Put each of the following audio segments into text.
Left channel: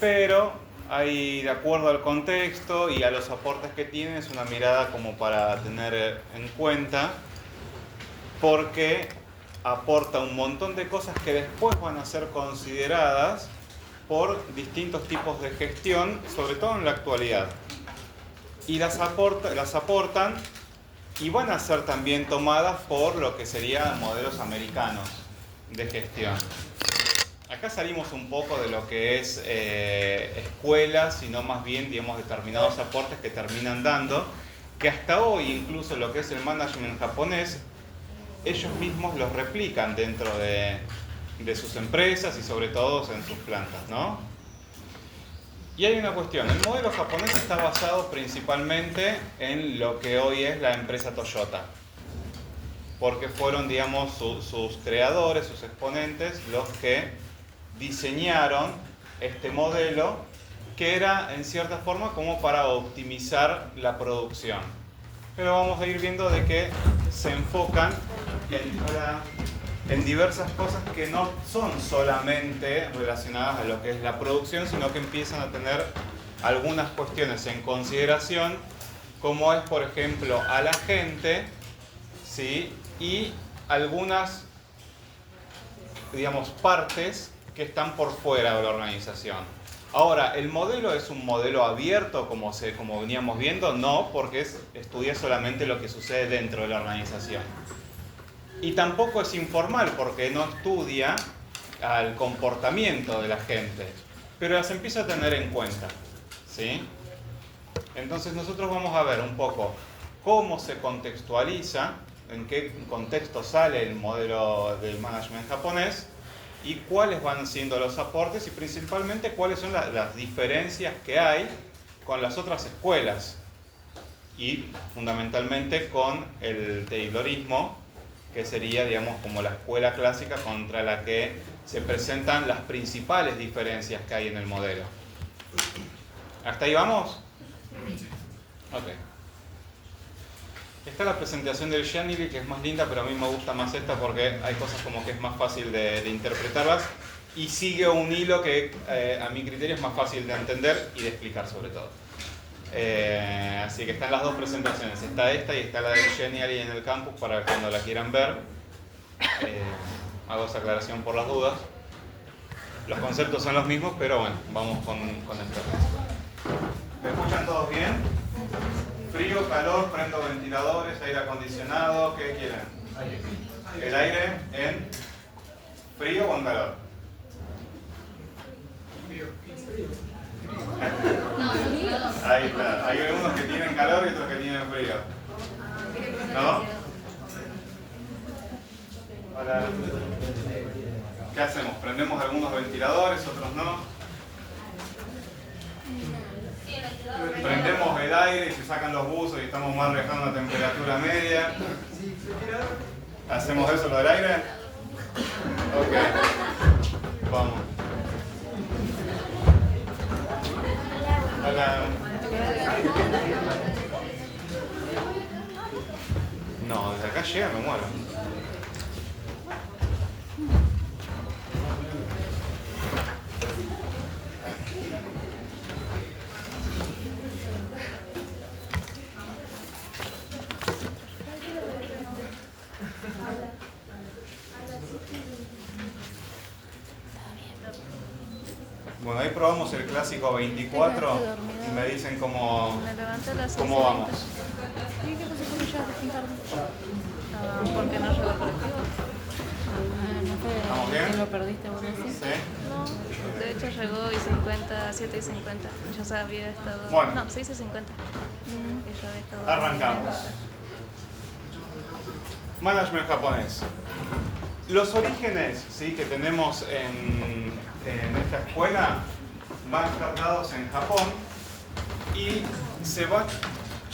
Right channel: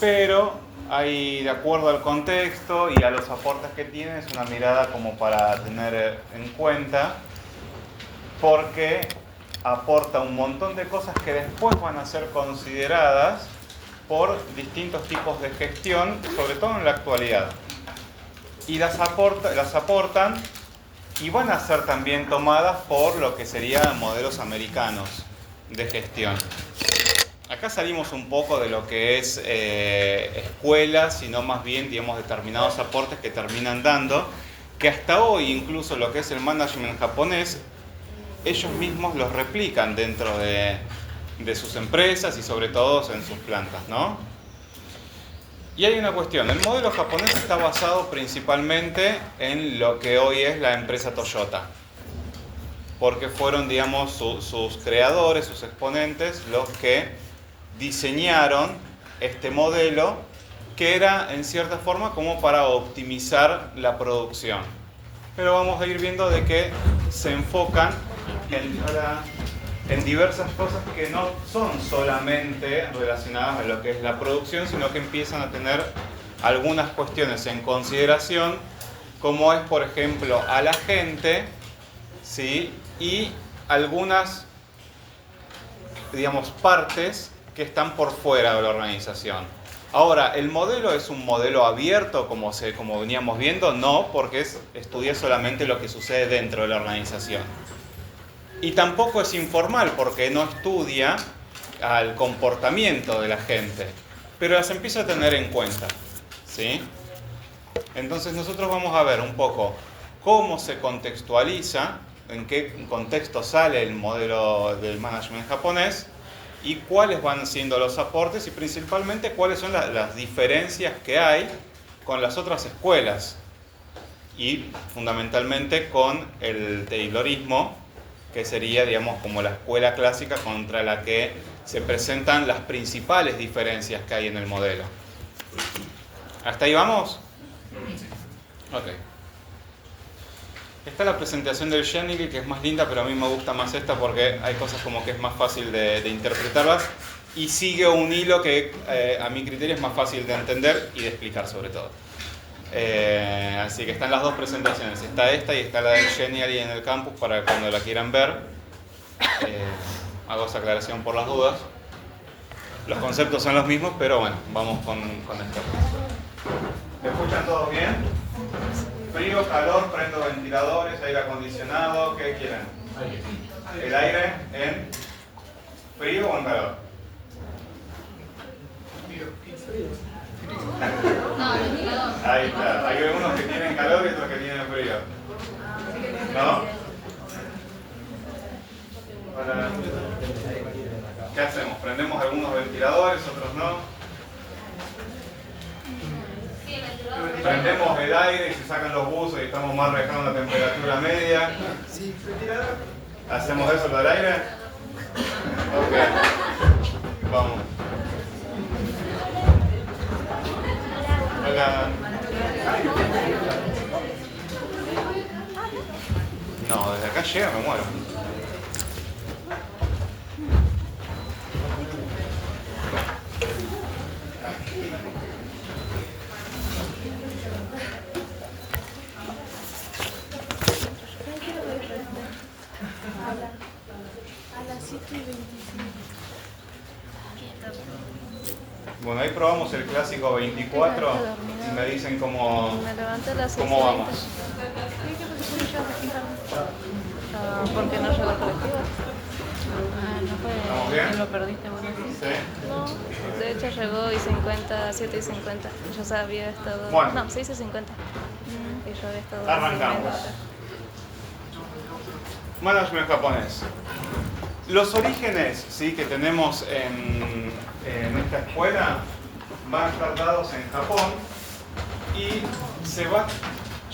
pero hay, de acuerdo al contexto y a los aportes que tiene, es una mirada como para tener en cuenta, porque aporta un montón de cosas que después van a ser consideradas por distintos tipos de gestión, sobre todo en la actualidad. Y las aportan y van a ser también tomadas por lo que serían modelos americanos de gestión. Acá salimos un poco de lo que es escuelas, sino más bien, digamos, determinados aportes que terminan dando, que hasta hoy incluso lo que es el management japonés, ellos mismos los replican dentro de sus empresas y sobre todo en sus plantas, ¿no? Y hay una cuestión, el modelo japonés está basado principalmente en lo que hoy es la empresa Toyota, porque fueron, digamos, sus creadores, sus exponentes, los que diseñaron este modelo que era, en cierta forma, como para optimizar la producción. Pero vamos a ir viendo de que se enfocan en diversas cosas que no son solamente relacionadas a lo que es la producción, sino que empiezan a tener algunas cuestiones en consideración, como es, por ejemplo, a la gente, ¿sí? Y algunas, digamos, partes que están por fuera de la organización. Ahora, ¿el modelo es un modelo abierto, como veníamos viendo? No, porque estudia solamente lo que sucede dentro de la organización. Y tampoco es informal, porque no estudia al comportamiento de la gente, pero las empieza a tener en cuenta, ¿sí? Entonces nosotros vamos a ver un poco cómo se contextualiza, en qué contexto sale el modelo del management japonés y cuáles van siendo los aportes y principalmente cuáles son las diferencias que hay con las otras escuelas y fundamentalmente con el Taylorismo, que sería, digamos, como la escuela clásica contra la que se presentan las principales diferencias que hay en el modelo. ¿Hasta ahí vamos? Ok. Esta es la presentación del Genivi, que es más linda, pero a mí me gusta más esta porque hay cosas como que es más fácil de interpretarlas y sigue un hilo que a mi criterio es más fácil de entender y de explicar sobre todo. Así que están las dos presentaciones, está esta y está la del Geniali en el campus para cuando la quieran ver. Hago esa aclaración por las dudas. Los conceptos son los mismos, pero bueno, vamos con esto. ¿Me escuchan todos bien? Frío, calor, prendo ventiladores, aire acondicionado, ¿qué quieren? ¿El aire en frío o en calor? Ahí está, hay algunos que tienen calor y otros que tienen frío. ¿No? ¿Qué hacemos? ¿Prendemos algunos ventiladores, otros no? Prendemos el aire y se sacan los buzos y estamos más dejando la temperatura media. ¿Hacemos eso lo del aire? Ok. Vamos. Acá. No, desde acá llega me muero. Bueno, ahí probamos el clásico 24 y me dicen cómo vamos. ¿Por qué no llegó el colectivo? ¿Estamos bien? ¿Lo perdiste vos? ¿Sí? No, de hecho llegó y 50, 7 y 50. Yo había estado... Bueno. No, 6 y 50. Y yo había estado... Arrancamos. Management japonés. Los orígenes, ¿sí?, que tenemos en esta escuela van a estar dados en Japón y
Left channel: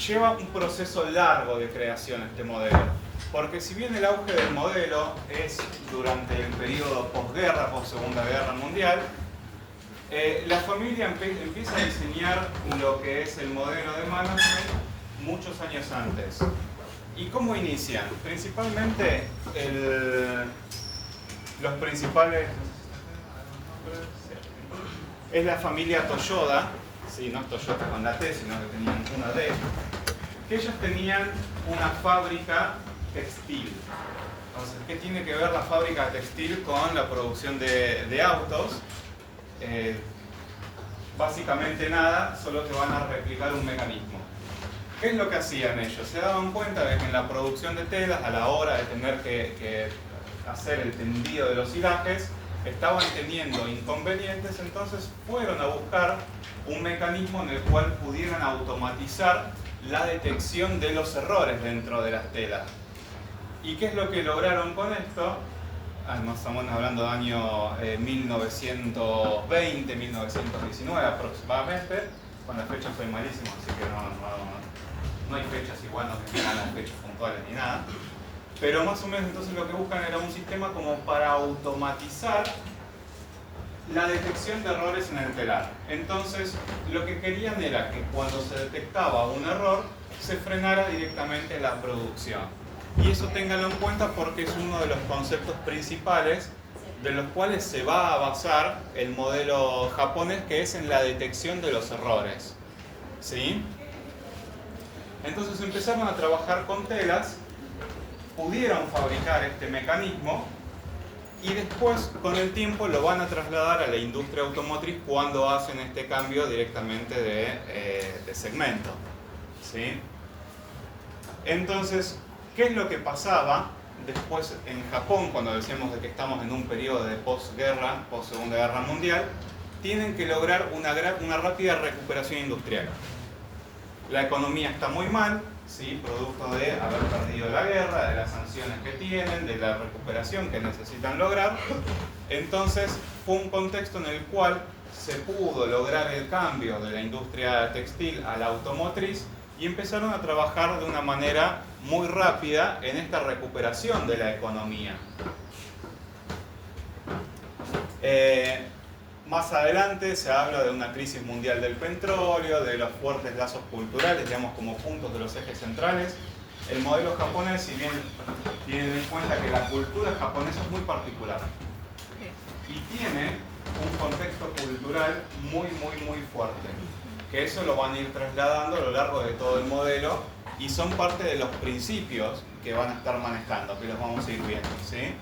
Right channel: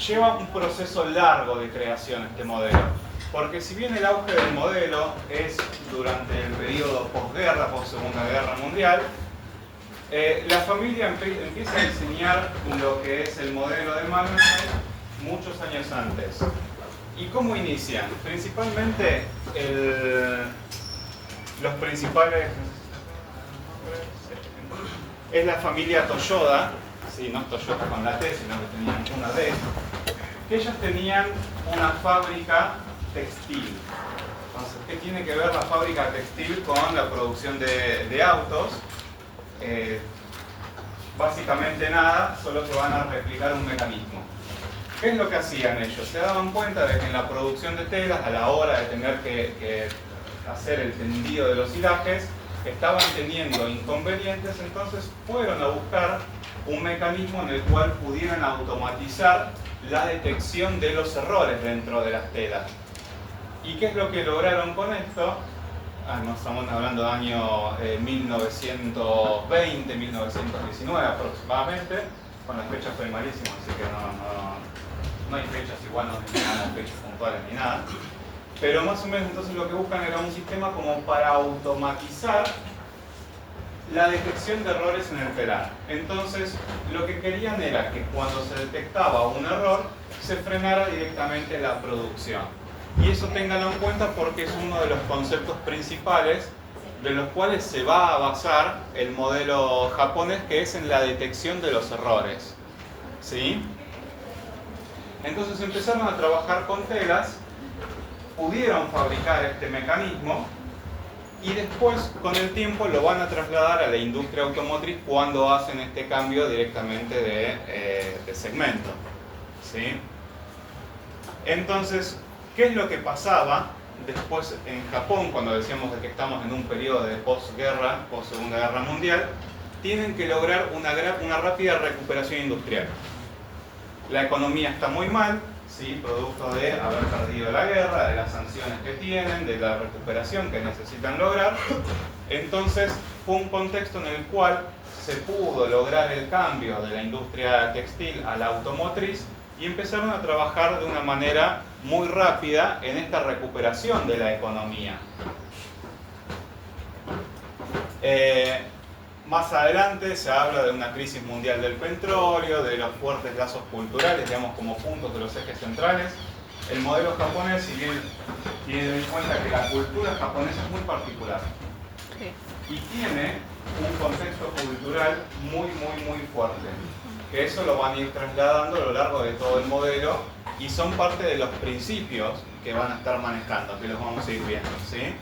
lleva un proceso largo de creación este modelo. Porque si bien el auge del modelo es durante el periodo posguerra, post-segunda guerra mundial, la familia empieza a diseñar lo que es el modelo de management muchos años antes. ¿Y cómo inician? Principalmente los principales... es la familia Toyoda, sí, no es Toyota con la T, sino que tenían una D, que ellos tenían una fábrica textil. Entonces, ¿qué tiene que ver la fábrica textil con la producción de autos? Básicamente nada, solo que van a replicar un mecanismo. ¿Qué es lo que hacían ellos? Se daban cuenta de que en la producción de telas, a la hora de tener que hacer el tendido de los hilajes, estaban teniendo inconvenientes, entonces fueron a buscar un mecanismo en el cual pudieran automatizar la detección de los errores dentro de las telas. ¿Y qué es lo que lograron con esto? No estamos hablando de año 1920, 1919 aproximadamente. Con las fechas soy malísimo, así que no hay fechas igual, no mencionamos fechas puntuales ni nada. Pero más o menos entonces lo que buscan era un sistema como para automatizar la detección de errores en el telar. Entonces lo que querían era que cuando se detectaba un error se frenara directamente la producción. Y eso ténganlo en cuenta porque es uno de los conceptos principales de los cuales se va a basar el modelo japonés, que es en la detección de los errores. ¿Sí? Entonces empezaron a trabajar con telas, pudieron fabricar este mecanismo y después con el tiempo lo van a trasladar a la industria automotriz cuando hacen este cambio directamente de segmento. ¿Sí? Entonces, ¿qué es lo que pasaba después en Japón cuando decíamos de que estamos en un periodo de posguerra, post-segunda guerra mundial? Tienen que lograr una rápida recuperación industrial. La economía está muy mal, ¿sí? Producto de haber perdido la guerra, de las sanciones que tienen, de la recuperación que necesitan lograr. Entonces fue un contexto en el cual se pudo lograr el cambio de la industria textil a la automotriz y empezaron a trabajar de una manera muy rápida en esta recuperación de la economía. Más adelante se habla de una crisis mundial del petróleo, de los fuertes lazos culturales, digamos, como puntos de los ejes centrales. El modelo japonés, si bien tiene en cuenta que la cultura japonesa es muy particular y tiene un contexto cultural muy fuerte, que eso lo van a ir trasladando a lo largo de todo el modelo y son parte de los principios que van a estar manejando, que los vamos a ir viendo, ¿sí?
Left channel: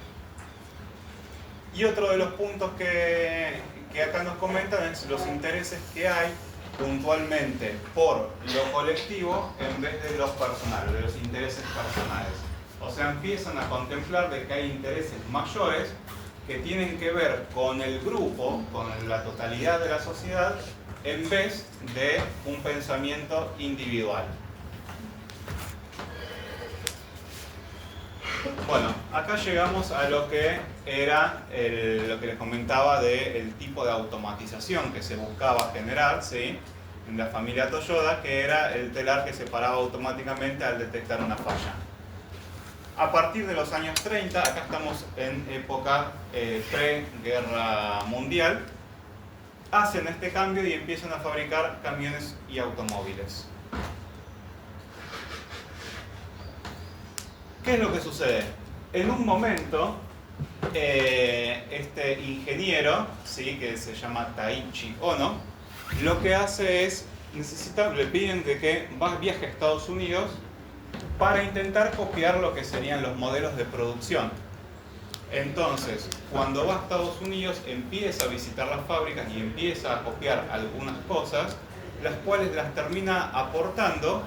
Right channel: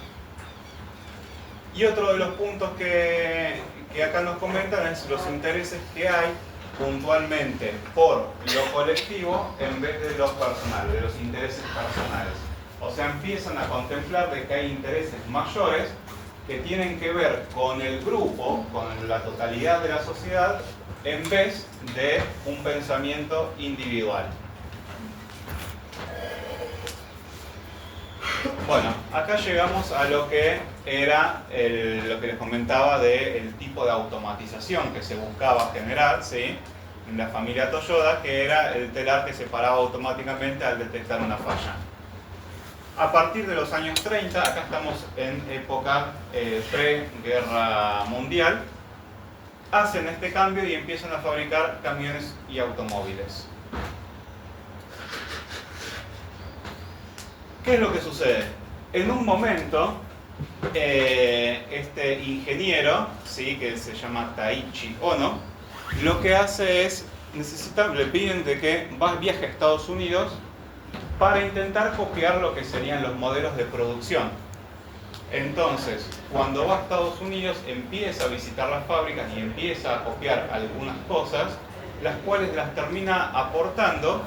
Y otro de los puntos que acá nos comentan es los intereses que hay puntualmente por lo colectivo en vez de los personales, de los intereses personales. O sea, empiezan a contemplar de que hay intereses mayores que tienen que ver con el grupo, con la totalidad de la sociedad, en vez de un pensamiento individual. Bueno, acá llegamos a lo que era lo que les comentaba del tipo de automatización que se buscaba generar, ¿sí? En la familia Toyoda, que era el telar que se paraba automáticamente al detectar una falla. A partir de los años 30, acá estamos en época pre-guerra mundial, hacen este cambio y empiezan a fabricar camiones y automóviles. ¿Qué es lo que sucede? En un momento, este ingeniero, ¿sí? Que se llama Taichi Ono, lo que hace es, le piden de que viaje a Estados Unidos para intentar copiar lo que serían los modelos de producción. Entonces, cuando va a Estados Unidos, empieza a visitar las fábricas y empieza a copiar algunas cosas, las cuales las termina aportando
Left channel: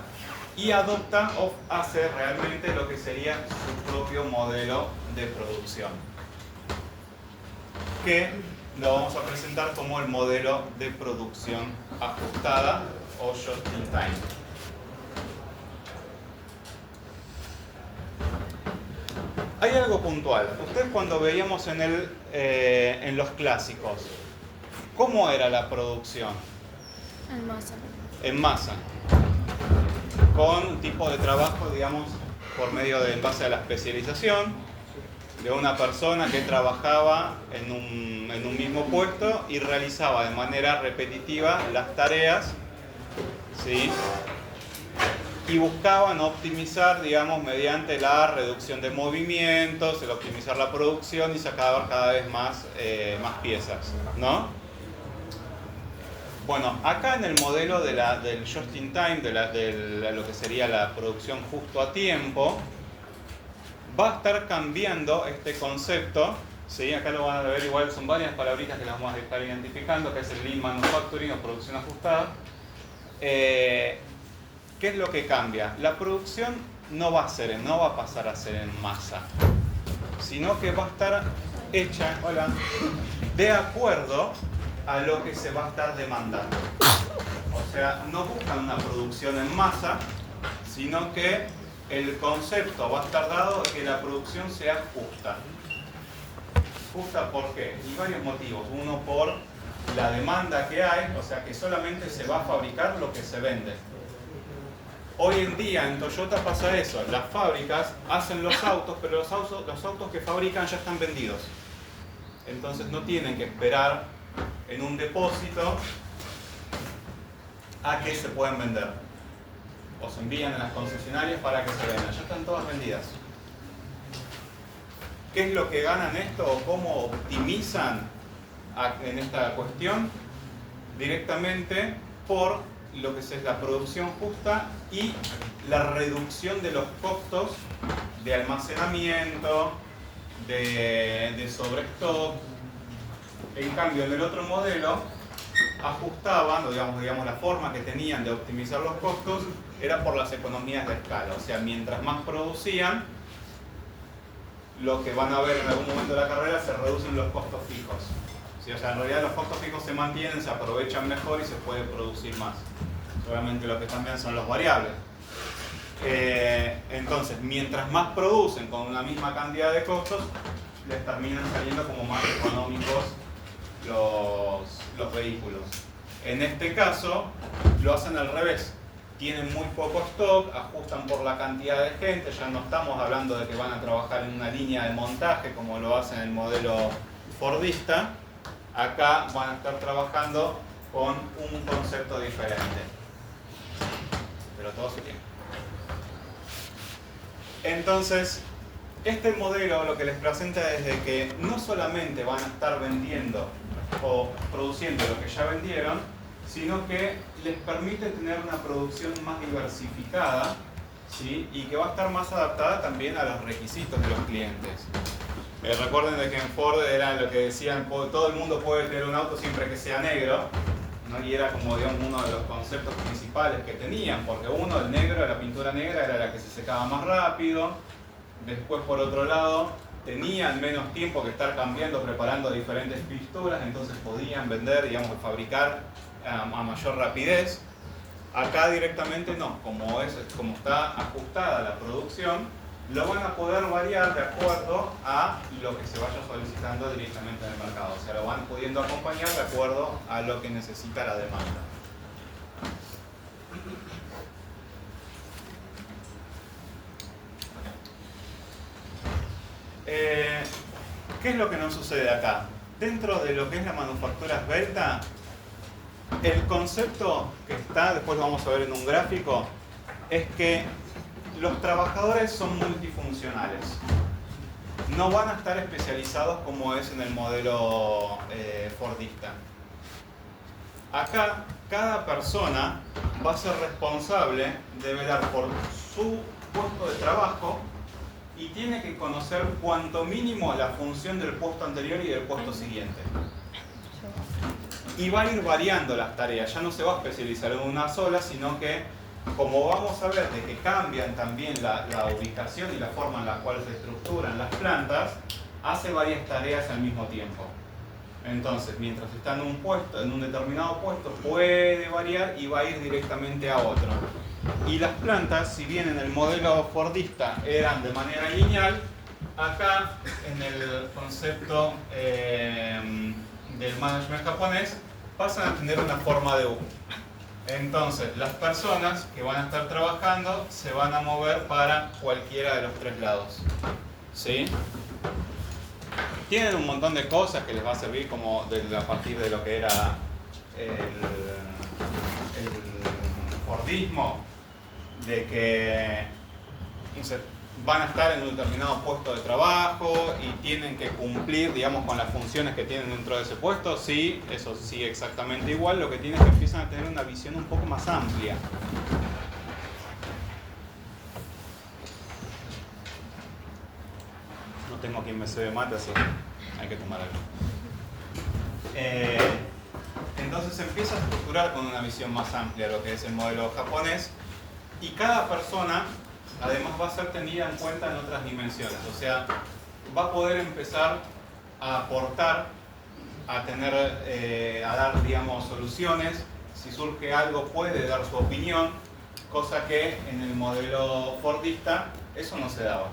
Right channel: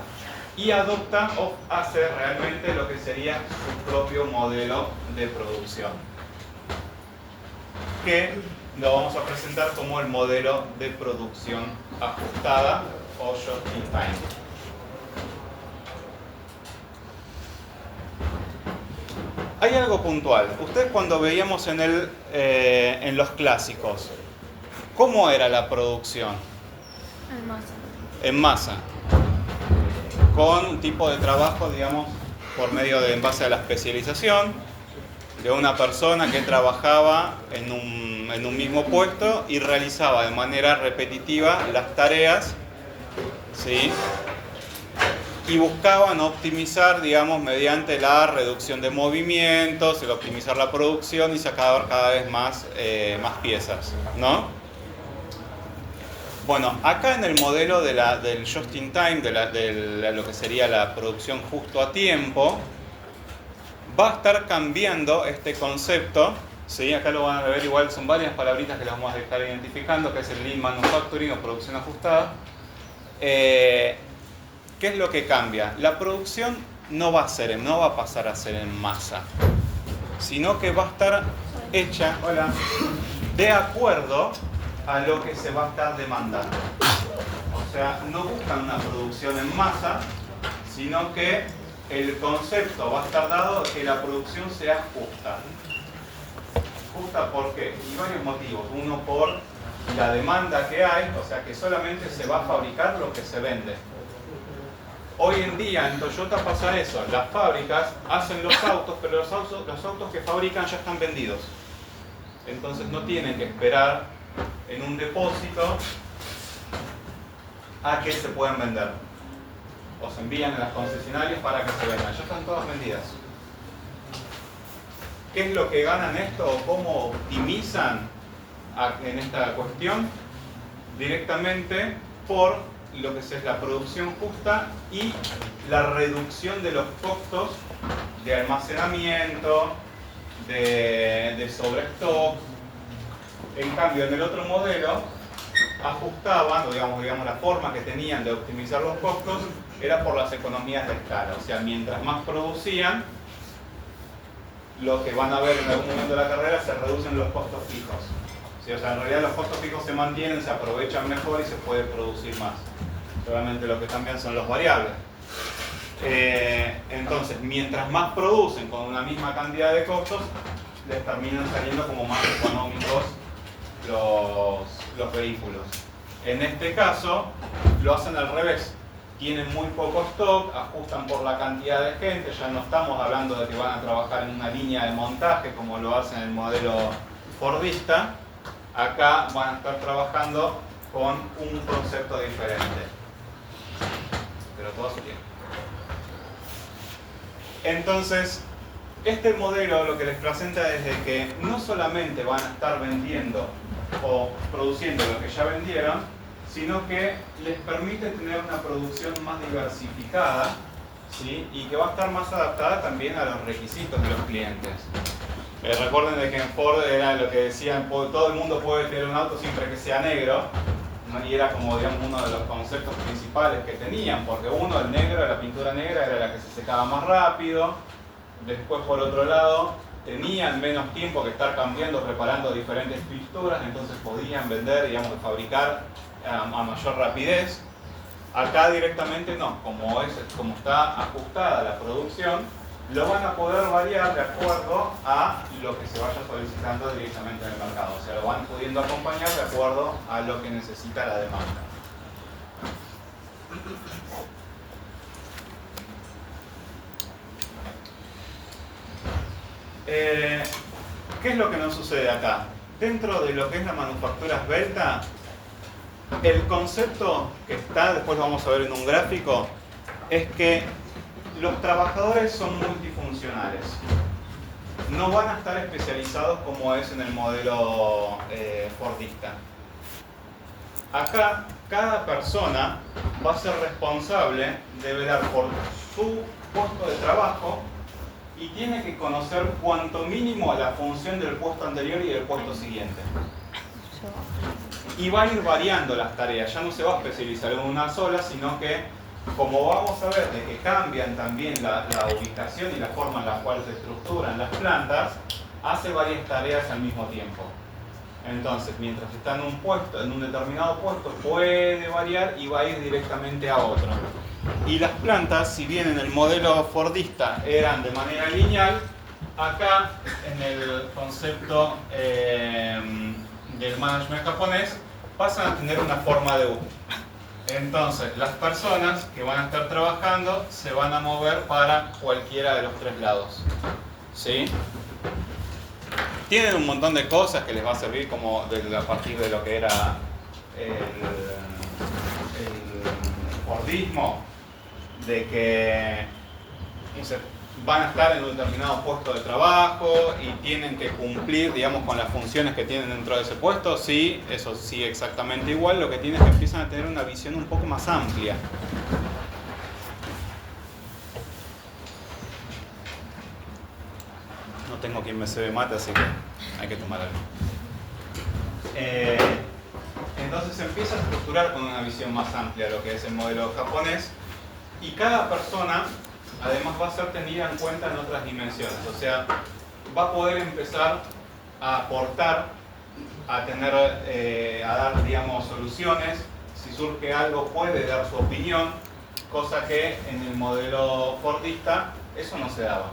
y adopta o hace realmente lo que sería su propio modelo de producción, que lo vamos a presentar como el modelo de producción ajustada o just in time. Hay algo puntual. Ustedes cuando veíamos en los clásicos, ¿cómo era la producción? En masa. En masa. Con un tipo de trabajo, digamos, por medio de en base a la especialización de una persona que trabajaba en un mismo puesto y realizaba de manera repetitiva las tareas, ¿sí? Y buscaban optimizar, digamos, mediante la reducción de movimientos, el optimizar la producción y sacar cada vez más piezas, ¿no? Bueno, acá en el modelo del just in time, de lo que sería la producción justo a tiempo, va a estar cambiando este concepto. ¿Sí? Acá lo van a ver, igual son varias palabritas que las vamos a estar identificando, que es el lean manufacturing o producción ajustada. ¿Qué es lo que cambia? La producción no va a pasar a ser en masa, sino que va a estar hecha, de acuerdo a lo que se va a estar demandando. O sea, no buscan una producción en masa, sino que el concepto va a estar dado de que la producción sea justa. ¿Justa por qué? Y varios motivos. Uno, por la demanda que hay, o sea que solamente se va a fabricar lo que se vende. Hoy en día en Toyota pasa eso, las fábricas hacen los autos, pero los autos que fabrican ya están vendidos. Entonces no tienen que esperar en un depósito a que se puedan vender. O se envían a las concesionarias para que se vendan. Ya están todas vendidas. ¿Qué es lo que ganan esto o cómo optimizan en esta cuestión? Directamente por lo que es la producción justa y la reducción de los costos de almacenamiento, de sobrestock. En cambio, en el otro modelo ajustaban, o digamos la forma que tenían de optimizar los costos era por las economías de escala. O sea, mientras más producían, lo que van a ver en algún momento de la carrera, se reducen los costos fijos. ¿Sí? O sea, en realidad los costos fijos se mantienen, se aprovechan mejor y se puede producir más. Solamente lo que cambian son los variables. Entonces, mientras más producen con una misma cantidad de costos, les terminan saliendo como más económicos los vehículos. En este caso, lo hacen al revés. Tienen muy poco stock, ajustan por la cantidad de gente, ya no estamos hablando de que van a trabajar en una línea de montaje como lo hacen en el modelo fordista. Acá van a estar trabajando con un concepto diferente, pero todo a su tiempo. Entonces, este modelo lo que les presenta es de que no solamente van a estar vendiendo o produciendo lo que ya vendieron, sino que les permite tener una producción más diversificada, ¿sí? Y que va a estar más adaptada también a los requisitos de los clientes. Recuerden de que en Ford era lo que decían, todo el mundo puede querer un auto siempre que sea negro, ¿no? Y era como, digamos, uno de los conceptos principales que tenían, porque uno, el negro, la pintura negra era la que se secaba más rápido. Después, por otro lado, tenían menos tiempo que estar cambiando, preparando diferentes pinturas, entonces podían vender, digamos, fabricar a mayor rapidez. Acá directamente no, como está ajustada la producción, lo van a poder variar de acuerdo a lo que se vaya solicitando directamente en el mercado. O sea, lo van pudiendo acompañar de acuerdo a lo que necesita la demanda. ¿Qué es lo que nos sucede acá? Dentro de lo que es la manufactura esbelta, el concepto que está, después lo vamos a ver en un gráfico, es que los trabajadores son multifuncionales. No van a estar especializados como es en el modelo fordista. Acá, cada persona va a ser responsable de velar por su puesto de trabajo y tiene que conocer cuanto mínimo la función del puesto anterior y del puesto siguiente. Y va a ir variando las tareas, ya no se va a especializar en una sola, sino que, como vamos a ver, de que cambian también la ubicación y la forma en la cual se estructuran las plantas, hace varias tareas al mismo tiempo. Entonces, mientras está en un puesto, en un determinado puesto, puede variar y va a ir directamente a otro. Y las plantas, si bien en el modelo fordista eran de manera lineal, acá en el concepto del management japonés pasan a tener una forma de U. Entonces, las personas que van a estar trabajando se van a mover para cualquiera de los tres lados. ¿Sí? Tienen un montón de cosas que les va a servir como a partir de lo que era el fordismo, de que, no sé, van a estar en un determinado puesto de trabajo y tienen que cumplir, digamos, con las funciones que tienen dentro de ese puesto. Sí, eso sigue exactamente igual. Lo que tienen es que empiezan a tener una visión un poco más amplia. No tengo quien me cebe mate, así que hay que tomar algo. Entonces se empieza a estructurar con una visión más amplia lo que es el modelo japonés, y cada persona además va a ser tenida en cuenta en otras dimensiones. O sea, va a poder empezar a aportar, a tener, a dar, digamos, soluciones. Si surge algo puede dar su opinión, cosa que en el modelo fordista eso no se daba.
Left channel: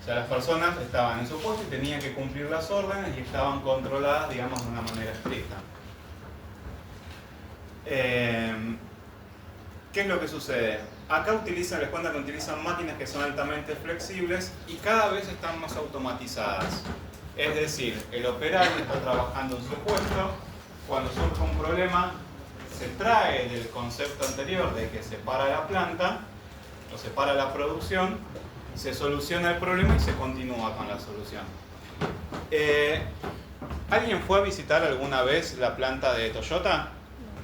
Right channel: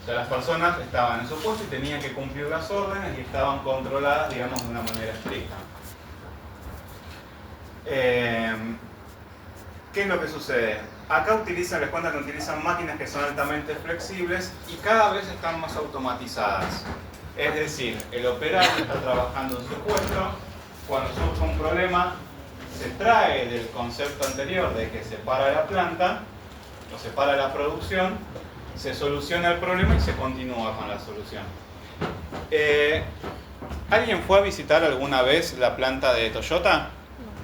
O sea, las personas estaban en su puesto y tenían que cumplir las órdenes y estaban controladas, digamos, de una manera estricta. ¿Qué es lo que sucede? Acá les cuento que utilizan máquinas que son altamente flexibles y cada vez están más automatizadas. Es decir, el operario está trabajando en su puesto, cuando surge un problema, se trae del concepto anterior de que se para la planta, o se para la producción, se soluciona el problema y se continúa con la solución. ¿Alguien fue a visitar alguna vez la planta de Toyota?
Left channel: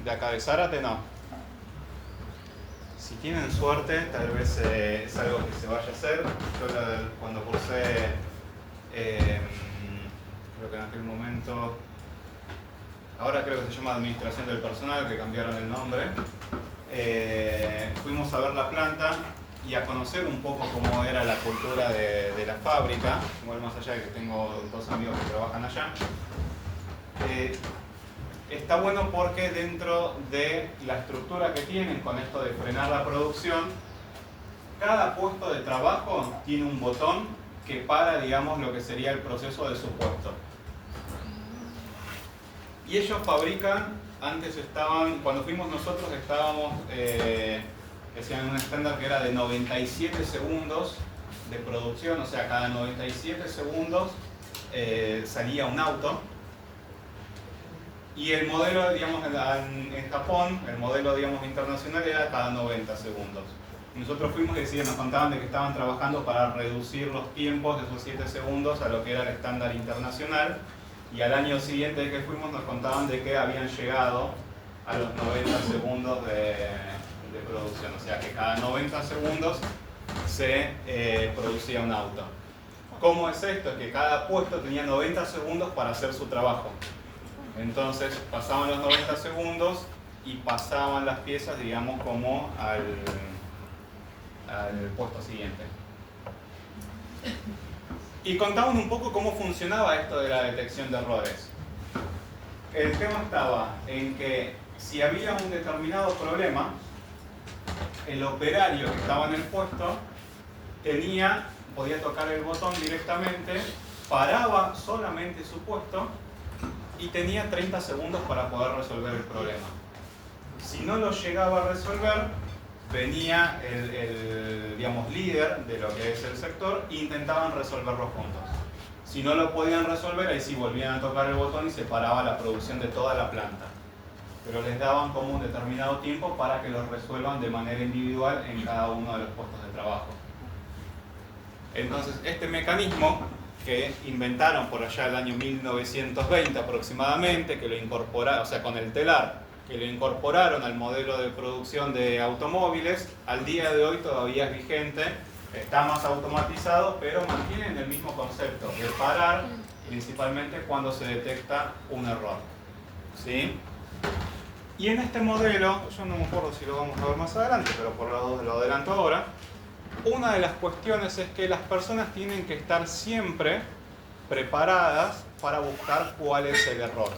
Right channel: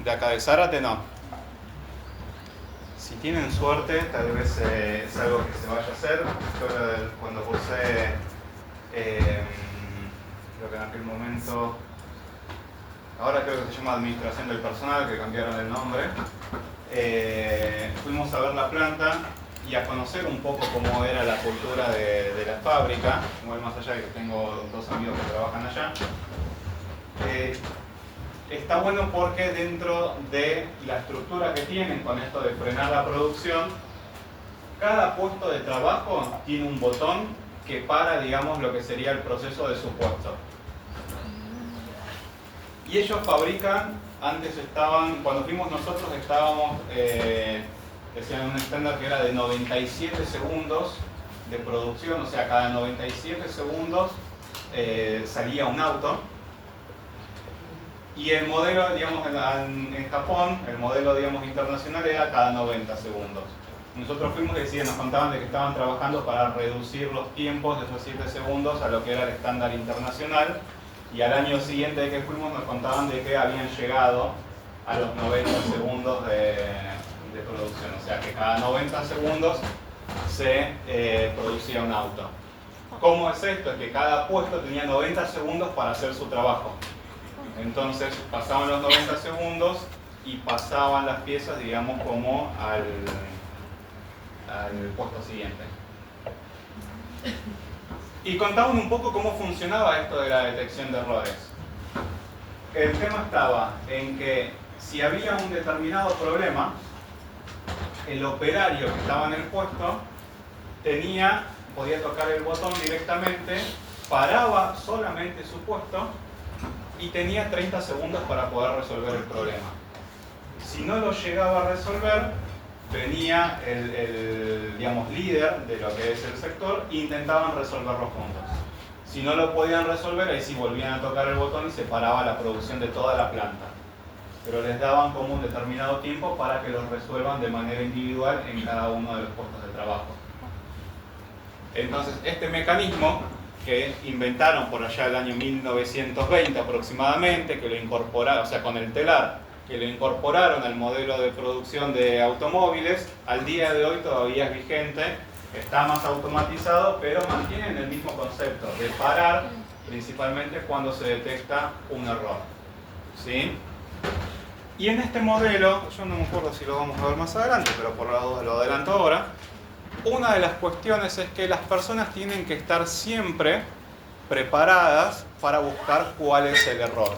¿De acá de Zárate? No. Si tienen suerte, tal vez es algo que se vaya a hacer. Yo cuando cursé, creo que en aquel momento, ahora creo que se llama Administración del Personal, que cambiaron el nombre, fuimos a ver la planta y a conocer un poco cómo era la cultura de la fábrica. Igual más allá de que tengo dos amigos que trabajan allá. Está bueno porque dentro de la estructura que tienen con esto de frenar la producción, cada puesto de trabajo tiene un botón que para, digamos, lo que sería el proceso de su puesto. Y ellos fabrican, antes estaban, cuando fuimos nosotros estábamos en un estándar que era de 97 segundos de producción, o sea, cada 97 segundos salía un auto. Y el modelo, digamos, en Japón, el modelo, digamos, internacional era cada 90 segundos. Nosotros fuimos y nos contaban de que estaban trabajando para reducir los tiempos de esos 7 segundos a lo que era el estándar internacional. Y al año siguiente de que fuimos nos contaban de que habían llegado a los 90 segundos de producción. O sea que cada 90 segundos se producía un auto. ¿Cómo es esto? Es que cada puesto tenía 90 segundos para hacer su trabajo. Entonces pasaban los 90 segundos y pasaban las piezas, digamos, como al puesto siguiente. Y contaban un poco cómo funcionaba esto de la detección de errores. El tema estaba en que si había un determinado problema, el operario que estaba en el puesto podía tocar el botón directamente, paraba solamente su puesto y tenía 30 segundos para poder resolver el problema. Si no lo llegaba a resolver, venía el digamos, líder de lo que es el sector e intentaban resolverlo juntos. Si no lo podían resolver, ahí sí volvían a tocar el botón y se paraba la producción de toda la planta. Pero les daban como un determinado tiempo para que lo resuelvan de manera individual en cada uno de los puestos de trabajo. Entonces, este mecanismo que inventaron por allá el año 1920 aproximadamente, que lo incorporaron, o sea, con el telar, que lo incorporaron al modelo de producción de automóviles, al día de hoy todavía es vigente, está más automatizado, pero mantienen el mismo concepto de parar, principalmente cuando se detecta un error. ¿Sí? Y en este modelo, yo no me acuerdo si lo vamos a ver más adelante, pero por lo adelanto ahora, una de las cuestiones es que las personas tienen que estar siempre preparadas para buscar cuál es el error.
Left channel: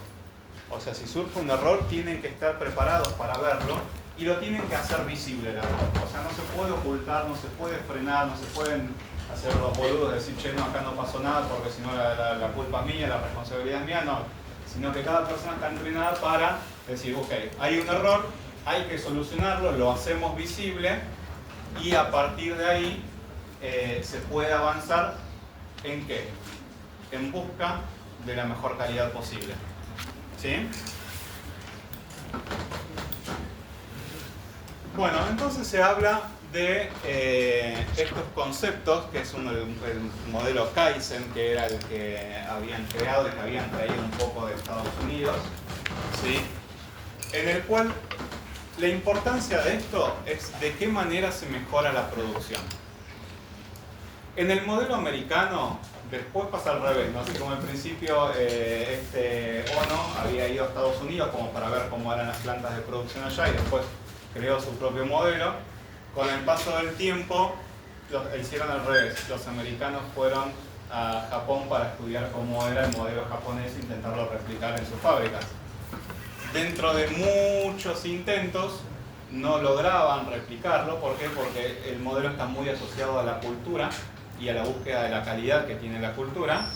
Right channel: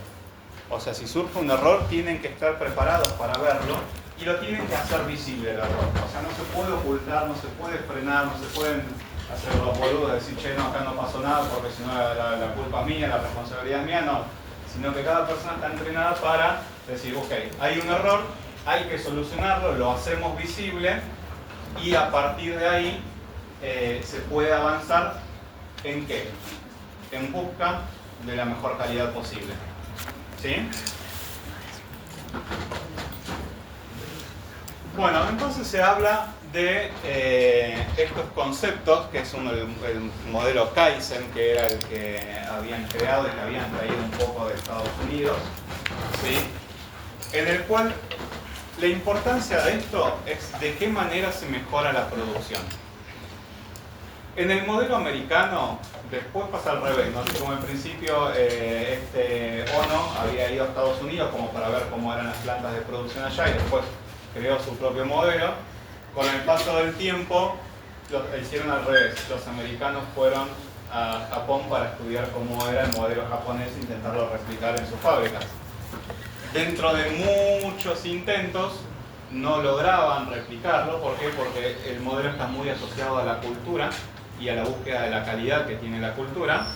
O sea, si surge un error, tienen que estar preparados para verlo y lo tienen que hacer visible el error. O sea, no se puede ocultar, no se puede frenar, no se pueden hacer los boludos, decir, che, no, acá no pasó nada porque si no la culpa es mía, la responsabilidad es mía, no. Sino que cada persona está entrenada para decir, ok, hay un error, hay que solucionarlo, lo hacemos visible y a partir de ahí se puede avanzar ¿en qué? En busca de la mejor calidad posible. ¿Sí? Bueno, entonces se habla de estos conceptos, que es el modelo Kaizen, que era el que habían creado y que habían traído un poco de Estados Unidos, ¿sí? En el cual la importancia de esto es de qué manera se mejora la producción. En el modelo americano, después pasa al revés, ¿no? Así como al principio Ono había ido a Estados Unidos como para ver cómo eran las plantas de producción allá y después creó su propio modelo. Con el paso del tiempo lo hicieron al revés. Los americanos fueron a Japón para estudiar cómo era el modelo japonés e intentarlo replicar en sus fábricas. Dentro de muchos intentos no lograban replicarlo. ¿Por qué? Porque el modelo está muy asociado a la cultura y a la búsqueda de la calidad que tiene la cultura.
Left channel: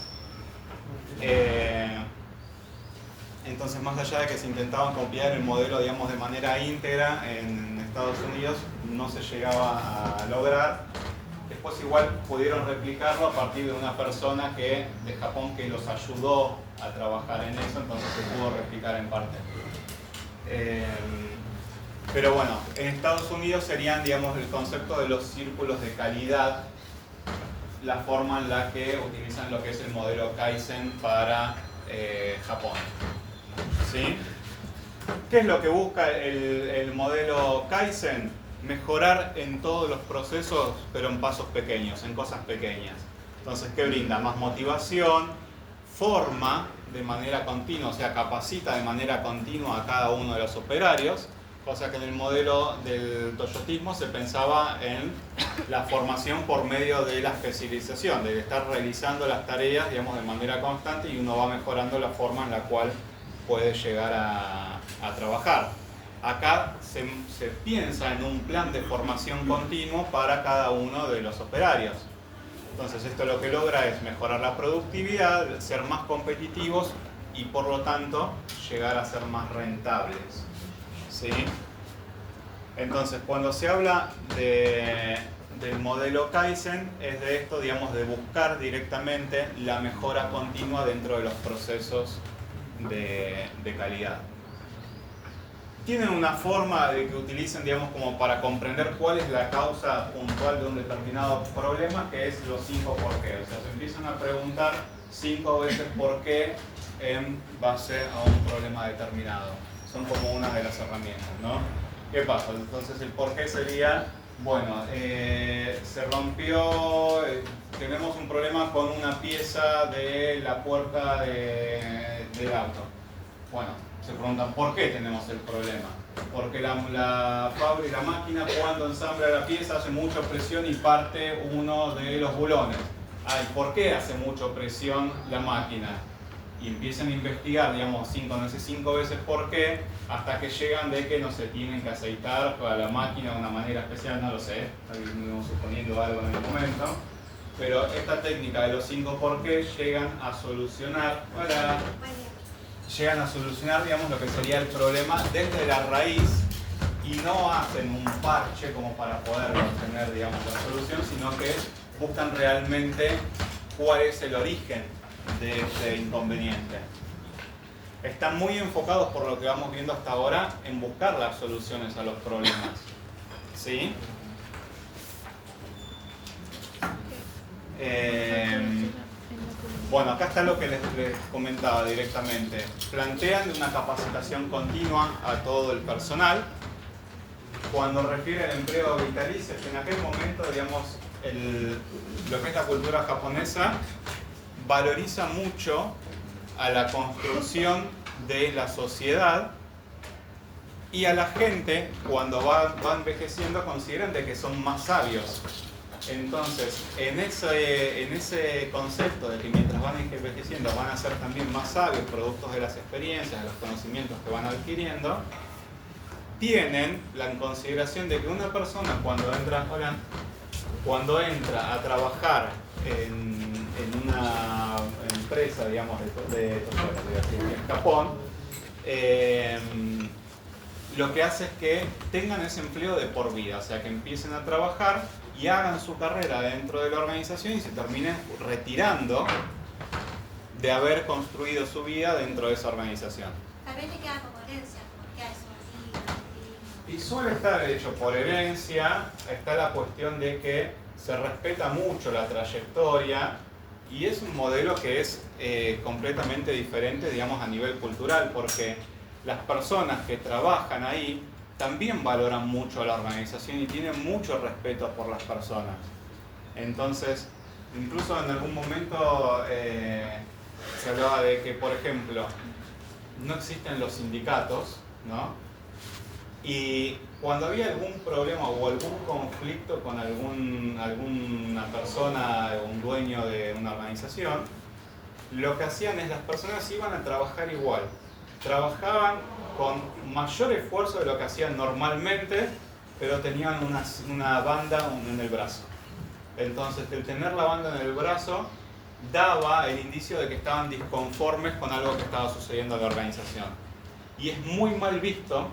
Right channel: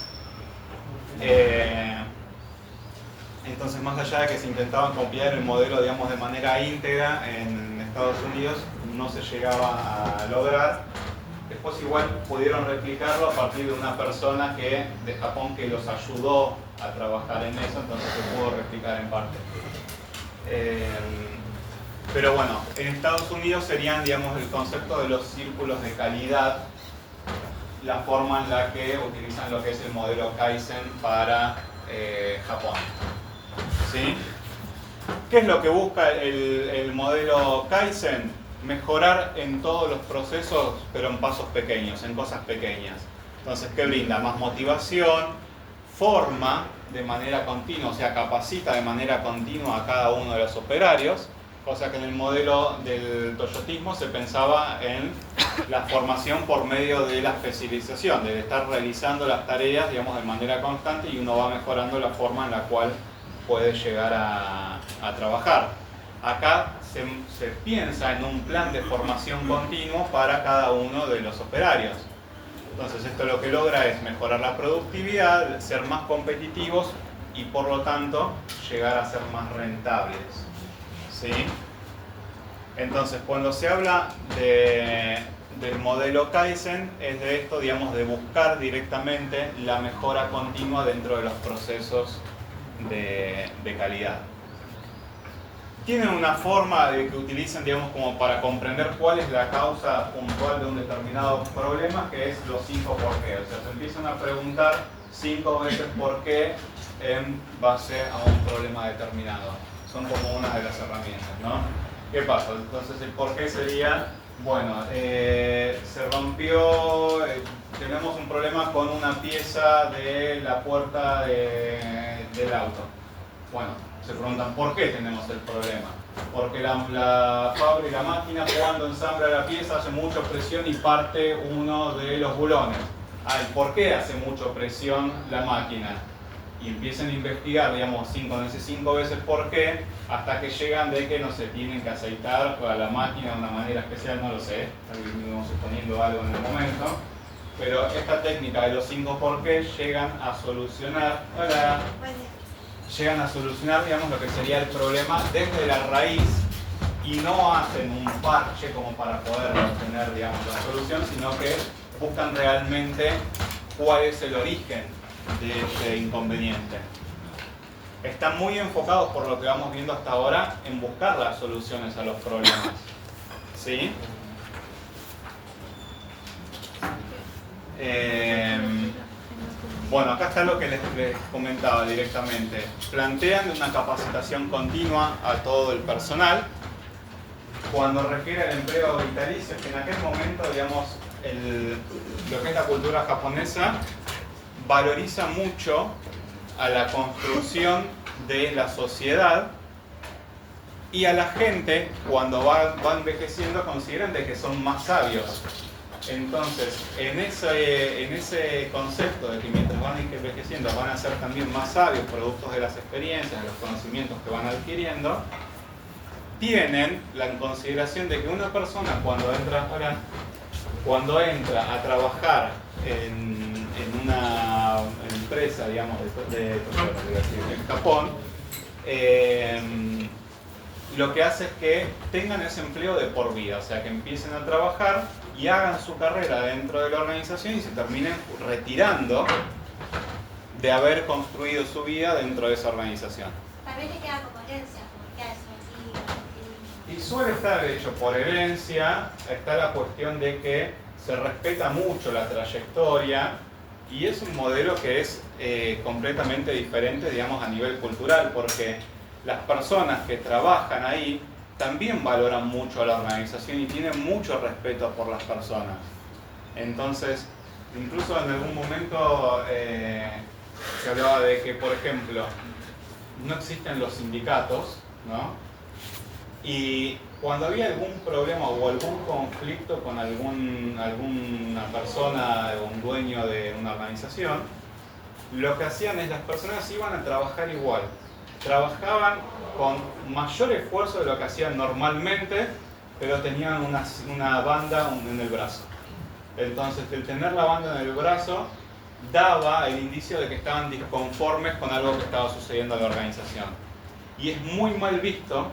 Entonces, más allá de que se intentaban copiar el modelo, digamos, de manera íntegra en Estados Unidos, no se llegaba a lograr. Después igual pudieron replicarlo a partir de una persona de Japón que los ayudó a trabajar en eso, entonces se pudo replicar en parte. Pero bueno, en Estados Unidos serían, digamos, el concepto de los círculos de calidad, la forma en la que utilizan lo que es el modelo Kaizen para Japón. ¿Sí? ¿Qué es lo que busca el modelo Kaizen? Mejorar en todos los procesos, pero en pasos pequeños, en cosas pequeñas. Entonces, ¿qué brinda? Más motivación, forma de manera continua, o sea, capacita de manera continua a cada uno de los operarios, cosa que en el modelo del toyotismo se pensaba en la formación por medio de la especialización, de estar realizando las tareas, digamos, de manera constante y uno va mejorando la forma en la cual puede llegar a trabajar. Acá se piensa en un plan de formación continuo para cada uno de los operarios. Entonces esto lo que logra es mejorar la productividad, ser más competitivos y por lo tanto llegar a ser más rentables. ¿Sí? Entonces cuando se habla del modelo Kaizen es de esto, digamos, de buscar directamente la mejora continua dentro de los procesos de calidad. Tienen una forma de que utilicen, digamos, como para comprender cuál es la causa puntual de un determinado problema, que es los 5 por qué. O sea, se empiezan a preguntar 5 veces por qué en base a un problema determinado. Son como una de las herramientas, ¿no? ¿Qué pasa? Entonces el por qué sería, bueno, se rompió, tenemos un problema con una pieza de la puerta del auto. Bueno, se preguntan ¿por qué tenemos el problema? Porque la fábrica, la máquina, cuando ensambla la pieza hace mucha presión y parte uno de los bulones. ¿Por qué hace mucha presión la máquina? Y empiezan a investigar, digamos, 5 veces por qué, hasta que llegan de que, no se tienen que aceitar para la máquina de una manera especial, no lo sé, estamos suponiendo algo en el momento. Pero esta técnica de los 5 por qué llegan a solucionar, digamos, lo que sería el problema desde la raíz y no hacen un parche como para poder obtener, digamos, la solución, sino que buscan realmente cuál es el origen de este inconveniente. Están muy enfocados, por lo que vamos viendo hasta ahora, en buscar las soluciones a los problemas. ¿Sí? Bueno, acá está lo que les comentaba directamente. Plantean una capacitación continua a todo el personal. Cuando refiere al empleo vitalicio, que en aquel momento, digamos, lo que es la cultura japonesa valoriza mucho a la construcción de la sociedad y a la gente, cuando va envejeciendo, consideran de que son más sabios. Entonces, en ese concepto de que mientras van envejeciendo van a ser también más sabios, productos de las experiencias, de los conocimientos que van adquiriendo, tienen la consideración de que una persona cuando entra a trabajar en una empresa, digamos, en Japón, lo que hace es que tengan ese empleo de por vida, o sea, que empiecen a trabajar y hagan su carrera dentro de la organización y se terminen retirando de haber construido su vida dentro de esa organización. Tal vez le queda como herencia, porque ya es así. Y suele estar hecho por herencia, está la cuestión de que se respeta mucho la trayectoria y es un modelo que es completamente diferente, digamos, a nivel cultural, porque las personas que trabajan ahí también valoran mucho a la organización y tienen mucho respeto por las personas. Entonces, incluso en algún momento se hablaba de que, por ejemplo, no existen los sindicatos, ¿no? Y cuando había algún problema o algún conflicto con alguna persona, un dueño de una organización, lo que hacían es las personas iban a trabajar igual. Trabajaban con mayor esfuerzo de lo que hacían normalmente, pero tenían una banda en el brazo. Entonces, el tener la banda en el brazo daba el indicio de que estaban disconformes con algo que estaba sucediendo en la organización. Y es muy mal visto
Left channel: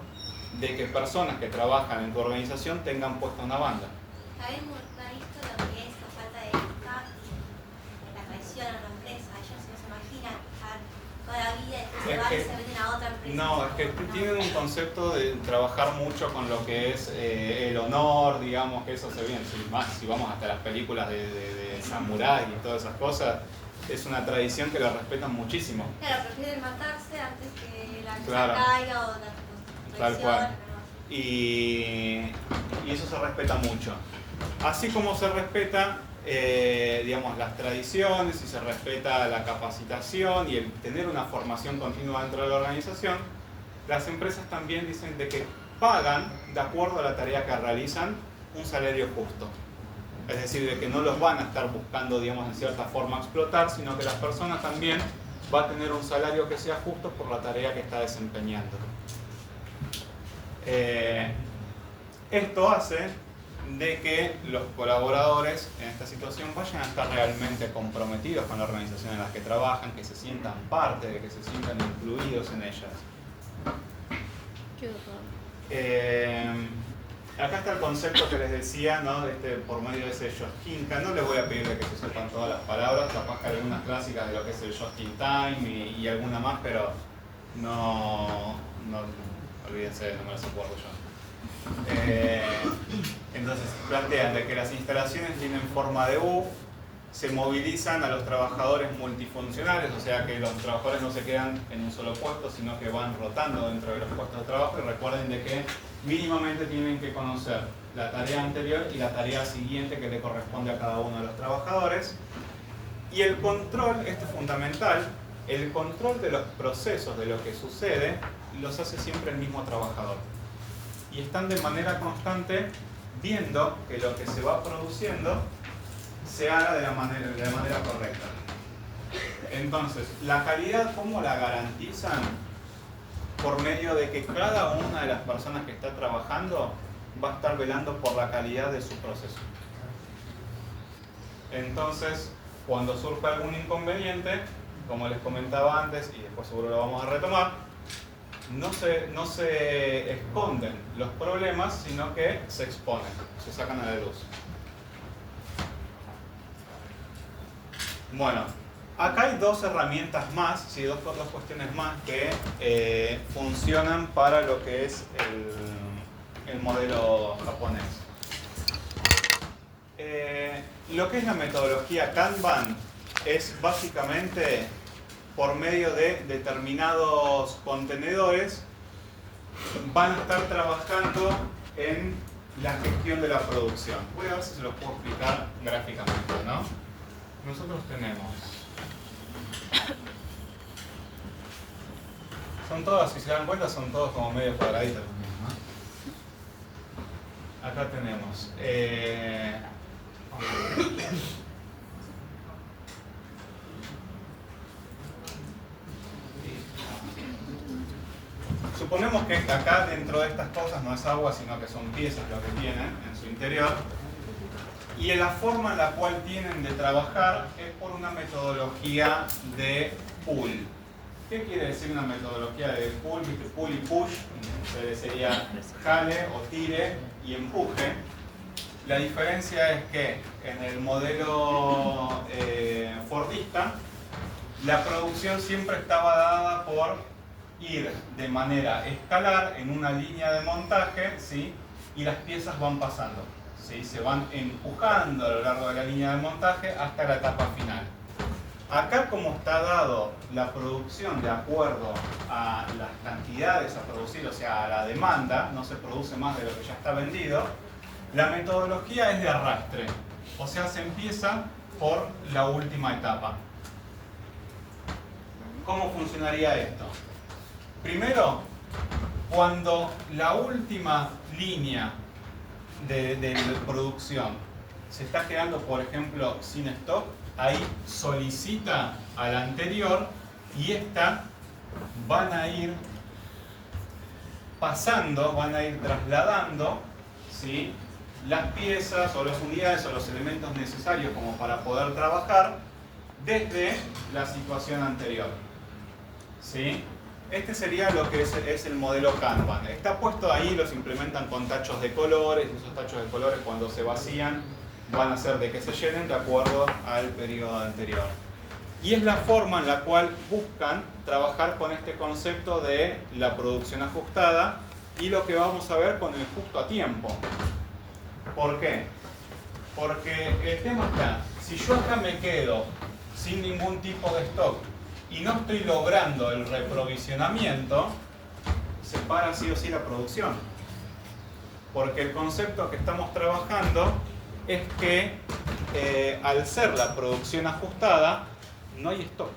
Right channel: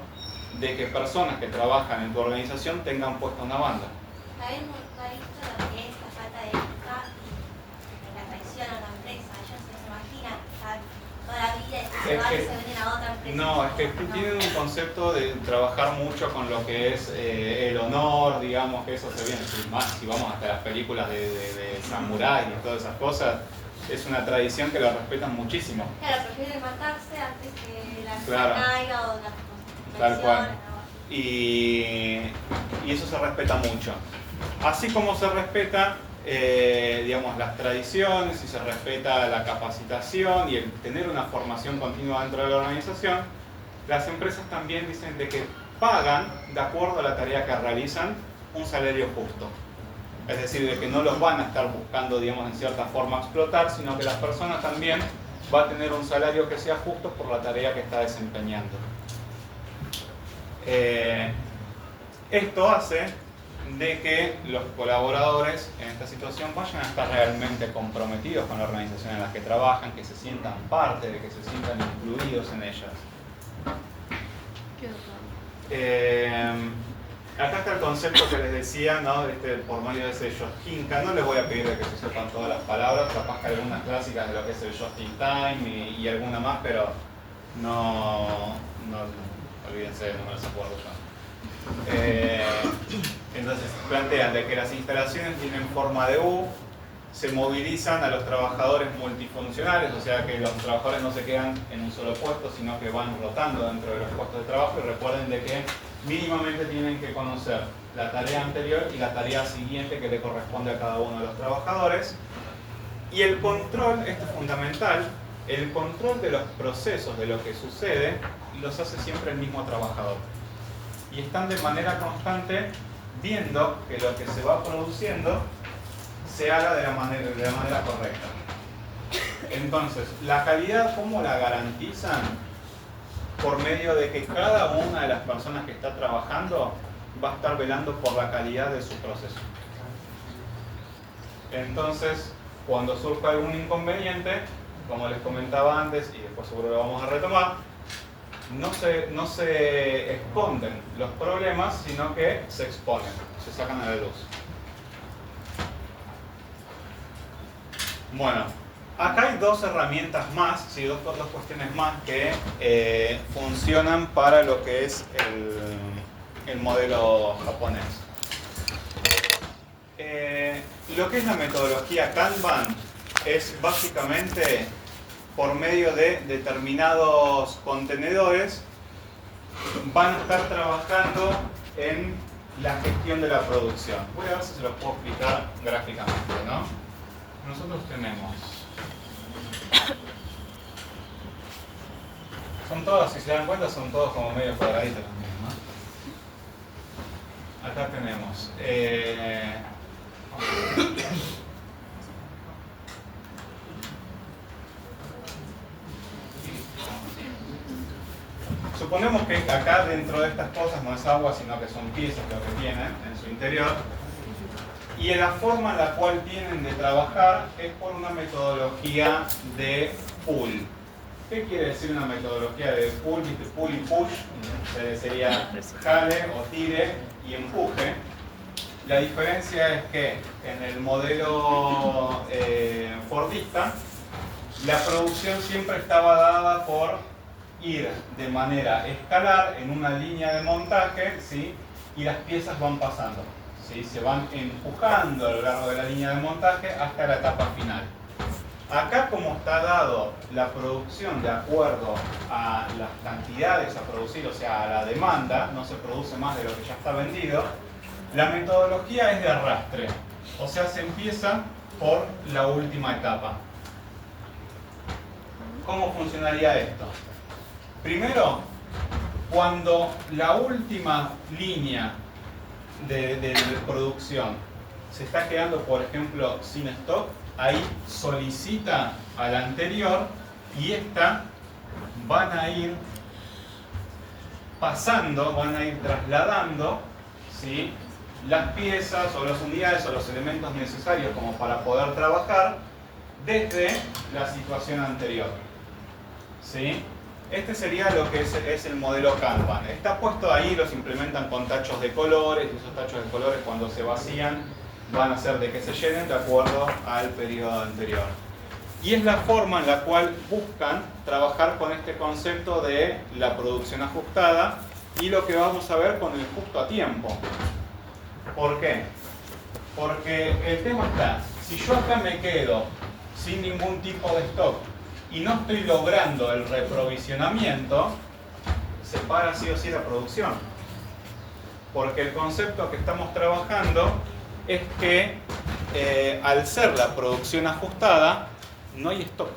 de que personas que trabajan en tu organización tengan puesta una banda. ¿Habéis visto lo que es la falta de ética en la traición a la empresa? Ellos se imaginan estar toda la vida y se van y se venden a otra empresa. No, es que tienen un concepto de trabajar mucho con lo que es el honor, digamos, que eso se ve, si vamos hasta las películas de samurái y todas esas cosas, es una tradición que la respetan muchísimo. Claro, prefieren matarse antes que la empresa Claro. caiga o la Tal cual. Y eso se respeta mucho. Así como se respeta, digamos, las tradiciones y se respeta la capacitación y el tener una formación continua dentro de la organización, las empresas también dicen de que pagan, de acuerdo a la tarea que realizan, un salario justo. Es decir, de que no los van a estar buscando, digamos, en cierta forma explotar, sino que la persona también va a tener un salario que sea justo por la tarea que está desempeñando. Esto hace de que los colaboradores en esta situación vayan a estar realmente comprometidos con la organización en la que trabajan, que se sientan parte, de que se sientan incluidos en ella. Acá está el concepto que les decía, ¿no? Por medio de ese Josquinka. No les voy a pedir de que se sepan todas las palabras, capaz que hay algunas clásicas de lo que es el Just in Time y alguna más, pero no olvídense, no me las acuerdo yo. Entonces plantean de que las instalaciones tienen forma de U, se movilizan a los trabajadores multifuncionales, o sea que los trabajadores no se quedan en un solo puesto, sino que van rotando dentro de los puestos de trabajo, y recuerden de que mínimamente tienen que conocer la tarea anterior y la tarea siguiente que le corresponde a cada uno de los trabajadores. Y el control, esto es fundamental, el control de los procesos, de lo que sucede, los hace siempre el mismo trabajador. Y están de manera constante viendo que lo que se va produciendo se haga de la manera correcta. Entonces, la calidad, ¿cómo la garantizan? Por medio de que cada una de las personas que está trabajando va a estar velando por la calidad de su proceso. Entonces, cuando surja algún inconveniente, como les comentaba antes, y después seguro lo vamos a retomar, no se esconden los problemas, sino que se exponen, se sacan a la luz. Bueno, acá hay dos herramientas más, ¿sí? dos cuestiones más que funcionan para lo que es el modelo japonés. Lo que es la metodología Kanban es básicamente por medio de determinados contenedores van a estar trabajando en la gestión de la producción. Voy a ver si se lo puedo explicar gráficamente, ¿no? Nosotros tenemos, son todas, si se dan cuenta, son todos como medio cuadraditos también, ¿no? Acá tenemos suponemos que acá dentro de estas cosas no es agua, sino que son piezas lo que tienen en su interior. Y la forma en la cual tienen de trabajar es por una metodología de pull. ¿Qué quiere decir una metodología de pull? Pull y push, sería jale o tire y empuje. La diferencia es que en el modelo fordista, la producción siempre estaba dada por ir de manera escalar en una línea de montaje, ¿sí? Y las piezas van pasando, ¿sí? Se van empujando a lo largo de la línea de montaje hasta la etapa final. Acá, como está dado la producción de acuerdo a las cantidades a producir, o sea, a la demanda, no se produce más de lo que ya está vendido, la metodología es de arrastre, o sea, se empieza por la última etapa. ¿Cómo funcionaría esto? Primero, cuando la última línea de producción se está quedando, por ejemplo, sin stock, ahí solicita a la anterior y esta van a ir pasando, van a ir trasladando, ¿sí?, las piezas o las unidades o los elementos necesarios como para poder trabajar desde la situación anterior, ¿sí? Este sería lo que es el modelo Kanban. Está puesto ahí, los implementan con tachos de colores, y esos tachos de colores cuando se vacían van a hacer de que se llenen de acuerdo al periodo anterior. Y es la forma en la cual buscan trabajar con este concepto de la producción ajustada y lo que vamos a ver con el justo a tiempo. ¿Por qué? Porque el tema está, si yo acá me quedo sin ningún tipo de stock y no estoy logrando el reprovisionamiento, se para sí o sí la producción. Porque el concepto que estamos trabajando es que al ser la producción ajustada, no hay stock.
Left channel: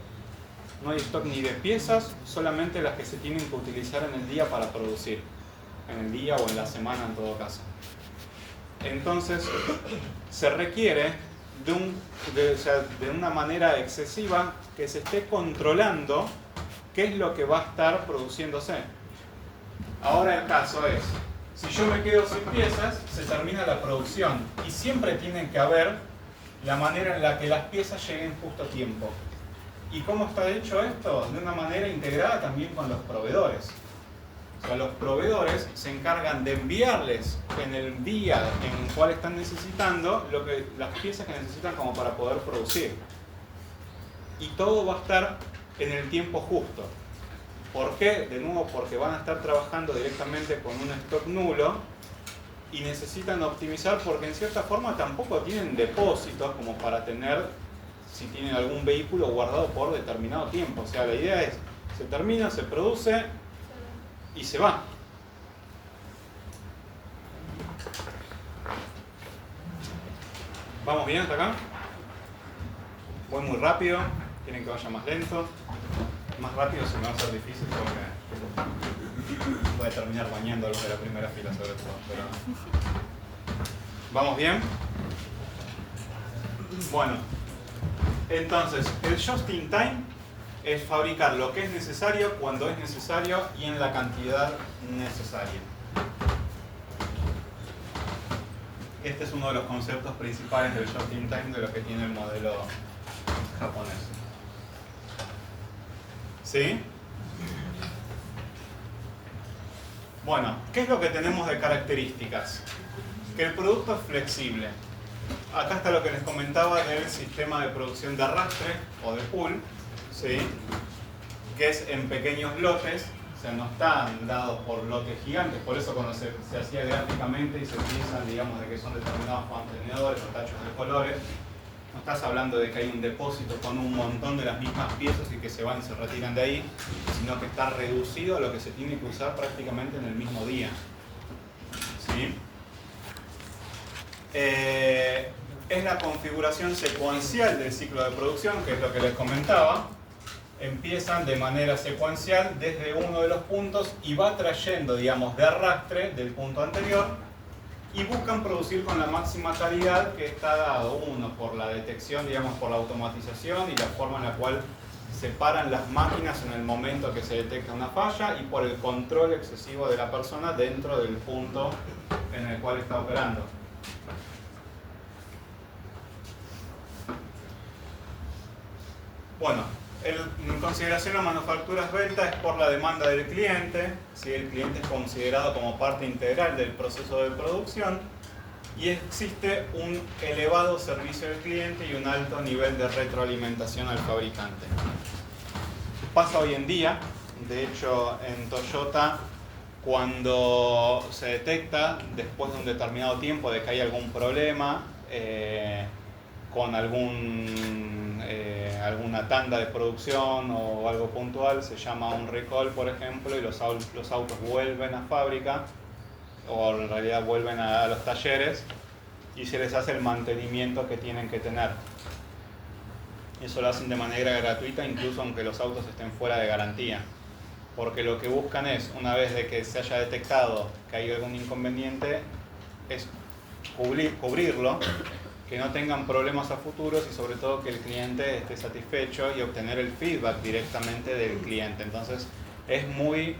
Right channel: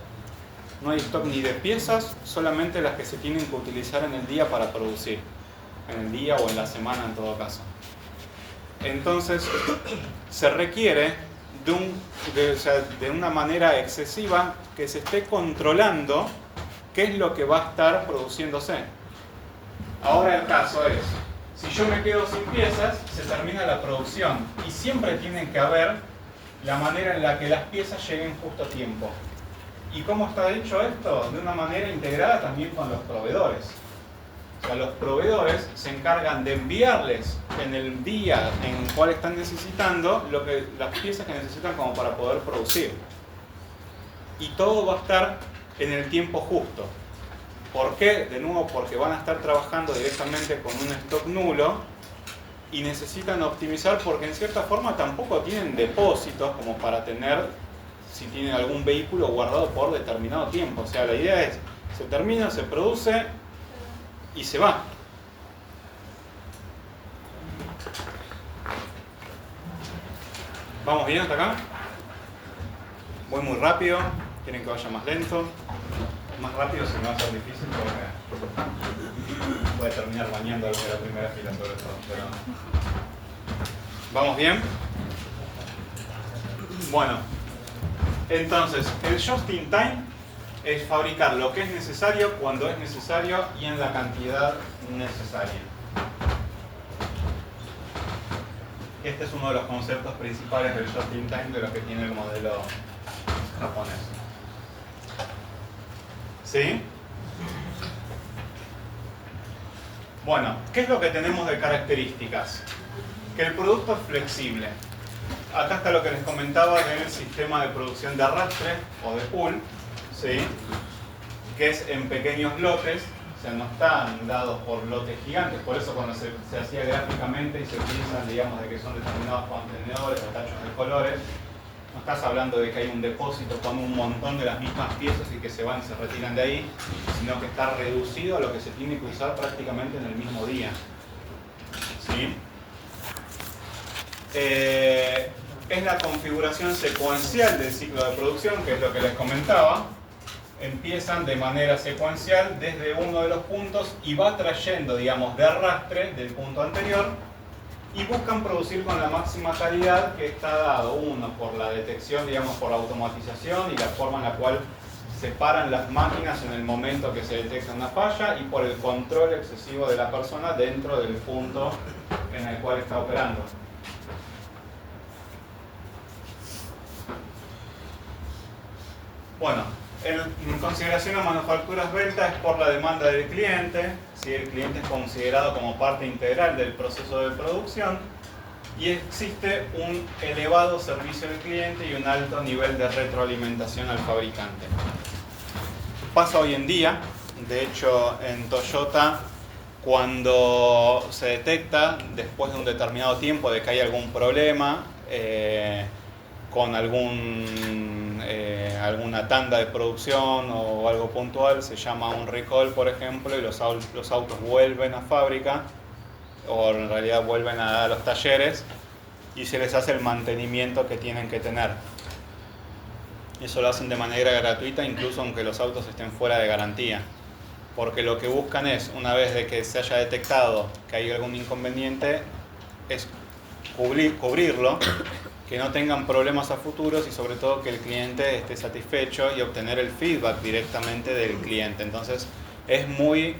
No hay stock ni de piezas, solamente las que se tienen que utilizar en el día para producir. En el día o en la semana en todo caso. Entonces, se requiere de una manera excesiva que se esté controlando qué es lo que va a estar produciéndose. Ahora el caso es, si yo me quedo sin piezas, se termina la producción y siempre tiene que haber la manera en la que las piezas lleguen justo a tiempo. ¿Y cómo está hecho esto? De una manera integrada también con los proveedores. O sea, los proveedores se encargan de enviarles en el día en el cual están necesitando las piezas que necesitan como para poder producir. Y todo va a estar en el tiempo justo. ¿Por qué? De nuevo, porque van a estar trabajando directamente con un stock nulo y necesitan optimizar porque en cierta forma tampoco tienen depósitos como para tener, si tienen algún vehículo guardado por determinado tiempo. O sea, la idea es, se termina, se produce y se va. ¿Vamos bien hasta acá? Voy muy rápido, quieren que vaya más lento. Más rápido se me va a ser difícil porque voy a terminar bañando algo de la primera fila sobre todo. Pero... ¿Vamos bien? Bueno, entonces el just in time es fabricar lo que es necesario cuando es necesario y en la cantidad necesaria. Este es uno de los conceptos principales del just in time de lo que tiene el modelo japonés. ¿Sí? Bueno, ¿qué es lo que tenemos de características? Que el producto es flexible. Acá está lo que les comentaba del sistema de producción de arrastre o de pool, ¿sí?, que es en pequeños lotes, o sea, no están dados por lotes gigantes. Por eso cuando se hacía gráficamente y se utilizan, digamos, de que son determinados contenedores o tachos de colores, no estás hablando de que hay un depósito con un montón de las mismas piezas y que se van y se retiran de ahí, sino que está reducido a lo que se tiene que usar prácticamente en el mismo día. ¿Sí? Es la configuración secuencial del ciclo de producción, que es lo que les comentaba. Empiezan de manera secuencial desde uno de los puntos y va trayendo, digamos, de arrastre del punto anterior y buscan producir con la máxima calidad que está dado, uno, por la detección, digamos, por la automatización y la forma en la cual se paran las máquinas en el momento que se detecta una falla y por el control excesivo de la persona dentro del punto en el cual está operando. Bueno, en consideración a manufacturas ventas es por la demanda del cliente, si el cliente es considerado como parte integral del proceso de producción y existe un elevado servicio al cliente y un alto nivel de retroalimentación al fabricante. Pasa hoy en día, De hecho, en Toyota, cuando se detecta, después de un determinado tiempo, de que hay algún problema con alguna tanda de producción o algo puntual, se llama un recall, por ejemplo, y los autos vuelven a fábrica, o en realidad vuelven a los talleres, y se les hace el mantenimiento que tienen que tener. Eso lo hacen de manera gratuita, incluso aunque los autos estén fuera de garantía. Porque lo que buscan es, una vez de que se haya detectado que hay algún inconveniente, es cubrirlo, que no tengan problemas a futuros y sobre todo que el cliente esté satisfecho y obtener el feedback directamente del cliente. Entonces es muy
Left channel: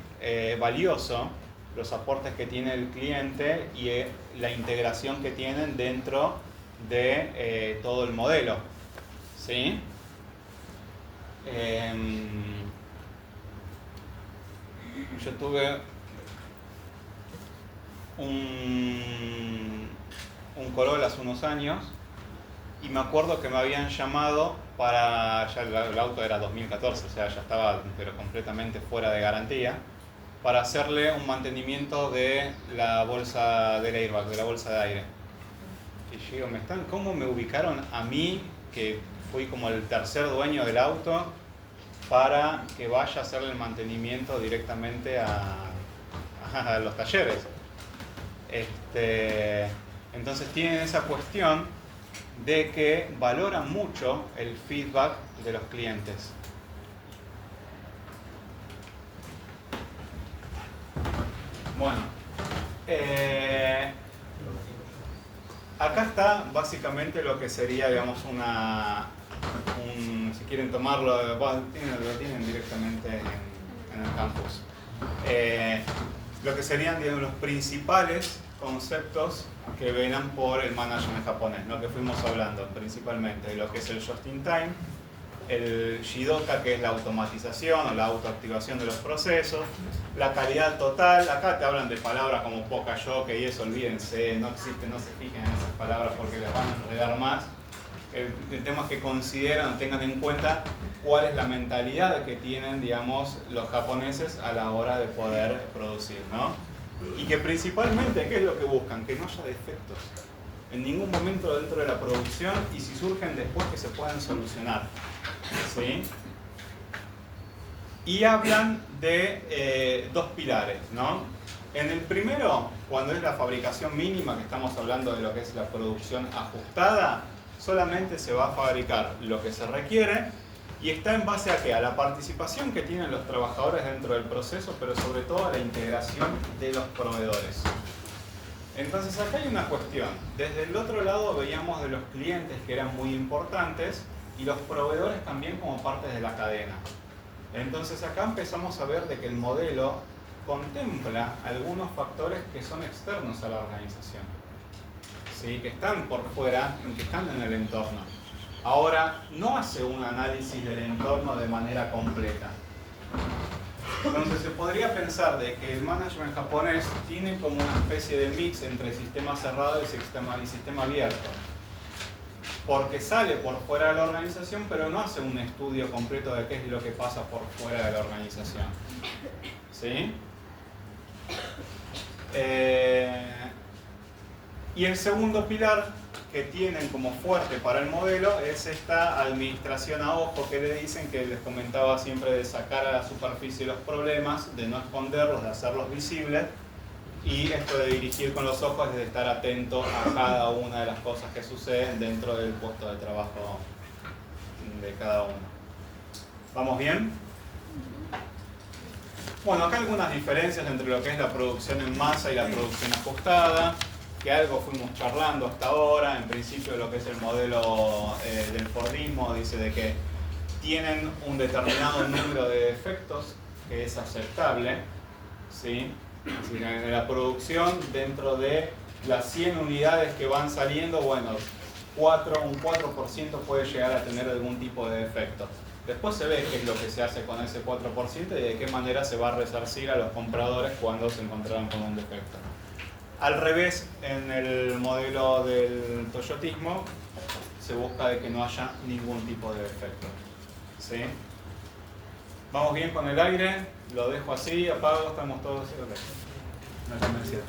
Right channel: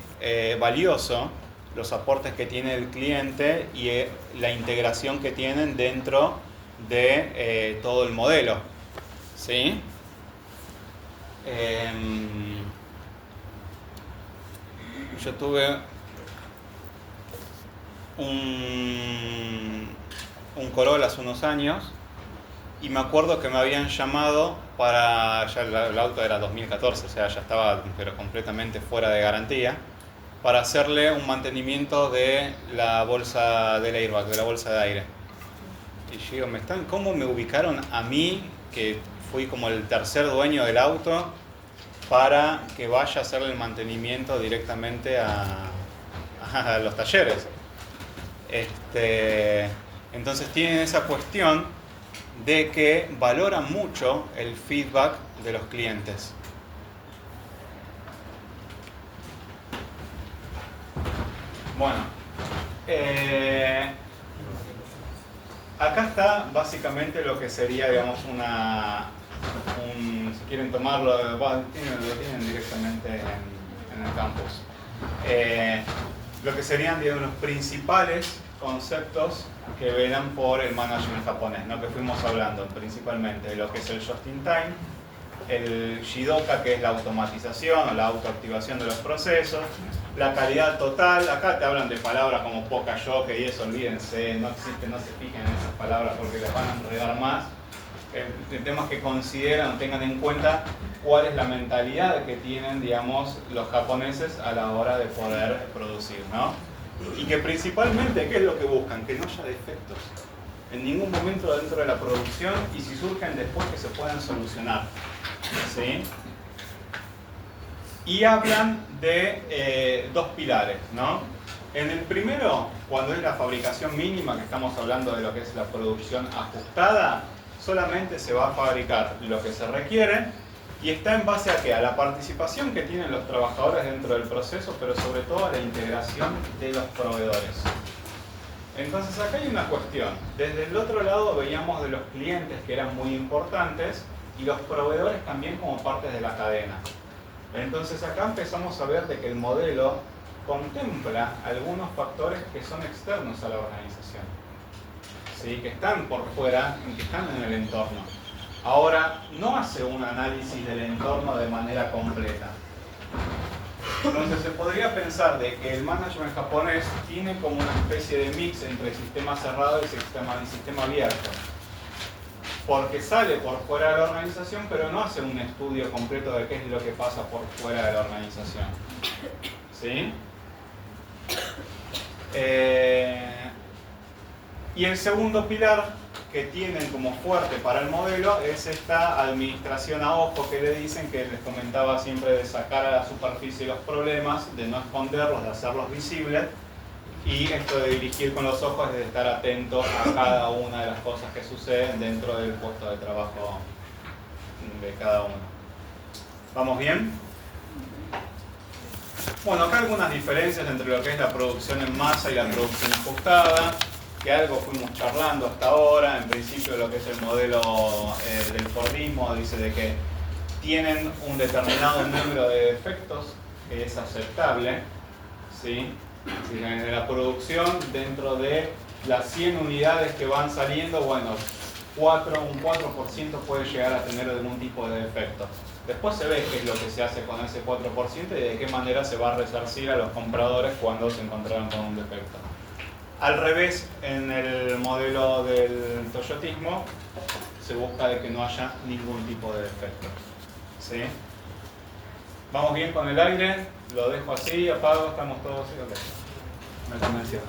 valioso los aportes que tiene el cliente y la integración que tienen dentro de todo el modelo. ¿Sí? Yo tuve un Corolla hace unos años y me acuerdo que me habían llamado para, ya el auto era 2014, o sea, ya estaba pero completamente fuera de garantía, para hacerle un mantenimiento de la bolsa del airbag, de la bolsa de aire. Y yo digo, ¿cómo me ubicaron a mí, que fui como el tercer dueño del auto, para que vaya a hacerle el mantenimiento directamente a los talleres? Entonces tienen esa cuestión de que valoran mucho el feedback de los clientes. Bueno, acá está básicamente lo que sería, digamos, si quieren tomarlo, lo tienen directamente en el campus. Lo que serían, digamos, los principales conceptos que venan por el management japonés, ¿no? Que fuimos hablando principalmente de lo que es el just in time, el Jidoka, que es la automatización o la autoactivación de los procesos, la calidad total. Acá te hablan de palabras como Poka-yoke y eso, olvídense, no existe, no se fijen en esas palabras porque las van a enredar más. El tema es que consideran, tengan en cuenta cuál es la mentalidad que tienen, digamos, los japoneses a la hora de poder producir, ¿no? Y que principalmente, ¿qué es lo que buscan? Que no haya defectos en ningún momento dentro de la producción, y si surgen después, que se puedan solucionar, ¿sí? Y hablan de dos pilares, ¿no? En el primero, cuando es la fabricación mínima, que estamos hablando de lo que es la producción ajustada, solamente se va a fabricar lo que se requiere y está en base a ¿qué? A la participación que tienen los trabajadores dentro del proceso, pero sobre todo a la integración de los proveedores. Entonces acá hay una cuestión. Desde el otro lado veíamos de los clientes, que eran muy importantes, y los proveedores también como partes de la cadena. Entonces acá empezamos a ver de que el modelo contempla algunos factores que son externos a la organización, ¿sí? Que están por fuera, que están en el entorno. Ahora, no hace un análisis del entorno de manera completa. Entonces se podría pensar de que el management japonés tiene como una especie de mix entre sistema cerrado y sistema abierto. Porque sale por fuera de la organización, pero no hace un estudio completo de qué es lo que pasa por fuera de la organización. ¿Sí? Y el segundo pilar que tienen como fuerte para el modelo es esta administración a ojo que le dicen, que les comentaba siempre, de sacar a la superficie los problemas, de no esconderlos, de hacerlos visibles, y esto de dirigir con los ojos, de estar atento a cada una de las cosas que suceden dentro del puesto de trabajo de cada uno. ¿Vamos bien? Bueno, acá algunas diferencias entre lo que es la producción en masa y la producción ajustada, que algo fuimos charlando hasta ahora. En principio, lo que es el modelo del Fordismo dice de que tienen un determinado número de defectos que es aceptable, ¿sí? En la producción, dentro de las 100 unidades que van saliendo, bueno, un 4% puede llegar a tener algún tipo de defecto. Después se ve qué es lo que se hace con ese 4% y de qué manera se va a resarcir a los compradores cuando se encontraran con un defecto. Al revés, en el modelo del toyotismo se busca de que no haya ningún tipo de defecto, ¿sí? ¿Vamos bien con el aire? Lo dejo así, apago, estamos todos... Me convencieron.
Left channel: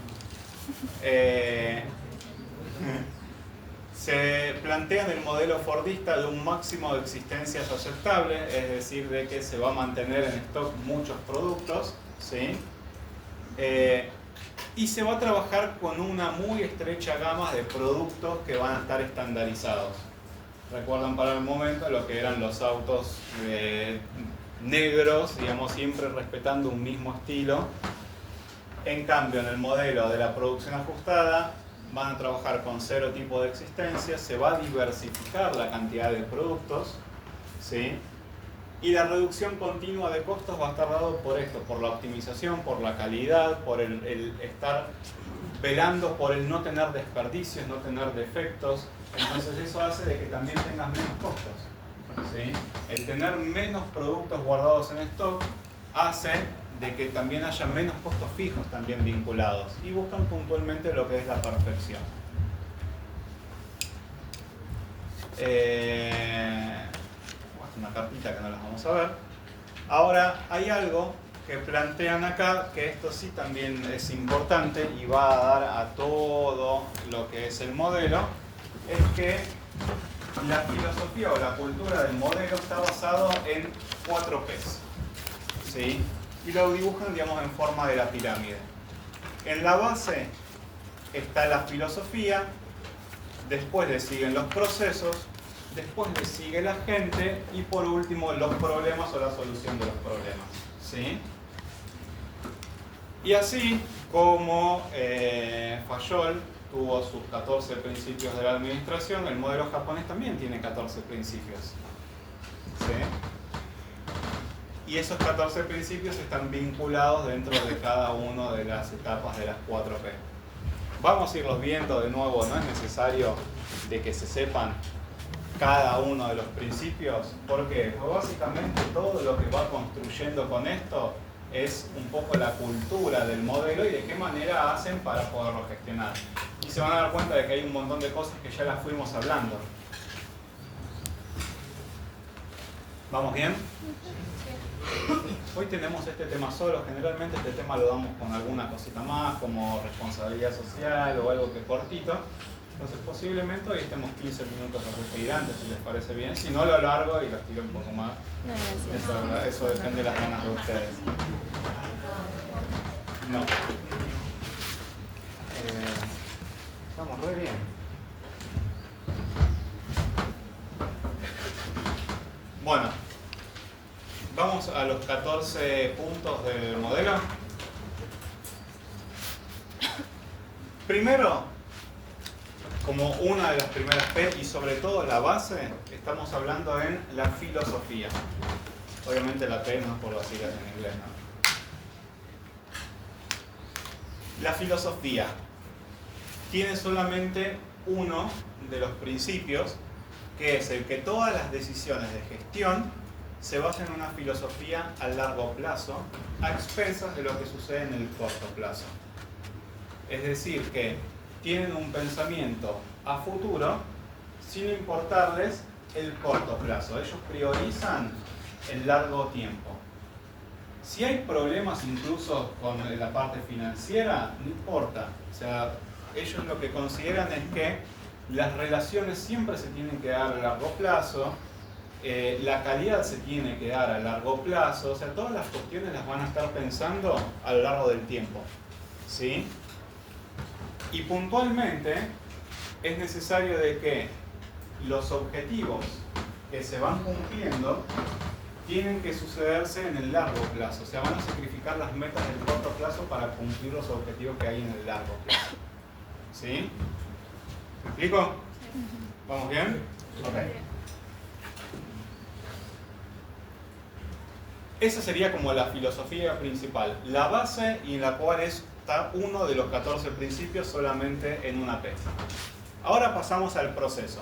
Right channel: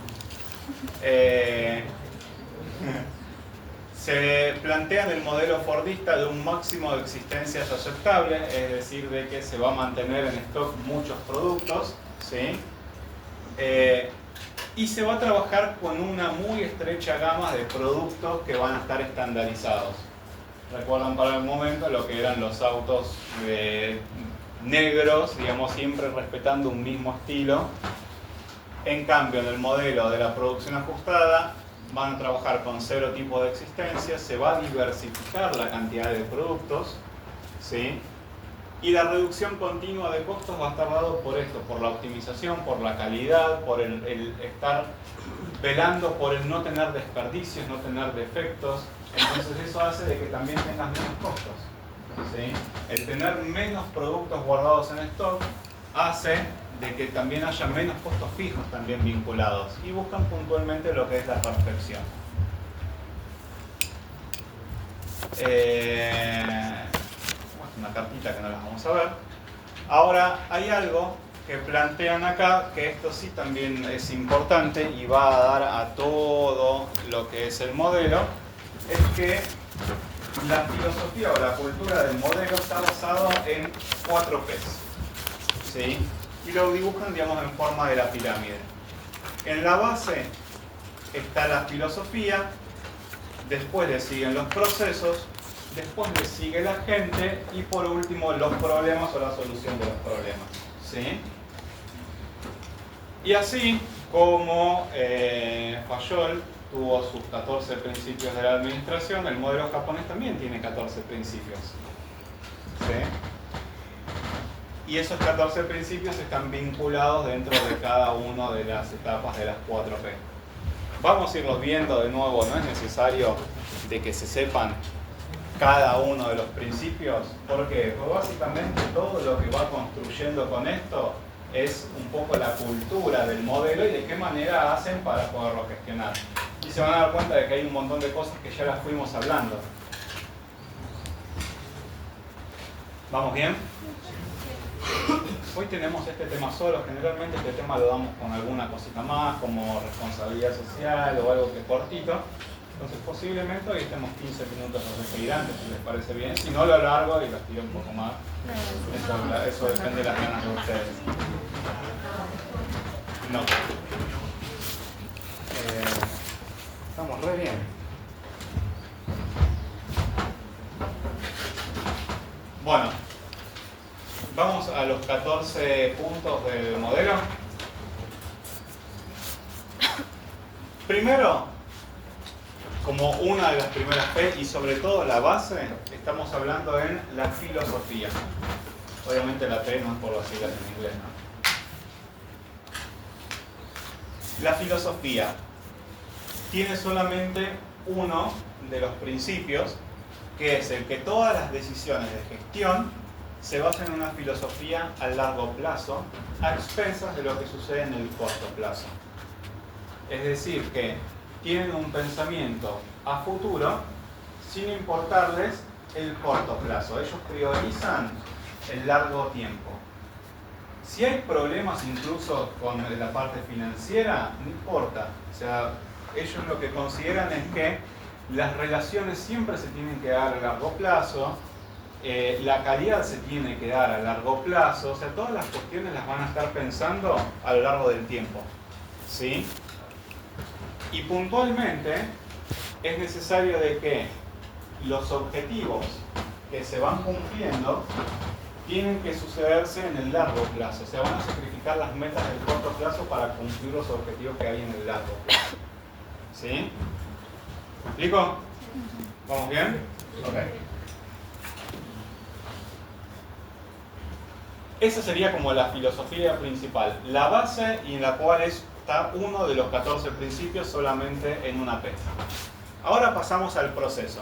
Se plantea en el modelo fordista de un máximo de existencias aceptable, es decir, de que se va a mantener en stock muchos productos, ¿sí? Y se va a trabajar con una muy estrecha gama de productos que van a estar estandarizados. Recuerdan para el momento lo que eran los autos negros, digamos, siempre respetando un mismo estilo. En cambio, en el modelo de la producción ajustada, van a trabajar con 0 tipo de existencia, se va a diversificar la cantidad de productos, ¿sí? Y la reducción continua de costos va a estar dado por esto, por la optimización, por la calidad, por el estar velando por el no tener desperdicios, no tener defectos. Entonces eso hace de que también tengas menos costos, ¿sí? El tener menos productos guardados en stock hace de que también haya menos costos fijos también vinculados y buscan puntualmente lo que es la perfección. Una cartita que no las vamos a ver. Ahora hay algo que plantean acá, que esto sí también es importante y va a dar a todo lo que es el modelo, es que la filosofía o la cultura del modelo está basado en 4 P's, ¿sí? Y lo dibujan, digamos, en forma de la pirámide. En la base está la filosofía, después le siguen los procesos, después le sigue la gente y por último los problemas o la solución de los problemas, ¿sí? Y así como Fayol tuvo sus 14 principios de la administración, el modelo japonés también tiene 14 principios, ¿sí? Y esos 14 principios están vinculados dentro de cada una de las etapas de las 4P. Vamos a irlos viendo de nuevo, no es necesario de que se sepan cada uno de los principios. ¿Por qué? Pues básicamente todo lo que va construyendo con esto es un poco la cultura del modelo y de qué manera hacen para poderlo gestionar. Y se van a dar cuenta de que hay un montón de cosas que ya las fuimos hablando. ¿Vamos bien? Hoy tenemos este tema solo, generalmente este tema lo damos con alguna cosita más, como responsabilidad social o algo que es cortito. Entonces posiblemente hoy estemos 15 minutos de seguir antes, si les parece bien. Si no, lo alargo y los tiro un poco más. Eso depende de las ganas de ustedes. No. Estamos re bien. Bueno. Vamos a los 14 puntos del modelo. Primero, como una de las primeras P y sobre todo la base, estamos hablando en la filosofía. Obviamente la P no es por las siglas en inglés, ¿no? La filosofía tiene solamente uno de los principios, que es el que todas las decisiones de gestión se basa en una filosofía a largo plazo, a expensas de lo que sucede en el corto plazo. Es decir, que tienen un pensamiento a futuro sin importarles el corto plazo. Ellos priorizan el largo tiempo. Si hay problemas incluso con la parte financiera, no importa. O sea, ellos lo que consideran es que las relaciones siempre se tienen que dar a largo plazo. La calidad se tiene que dar a largo plazo, o sea, todas las cuestiones las van a estar pensando a lo largo del tiempo, ¿sí? Y puntualmente es necesario de que los objetivos que se van cumpliendo tienen que sucederse en el largo plazo, o sea, van a sacrificar las metas del corto plazo para cumplir los objetivos que hay en el largo plazo, ¿sí? ¿Me explico? ¿Vamos bien? Ok. Esa sería como la filosofía principal, la base y en la cual está uno de los 14 principios solamente en una P. Ahora pasamos al proceso.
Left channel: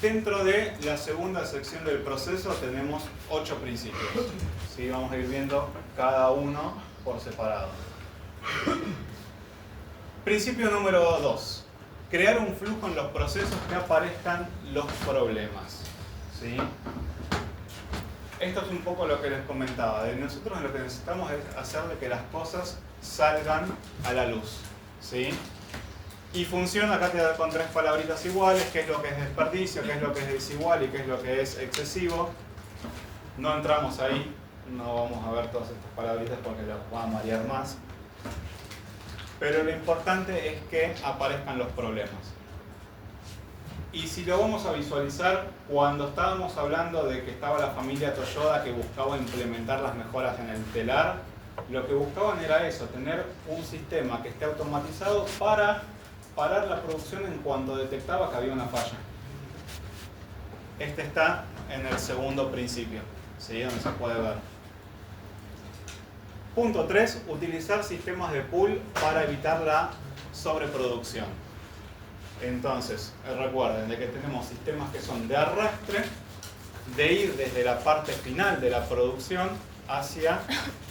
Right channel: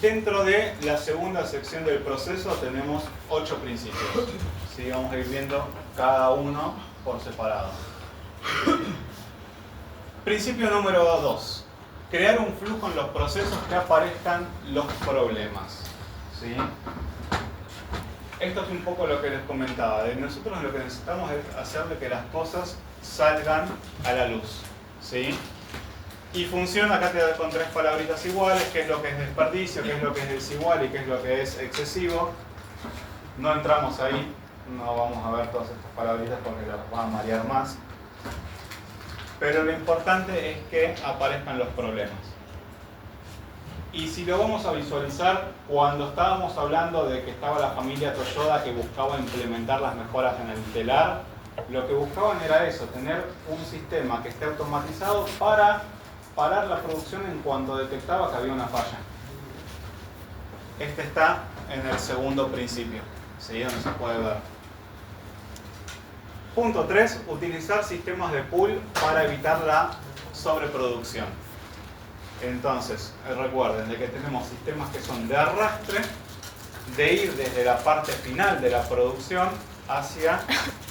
Dentro de la segunda sección del proceso tenemos 8 principios. ¿Sí? Vamos a ir viendo cada uno por separado. Principio número 2. Crear un flujo en los procesos que aparezcan los problemas. ¿Sí? esto es un poco lo que les comentaba. Nosotros lo que necesitamos es hacer de que las cosas salgan a la luz, ¿sí? Y funciona, acá te da con 3 palabritas iguales, qué es lo que es desperdicio, qué es lo que es desigual y qué es lo que es excesivo. No entramos ahí, no vamos a ver todas estas palabritas porque las van a marear más. Pero lo importante es que aparezcan los problemas. Y si lo vamos a visualizar, cuando estábamos hablando de que estaba la familia Toyoda que buscaba implementar las mejoras en el telar, lo que buscaban era eso, tener un sistema que esté automatizado para parar la producción en cuanto detectaba que había una falla. Este está en el segundo principio, ¿sí? Donde se puede ver. Punto 3, utilizar sistemas de pool para evitar la sobreproducción. Entonces, recuerden de que tenemos sistemas que son de arrastre, de ir desde la parte final de la producción hacia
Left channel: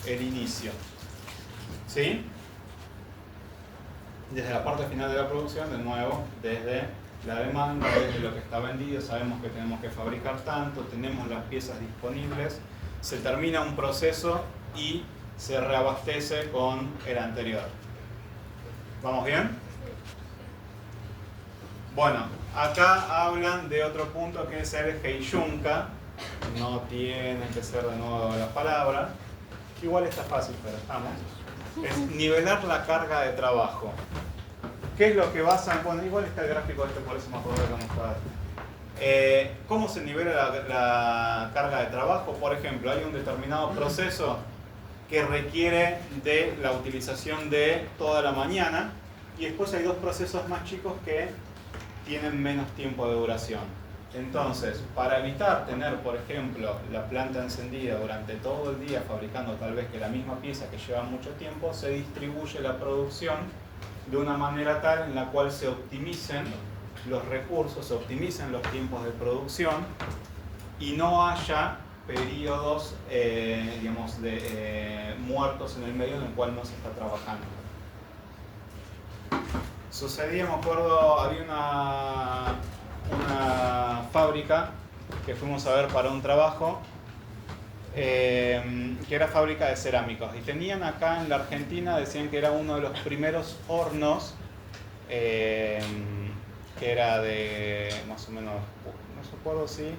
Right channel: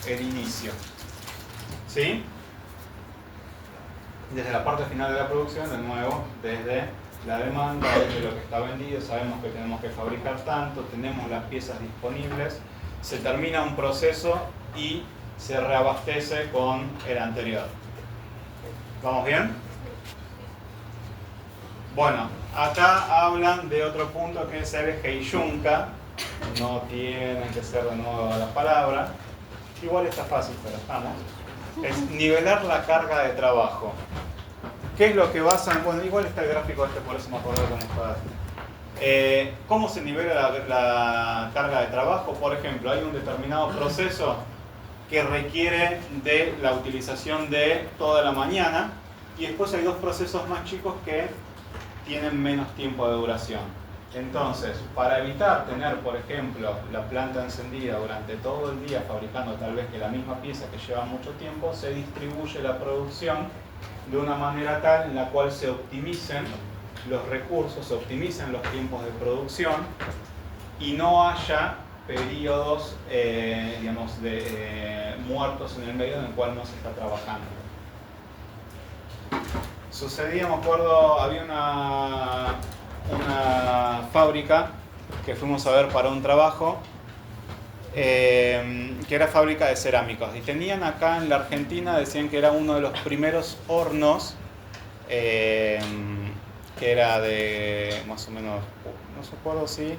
el inicio. ¿Sí? Desde la parte final de la producción, de nuevo, desde la demanda, desde lo que está vendido, sabemos que tenemos que fabricar tanto, tenemos las piezas disponibles, se termina un proceso y se reabastece con el anterior. ¿Vamos bien? Bueno, acá hablan de otro punto que es el Heiyunka. No tiene que ser de nuevo la palabra. Igual está fácil, pero estamos. Es nivelar la carga de trabajo. ¿Qué es lo que basan? Bueno, igual está el gráfico este, por eso me acuerdo de cómo está. ¿Cómo se nivela la carga de trabajo? Por ejemplo, hay un determinado proceso que requiere de la utilización de toda la mañana y después hay 2 procesos más chicos que tienen menos tiempo de duración. Entonces, para evitar tener, por ejemplo, la planta encendida durante todo el día fabricando tal vez que la misma pieza que lleva mucho tiempo, se distribuye la producción de una manera tal en la cual se optimicen los recursos, se optimicen los tiempos de producción y no haya periodos digamos, muertos en el medio en el cual no se está trabajando. Sucedía, me acuerdo, había una fábrica que fuimos a ver para un trabajo que era fábrica de cerámicos y tenían acá en la Argentina, decían que era uno de los primeros hornos que era de más o menos, no se acuerdo si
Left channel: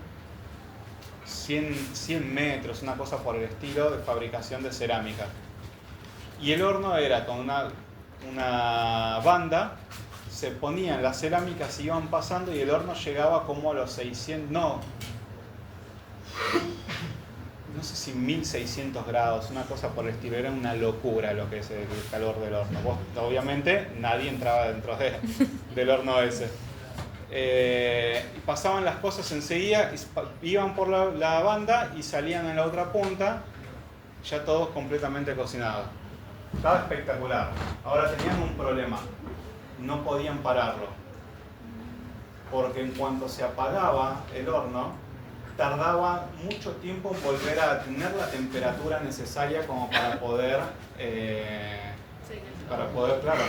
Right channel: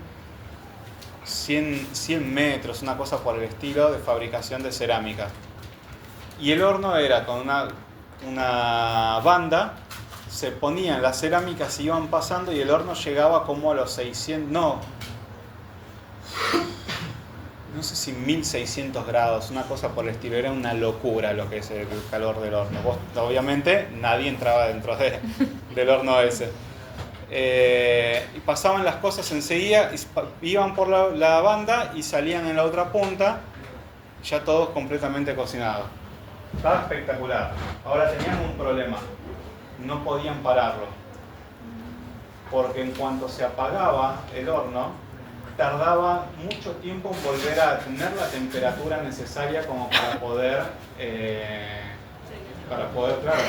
100 metros, una cosa por el estilo, de fabricación de cerámica. Y el horno era con una banda, se ponían las cerámicas, se iban pasando y el horno llegaba como a los 600, no sé si 1600 grados, una cosa por el estilo, era una locura lo que es el calor del horno. Obviamente nadie entraba dentro del horno ese. Y pasaban las cosas enseguida, iban por la banda y salían en la otra punta, ya todos completamente cocinados. Estaba espectacular. Ahora tenían un problema, no podían pararlo, porque en cuanto se apagaba el horno, tardaba mucho tiempo en volver a tener la temperatura necesaria como para poder, claro.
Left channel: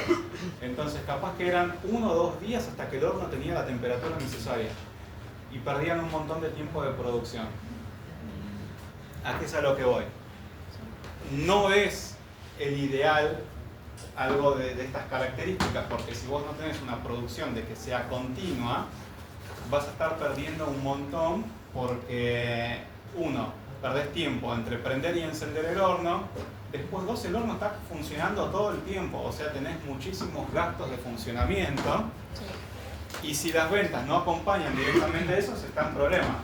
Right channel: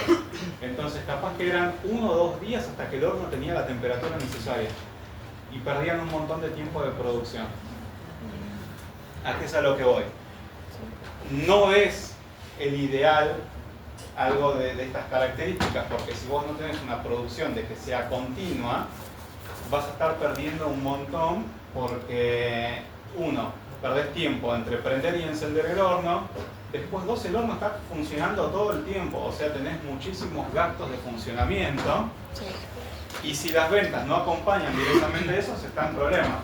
Entonces capaz que eran 1 o 2 días hasta que el horno tenía la temperatura necesaria y perdían un montón de tiempo de producción. ¿A qué es a lo que voy? No es el ideal algo de estas características, porque si vos no tenés una producción de que sea continua, vas a estar perdiendo un montón porque, 1, perdés tiempo entre prender y encender el horno, después 2, el horno está funcionando todo el tiempo, o sea, tenés muchísimos gastos de funcionamiento, y si las ventas no acompañan directamente eso, se está en problema.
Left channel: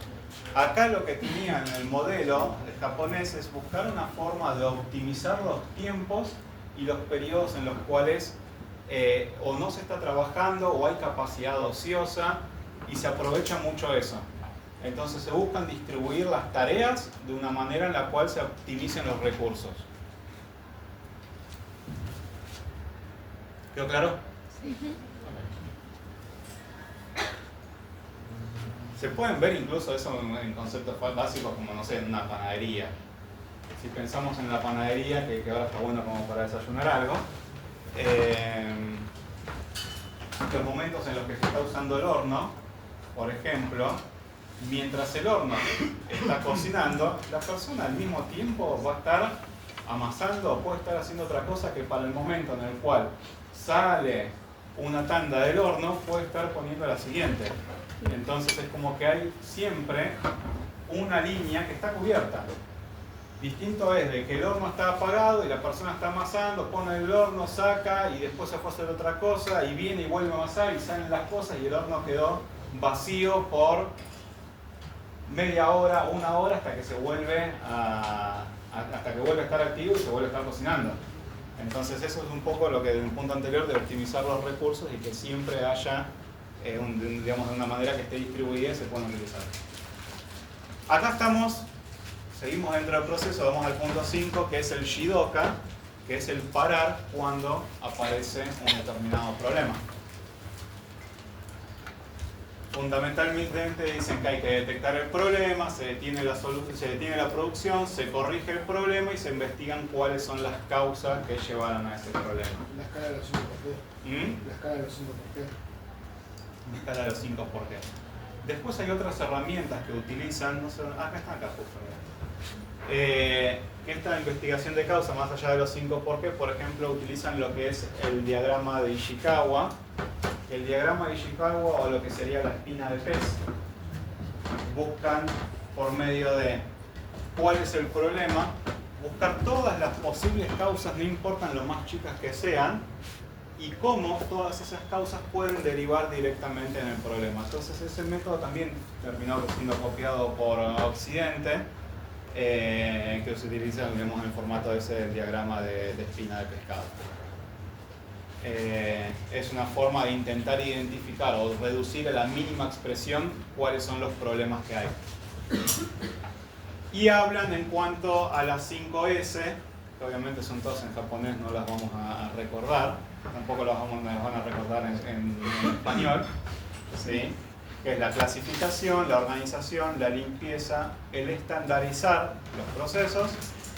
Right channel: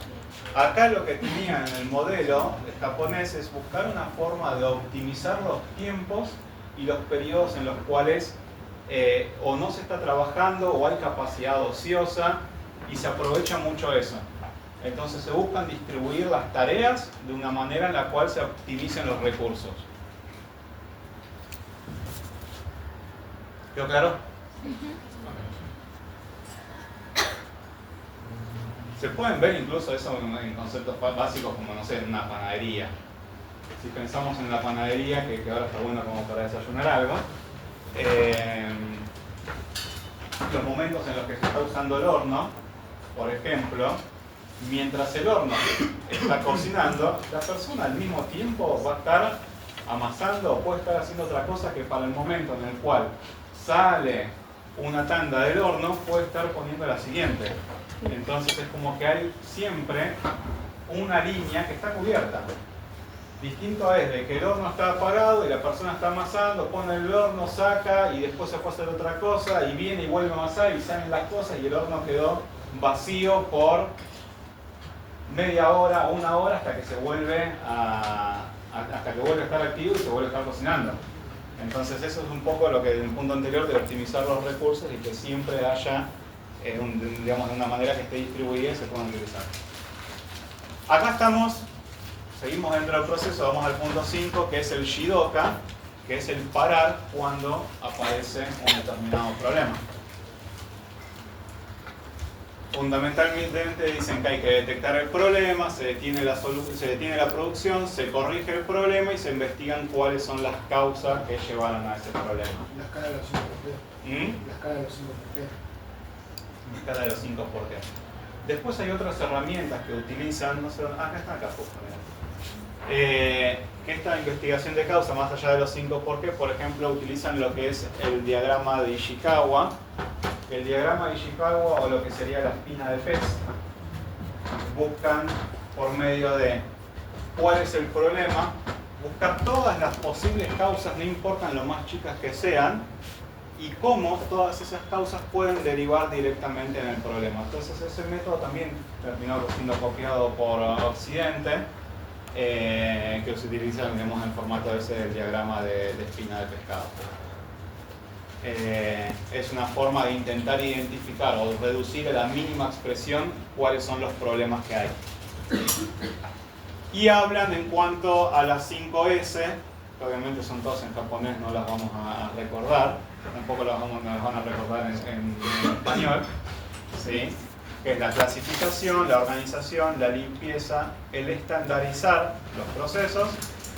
Acá lo que tenían en el modelo japonés es buscar una forma de optimizar los tiempos y los periodos en los cuales o no se está trabajando o hay capacidad ociosa y se aprovecha mucho eso. Entonces se buscan distribuir las tareas de una manera en la cual se optimicen los recursos. ¿Quedó claro? Se pueden ver incluso eso en conceptos básicos como, no sé, en una panadería. Si pensamos en la panadería, que ahora está bueno como para desayunar algo, los momentos en los que se está usando el horno, por ejemplo, mientras el horno está cocinando, la persona al mismo tiempo va a estar amasando o puede estar haciendo otra cosa que para el momento en el cual sale una tanda del horno puede estar poniendo la siguiente. Entonces es como que hay siempre una línea que está cubierta. Distinto es de que el horno está apagado y la persona está amasando, pone el horno, saca y después se puede hacer otra cosa y viene y vuelve a amasar y salen las cosas y el horno quedó vacío por media hora o una hora hasta que se vuelve hasta que vuelve a estar activo y se vuelve a estar cocinando. Entonces eso es un poco lo que en el punto anterior de optimizar los recursos y que siempre haya digamos, de una manera que esté distribuida y se pueda utilizar. Acá estamos, seguimos dentro del proceso, vamos al punto 5 que es el Jidoka, que es el parar cuando aparece un determinado problema. Fundamentalmente dicen que hay que detectar el problema, se detiene la producción, se corrige el problema y se investigan cuáles son las causas que llevaron a ese problema. La escala de los 5 por qué. La escala de los 5 por qué. La escala de los 5 por qué. Después hay otras herramientas que utilizan, no sé, acá está acá justo. Que esta investigación de causa, más allá de los 5 por qué, por ejemplo, utilizan lo que es el diagrama de Ishikawa. El diagrama de Ishikawa o lo que sería la espina de pez, buscan por medio de cuál es el problema, buscar todas las posibles causas, no importan lo más chicas que sean, y cómo todas esas causas pueden derivar directamente en el problema. Entonces ese método también terminó siendo copiado por Occidente, que se utiliza, digamos, en formato ese del diagrama de espina de pescado. Es una forma de intentar identificar o reducir a la mínima expresión cuáles son los problemas que hay. Y hablan en cuanto a las 5S, que obviamente son todas en japonés, no las vamos a recordar, tampoco las van a recordar en español, ¿sí? Que es la clasificación, la organización, la limpieza, el estandarizar los procesos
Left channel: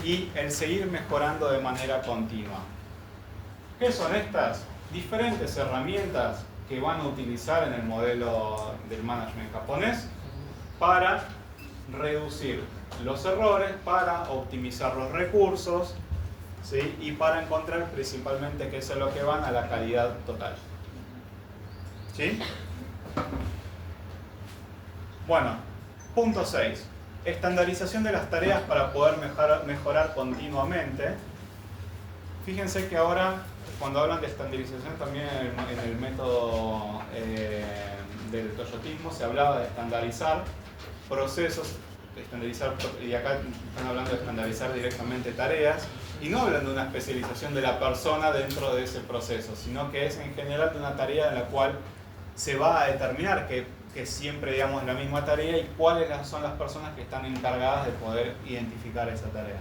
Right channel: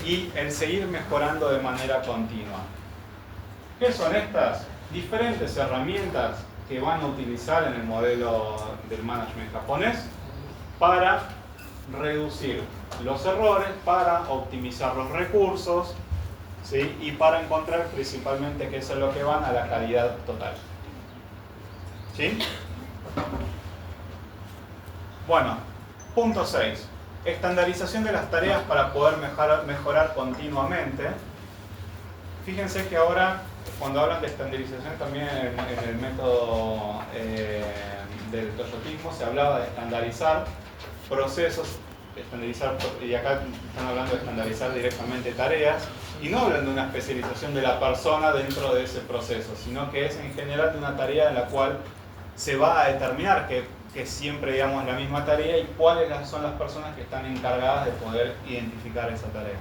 y el seguir mejorando de manera continua. ¿Qué son estas? Diferentes herramientas que van a utilizar en el modelo del management japonés para reducir los errores, para optimizar los recursos, ¿sí? Y para encontrar principalmente que eso es lo que van a la calidad total. ¿Sí? Bueno, punto 6. Estandarización de las tareas para poder mejorar continuamente. Fíjense que ahora, cuando hablan de estandarización, también en el método del toyotismo se hablaba de estandarizar procesos, y acá están hablando de estandarizar directamente tareas, y no hablan de una especialización de la persona dentro de ese proceso, sino que es en general de una tarea en la cual se va a determinar que siempre, digamos, la misma tarea y cuáles son las personas que están encargadas de poder identificar esa tarea.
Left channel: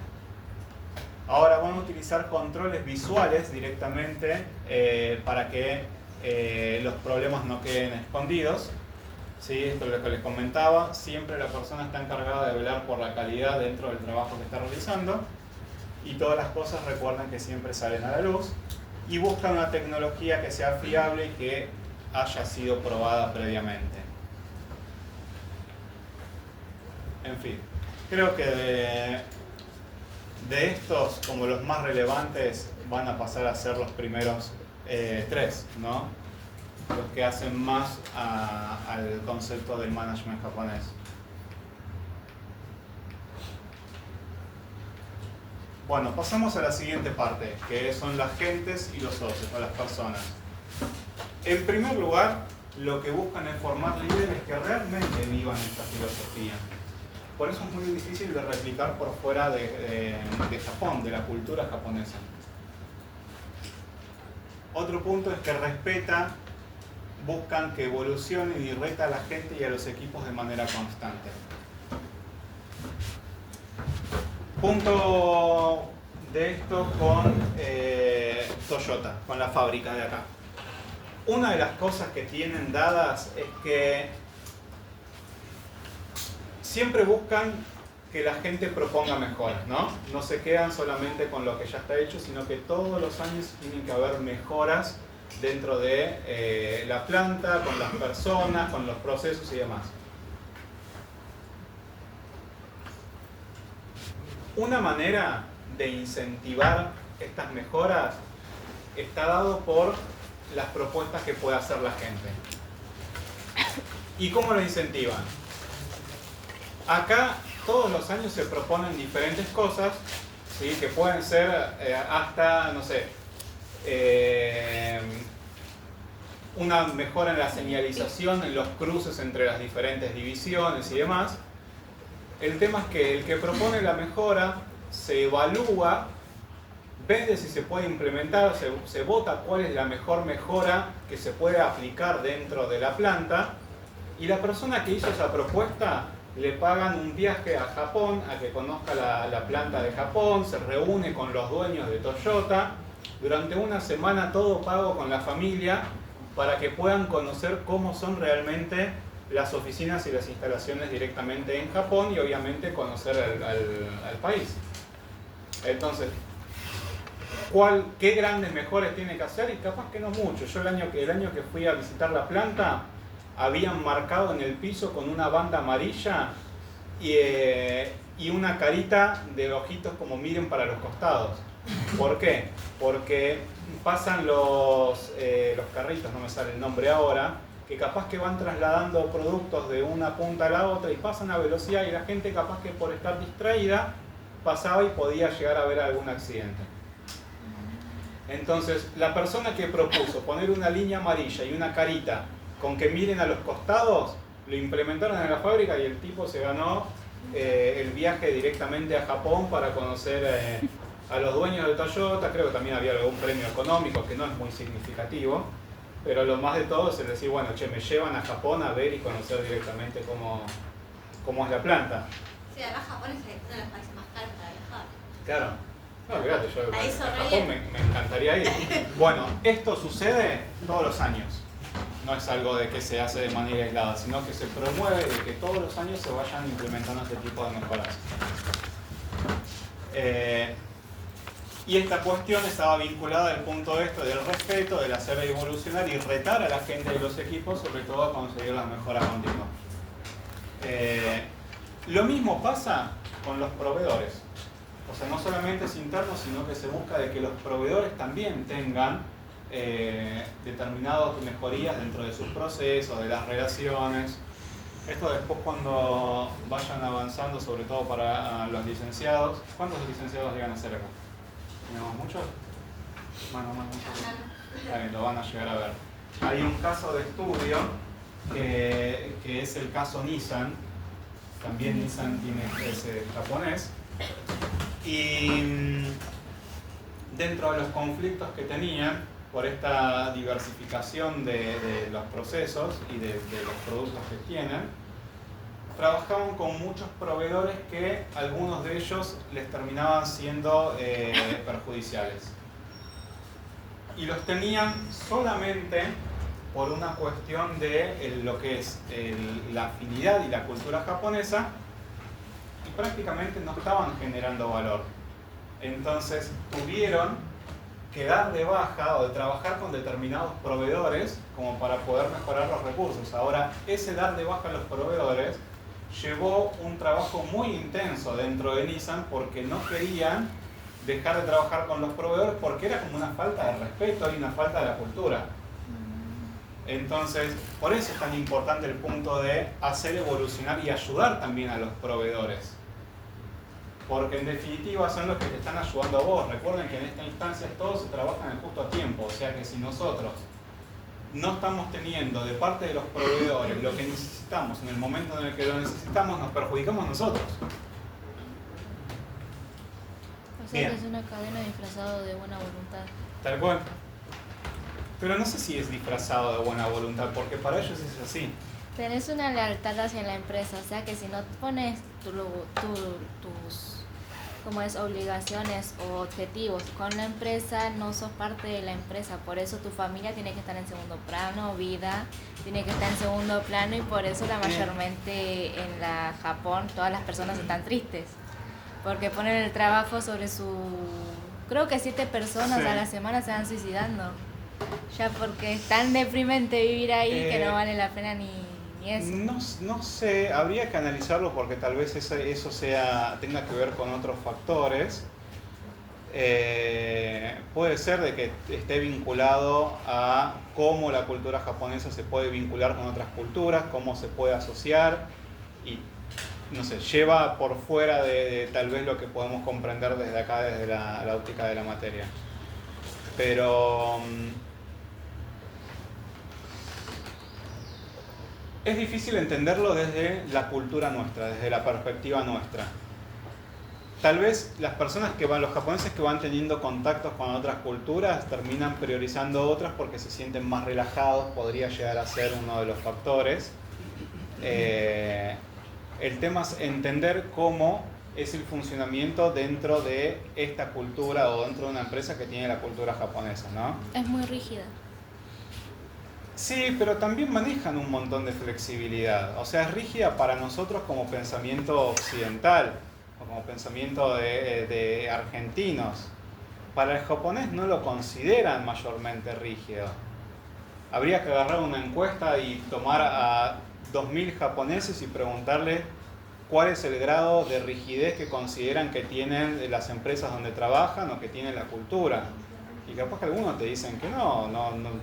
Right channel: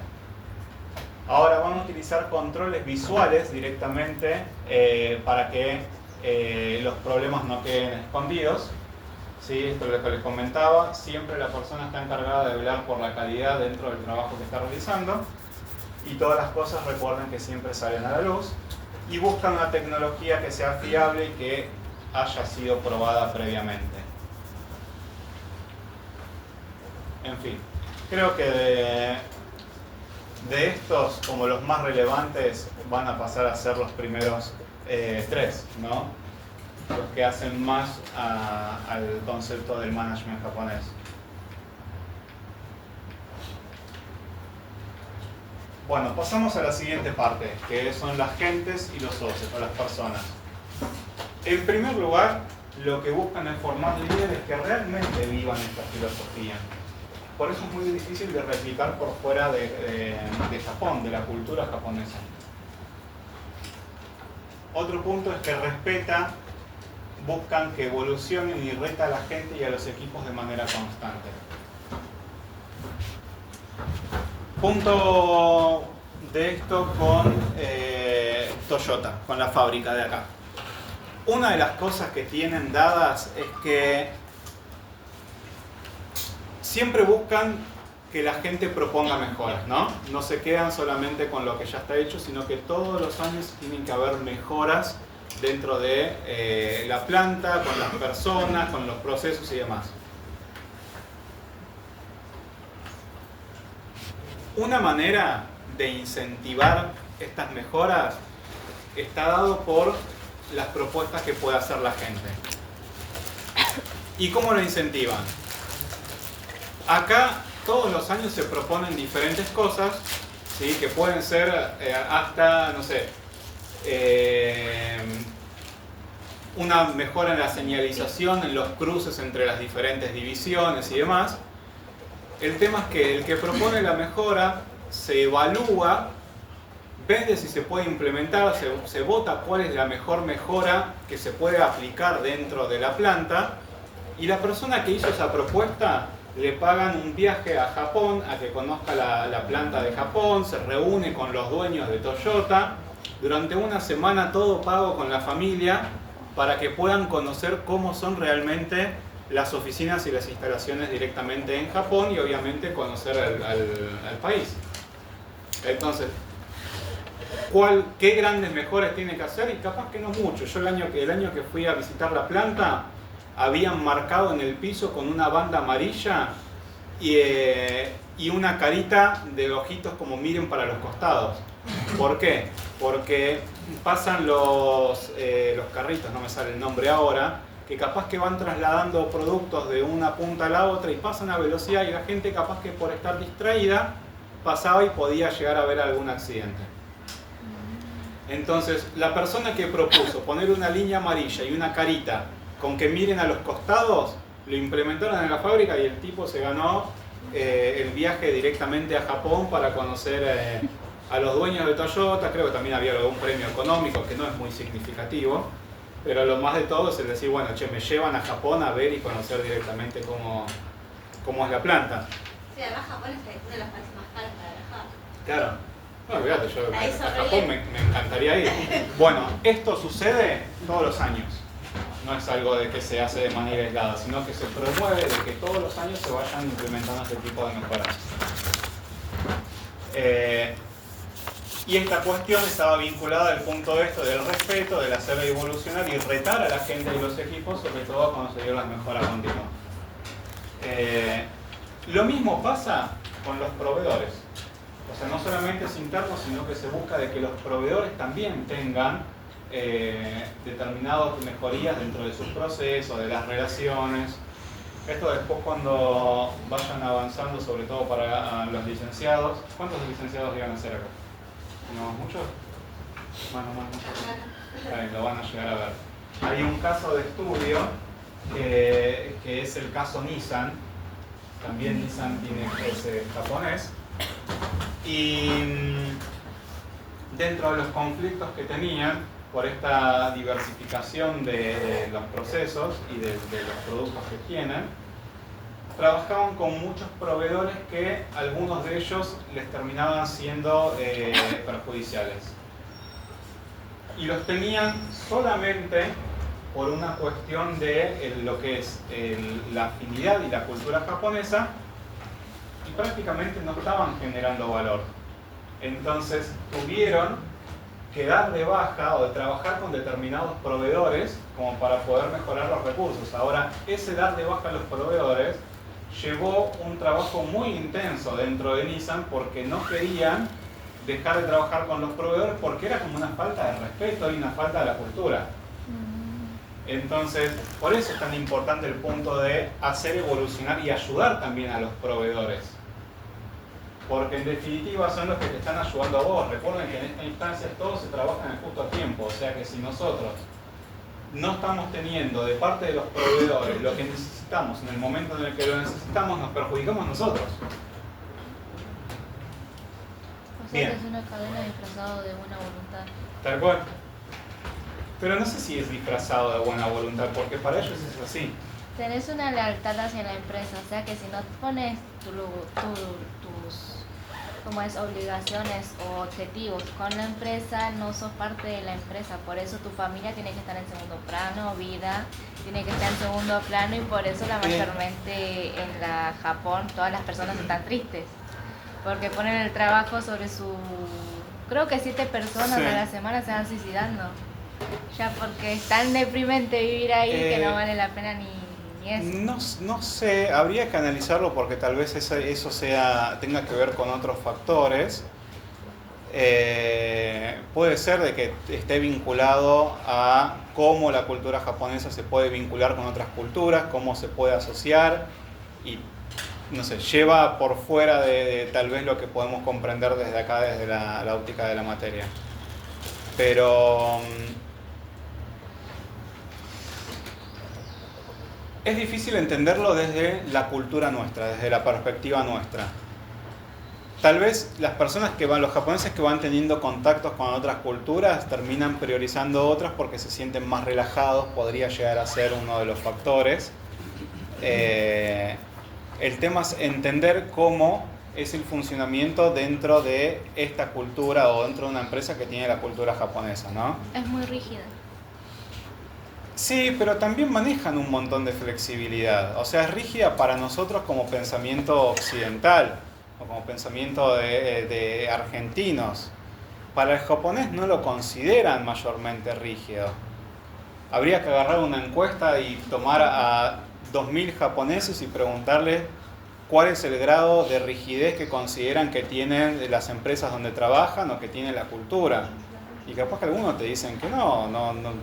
Ahora van a utilizar controles visuales directamente para que los problemas no queden escondidos. ¿Sí? Esto es lo que les comentaba, siempre la persona está encargada de velar por la calidad dentro del trabajo que está realizando y todas las cosas recuerden que siempre salen a la luz y buscan una tecnología que sea fiable y que haya sido probada previamente. En fin, creo que de estos, como los más relevantes, van a pasar a ser los primeros 3, ¿no? Los que hacen más al concepto del management japonés. Bueno, pasamos a la siguiente parte, que son las gentes y los socios, o las personas. En primer lugar, lo que buscan es formar líderes que realmente vivan esta filosofía. Por eso es muy difícil de replicar por fuera de Japón, de la cultura japonesa. Otro punto es que buscan que evolucionen y reta a la gente y a los equipos de manera constante. Punto de esto con Toyota, con la fábrica de acá. Una de las cosas que tienen dadas es que siempre buscan que la gente proponga mejoras, ¿no? No se quedan solamente con lo que ya está hecho, sino que todos los años tienen que haber mejoras dentro de la planta, con las personas, con los procesos y demás. Una manera de incentivar estas mejoras está dado por las propuestas que puede hacer la gente. ¿Y cómo lo incentivan? Acá todos los años se proponen diferentes cosas, ¿sí? Que pueden ser hasta, no sé, una mejora en la señalización, en los cruces entre las diferentes divisiones y demás. El tema es que el que propone la mejora se evalúa, ve si se puede implementar, se vota cuál es la mejor mejora que se puede aplicar dentro de la planta, y la persona que hizo esa propuesta le pagan un viaje a Japón a que conozca la planta de Japón, se reúne con los dueños de Toyota, durante una semana todo pago con la familia para que puedan conocer cómo son realmente las oficinas y las instalaciones directamente en Japón y obviamente conocer al país. Entonces, ¿qué grandes mejoras tiene que hacer? Y capaz que no mucho. Yo el año que fui a visitar la planta, habían marcado en el piso con una banda amarilla y una carita de ojitos como miren para los costados. ¿Por qué? Porque pasan los carritos, no me sale el nombre ahora, que capaz que van trasladando productos de una punta a la otra y pasan a velocidad, y la gente capaz que por estar distraída pasaba y podía llegar a ver algún accidente. Entonces, la persona que propuso poner una línea amarilla y una carita con que miren a los costados, lo implementaron en la fábrica y el tipo se ganó el viaje directamente a Japón para conocer a los dueños de Toyota. Creo que también había algún premio económico que no es muy significativo, pero lo más de todo es el decir, bueno, che, me llevan a Japón a ver y conocer directamente cómo es la planta. Sí, además Japón es uno de los países más caros para viajar. Claro. No, fíjate, yo a Japón me encantaría ir. Bueno, esto sucede todos los años. No es algo de que se hace de manera aislada, sino que se promueve de que todos los años se vayan implementando este tipo de mejoras. Y esta cuestión estaba vinculada al punto de esto del respeto, del hacer evolucionar y retar a la gente y los equipos, sobre todo a conseguir las mejoras continuas. Lo mismo pasa con los proveedores. O sea, no solamente es interno, sino que se busca de que los proveedores también tengan determinadas mejorías dentro de sus procesos, de las relaciones. Esto después cuando vayan avanzando, sobre todo para los licenciados. ¿Cuántos licenciados llegan a ser acá? ¿Tenemos muchos? Muchos. Lo van a llegar a ver. Hay un caso de estudio que es el caso Nissan. También Nissan es japonés. Y dentro de los conflictos que tenían por esta diversificación de los procesos y de los productos que tienen, trabajaban con muchos proveedores que algunos de ellos les terminaban siendo perjudiciales. Y los tenían solamente por una cuestión de lo que es la afinidad y la cultura japonesa, y prácticamente no estaban generando valor. Entonces tuvieron que dar de baja o de trabajar con determinados proveedores como para poder mejorar los recursos. Ahora, ese dar de baja a los proveedores llevó un trabajo muy intenso dentro de Nissan, porque no querían dejar de trabajar con los proveedores porque era como una falta de respeto y una falta de la cultura. Entonces, por eso es tan importante el punto de hacer evolucionar y ayudar también a los proveedores. Porque en definitiva son los que te están ayudando a vos. Recuerden que en esta instancia todos se trabajan en justo a tiempo. O sea que si nosotros no estamos teniendo de parte de los proveedores lo que necesitamos en el momento en el que lo necesitamos, nos perjudicamos nosotros. O sea que es una cadena disfrazada de buena voluntad. Tal cual. Pero no sé si es disfrazado de buena voluntad, porque para ellos es así. Tenés una lealtad hacia la empresa, o sea que si no pones tus como es obligaciones o objetivos con la empresa, no sos parte de la empresa. Por eso tu familia tiene que estar en segundo plano, vida tiene que estar en segundo plano, y por eso la mayormente en la Japón todas las personas están tristes, porque ponen el trabajo sobre su... Creo que 7 personas a la semana se van suicidando, ya porque es tan deprimente vivir ahí que no vale la pena ni eso. No sé, habría que analizarlo porque tal vez eso tenga que ver con otros factores. Puede ser de que esté vinculado a cómo la cultura japonesa se puede vincular con otras culturas, cómo se puede asociar y, no sé, lleva por fuera de tal vez lo que podemos comprender desde acá, desde la óptica de la materia. Pero es difícil entenderlo desde la cultura nuestra, desde la perspectiva nuestra. Tal vez los japoneses que van teniendo contactos con otras culturas terminan priorizando otras porque se sienten más relajados, podría llegar a ser uno de los factores. El tema es entender cómo es el funcionamiento dentro de esta cultura o dentro de una empresa que tiene la cultura japonesa, ¿no? Es muy rígida. Sí, pero también manejan un montón de flexibilidad. O sea, es rígida para nosotros como pensamiento occidental o como pensamiento de argentinos. Para el japonés no lo consideran mayormente rígido. Habría que agarrar una encuesta y tomar a 2000 japoneses y preguntarles cuál es el grado de rigidez que consideran que tienen las empresas donde trabajan o que tiene la cultura. Y capaz que algunos te dicen que no,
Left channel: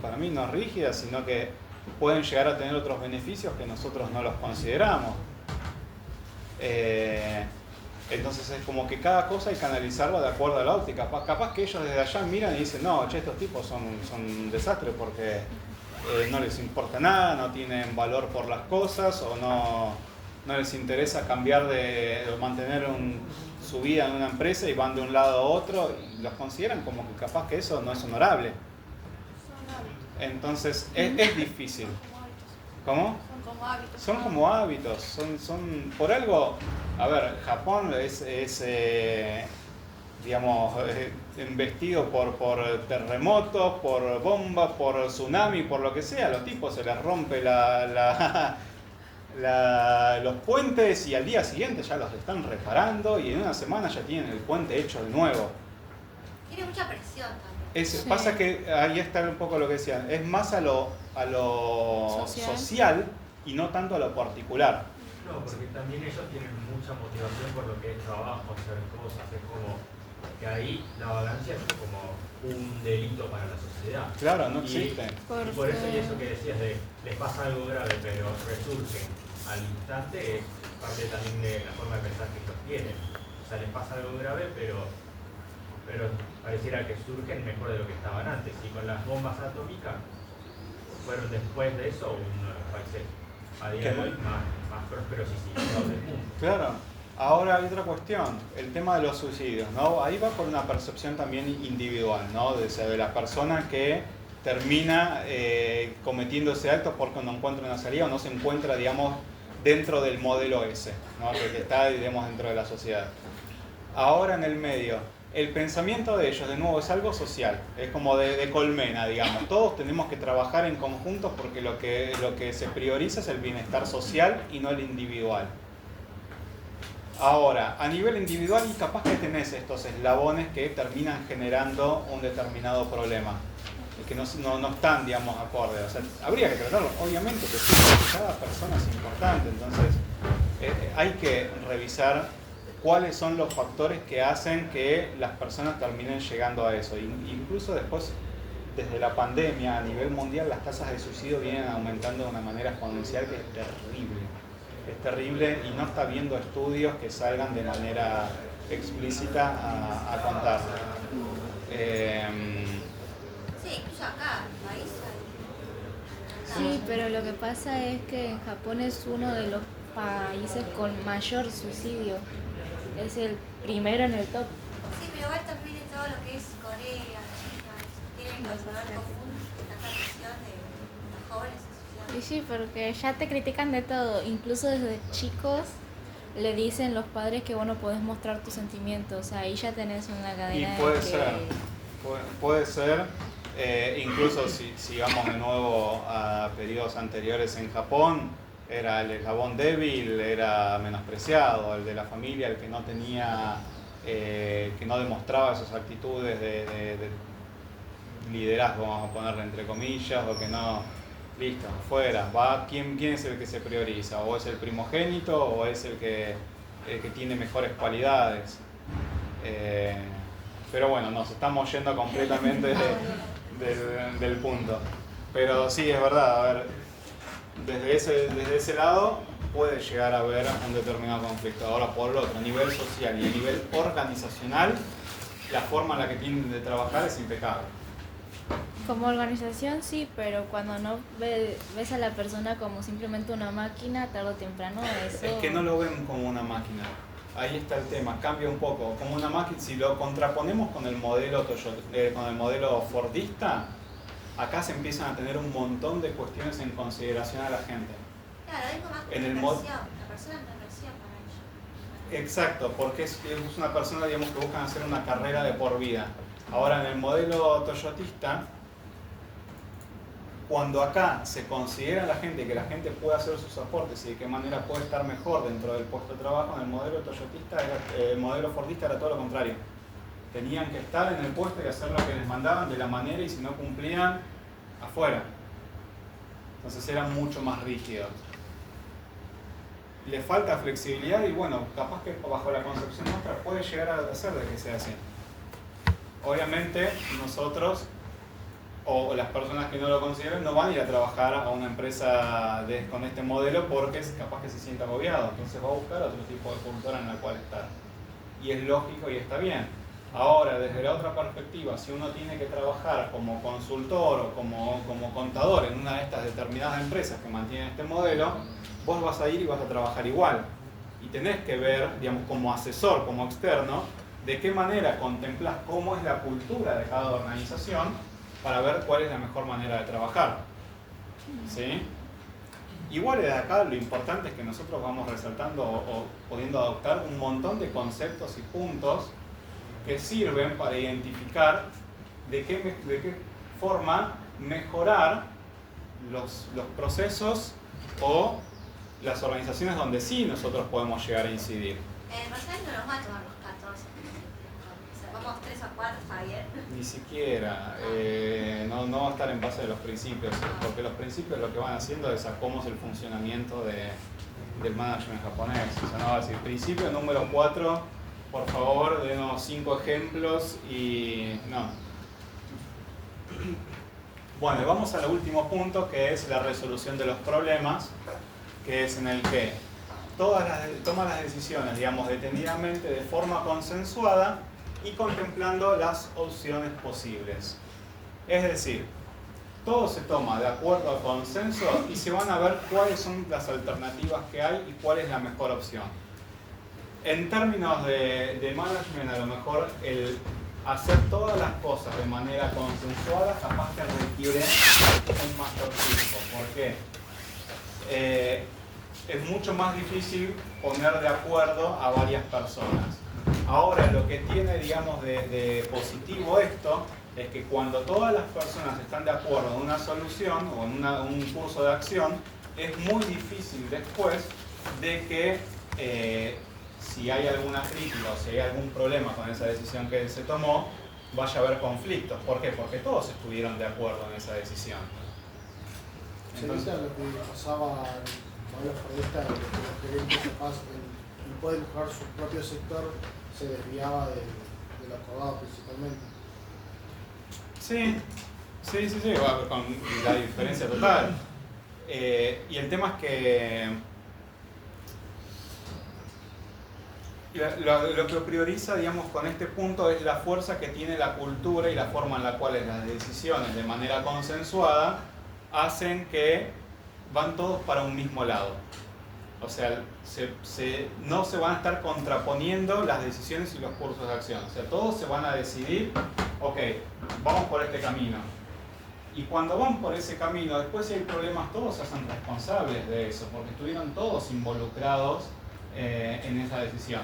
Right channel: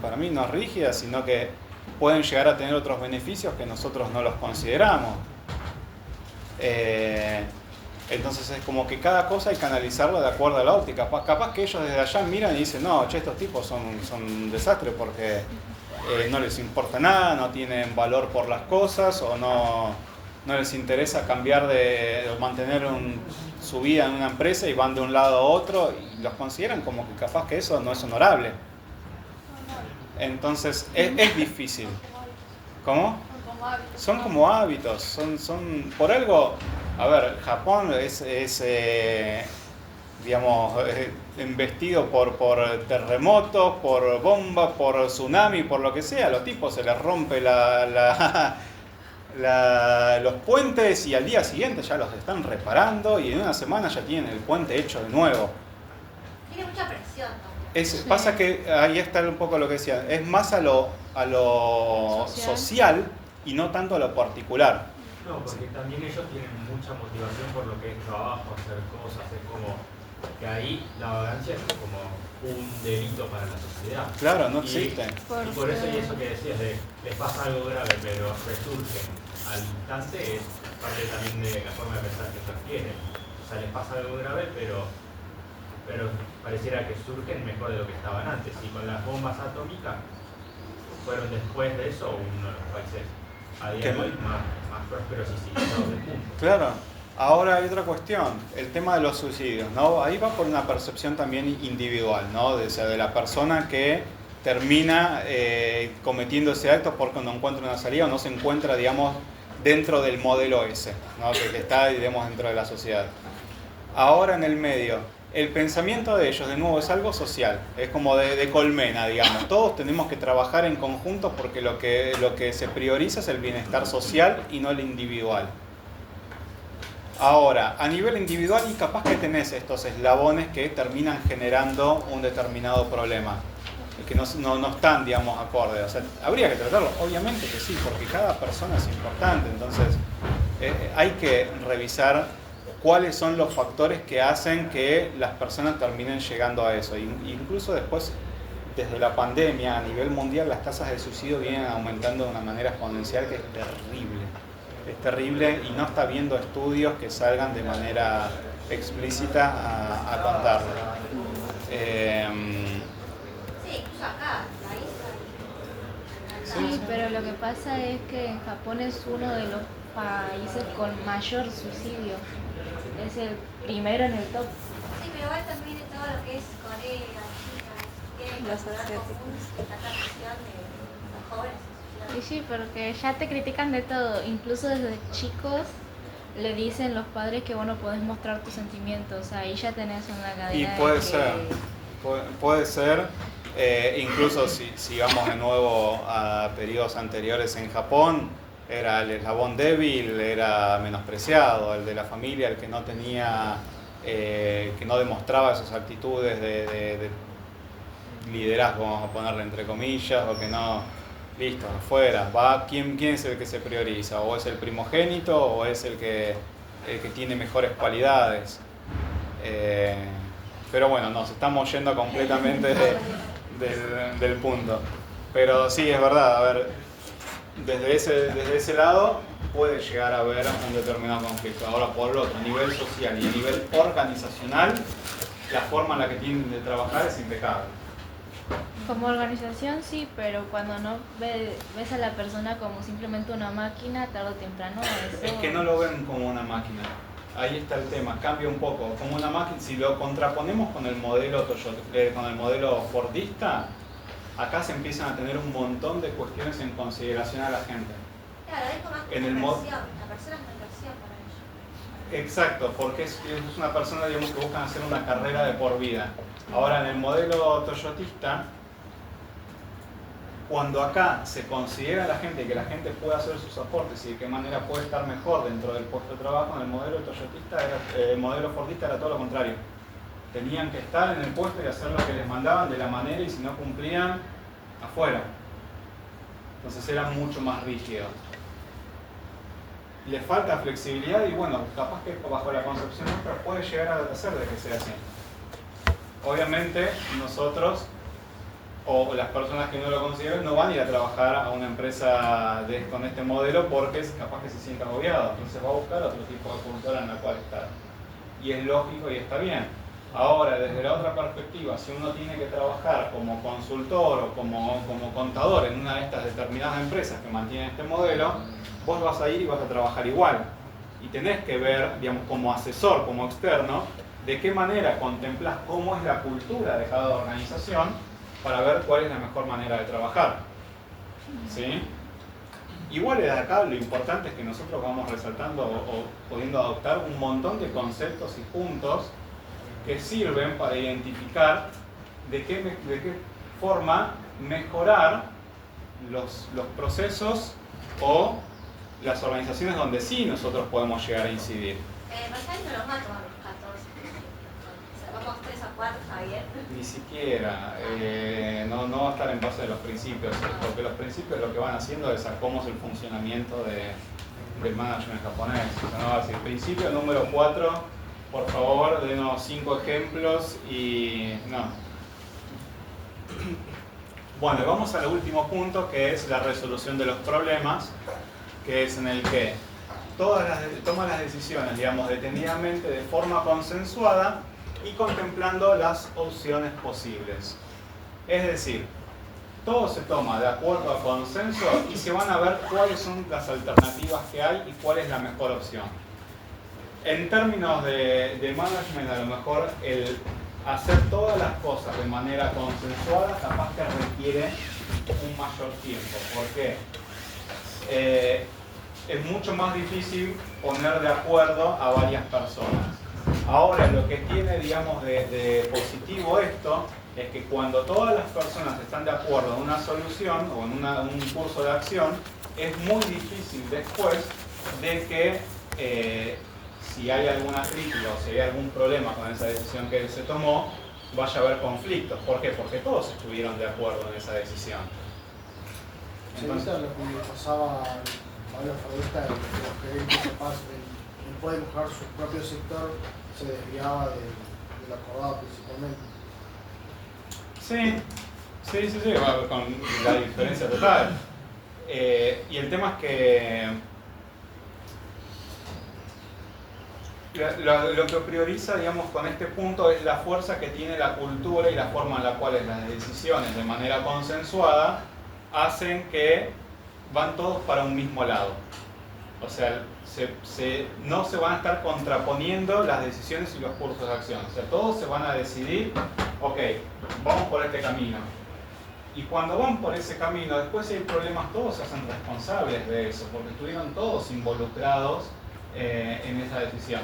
para mí no es rígida, sino que pueden llegar a tener otros beneficios que nosotros no los consideramos. Entonces es como que cada cosa hay que analizarla de acuerdo a la óptica. Capaz que ellos desde allá miran y dicen, no, che, estos tipos son un desastre porque no les importa nada, no tienen valor por las cosas o no les interesa cambiar o mantener su vida en una empresa y van de un lado a otro y los consideran como que capaz que eso no es honorable. Entonces es difícil. ¿Cómo? Son como hábitos, son por algo. A ver, Japón es digamos, investido por terremotos, por bombas, por tsunami, por lo que sea. A los tipos se les rompe los puentes y al día siguiente ya los están reparando y en una semana ya tienen el puente hecho de nuevo. Tiene mucha presión también. Sí. Pasa que ahí está un poco lo que decía, es más a lo social y no tanto a lo particular. No, porque también ellos tienen mucha motivación por lo que es trabajo, hacer cosas, es como que ahí la vagancia es como un delito para la sociedad. Claro, no existe. Y por eso, y eso que decías de les pasa algo grave pero resurgen al instante, es parte también de la forma de pensar que ellos tienen. O sea, les pasa algo grave pero pareciera que surgen mejor de lo que estaban antes. Y con las bombas atómicas fueron después de eso uno de los países a día de hoy más prósperos y civilizados del mundo. Claro. Ahora hay otra cuestión, el tema de los suicidios, ¿no? Ahí va por una percepción también individual, ¿no? De la persona que termina cometiendo ese acto porque no encuentra una salida o no se encuentra, digamos, dentro del modelo ese, ¿no? Que está, digamos, dentro de la sociedad. Ahora en el medio, el pensamiento de ellos, de nuevo, es algo social, es como de colmena, digamos. Todos tenemos que trabajar en conjunto porque lo que se prioriza es el bienestar social y no el individual. Ahora, a nivel individual y capaz que tenés estos eslabones que terminan generando un determinado problema, que no están, digamos, acordes. O sea, habría que tratarlo, obviamente que sí, porque cada persona es importante, entonces hay que revisar cuáles son los factores que hacen que las personas terminen llegando a eso. Incluso después, desde la pandemia, a nivel mundial, las tasas de suicidio vienen aumentando de una manera exponencial que es terrible. Es terrible y no está habiendo estudios que salgan de manera explícita a contarlo. Sí, incluso acá, en Sí, pero lo que pasa es que en Japón es uno de los países con mayor suicidio. Es el primero en el top. Sí, pero igual también de todo lo que es Corea, China, Los asiáticos. la tradición de los jóvenes se Y suicidan. sí, porque ya te critican de todo. Incluso desde chicos le dicen los padres que vos no podés mostrar tus sentimientos. Ahí ya tenés una cadena Y puede de que... ser, puede ser, incluso si vamos de nuevo a periodos anteriores en Japón, era el eslabón débil, era menospreciado, el de la familia, el que no tenía, que no demostraba esas actitudes de liderazgo, vamos a ponerle entre comillas, o que no listo, afuera, va, ¿quién es el que se prioriza? ¿O es el primogénito o es el que tiene mejores cualidades? Pero bueno, nos estamos yendo completamente del punto. Pero sí, es verdad, a ver, desde ese lado puede llegar a haber un determinado conflicto. Ahora, por el otro, a nivel social y a nivel organizacional, la forma en la que tienen de trabajar es impecable. Como organización sí, pero cuando no ves a la persona como simplemente una máquina, tarde o temprano eso... Es que no lo ven como una máquina. Ahí está el tema, cambia un poco. Como una máquina, si lo contraponemos con el modelo con el modelo fordista, acá se empiezan a tener un montón de cuestiones en consideración a la gente. Claro, hay como En el la persona es una inversión para ellos. Exacto, porque es una persona, digamos, que buscan hacer una carrera de por vida. Ahora, en el modelo toyotista, cuando acá se considera a la gente que la gente puede hacer sus aportes y de qué manera puede estar mejor dentro del puesto de trabajo, en el modelo toyotista, el modelo fordista era todo lo contrario. Tenían que estar en el puesto y hacer lo que les mandaban de la manera, y si no cumplían, afuera. Entonces eran mucho más rígidos. Les falta flexibilidad y bueno, capaz que bajo la concepción nuestra puede llegar a hacer de que sea así. Obviamente nosotros o las personas que no lo consideren no van a ir a trabajar a una empresa con este modelo porque capaz que se sienta agobiado, entonces va a buscar otro tipo de cultura en la cual estar. Y es lógico y está bien. Ahora, desde la otra perspectiva, si uno tiene que trabajar como consultor o como contador en una de estas determinadas empresas que mantienen este modelo, vos vas a ir y vas a trabajar igual. Y tenés que ver, digamos, como asesor, como externo, de qué manera contemplás cómo es la cultura de cada organización para ver cuál es la mejor manera de trabajar. ¿Sí? Igual de acá lo importante es que nosotros vamos resaltando o pudiendo adoptar un montón de conceptos y puntos que sirven para identificar de qué forma mejorar los procesos o las organizaciones donde sí nosotros podemos llegar a incidir. Versailles no los va a tomar los 14. O sea, vamos 3 o 4, está bien. Ni siquiera, no va a estar en base a los principios, porque los principios lo que van haciendo es a cómo es el funcionamiento del management japonés. No, el principio número 4, por favor, denos 5 ejemplos y no. Bueno, y vamos al último punto, que es la resolución de los problemas, que es en el que toma las decisiones, digamos, detenidamente, de forma consensuada y contemplando las opciones posibles. Es decir, todo se toma de acuerdo a consenso y se van a ver cuáles son las alternativas que hay y cuál es la mejor opción. En términos de management, a lo mejor el hacer todas las cosas de manera consensuada capaz que requiere un mayor tiempo. ¿Por qué? Es mucho más difícil poner de acuerdo a varias personas. Ahora, lo que tiene, digamos, de positivo esto es que cuando todas las personas están de acuerdo en una solución o en un curso de acción, es muy difícil después de que si hay alguna crítica o si hay algún problema con esa decisión que se tomó, vaya a haber conflictos. ¿Por qué? Porque todos estuvieron de acuerdo en esa decisión. Entonces, lo que pasaba con los periodistas, los gerentes capaz no pueden buscar su propio sector, se desviaba del acordado principalmente. Sí, va con la diferencia total. Y el tema es que lo que prioriza, digamos, con este punto es la fuerza que tiene la cultura y la forma en la cual las decisiones de manera consensuada hacen que van todos para un mismo lado. O sea, no se van a estar contraponiendo las decisiones y los cursos de acción. O sea, todos se van a decidir, ok, vamos por este camino. Y cuando van por ese camino, después si hay problemas, todos se hacen responsables de eso, porque estuvieron todos involucrados en esa decisión.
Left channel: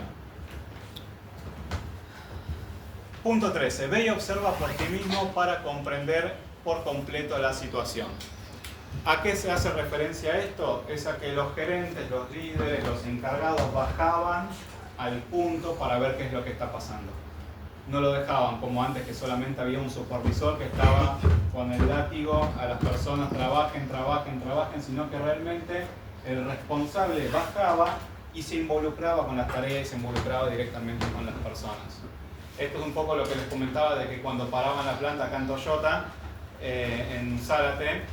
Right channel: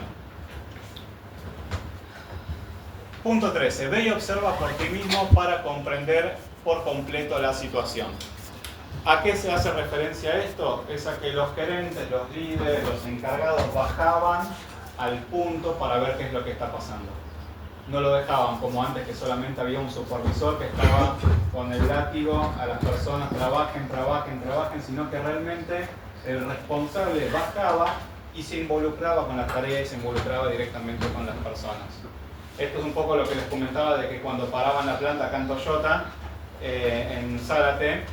Punto 13. Ve y observa por ti mismo para comprender por completo la situación. ¿A qué se hace referencia esto? Es a que los gerentes, los líderes, los encargados bajaban al punto para ver qué es lo que está pasando. no lo dejaban como antes, que solamente había un supervisor que estaba con el látigo a las personas, trabajen, sino que realmente el responsable bajaba y se involucraba con las tareas y se involucraba directamente con las personas. Esto es un poco lo que les comentaba de que cuando paraban la planta acá en Toyota, en Zárate,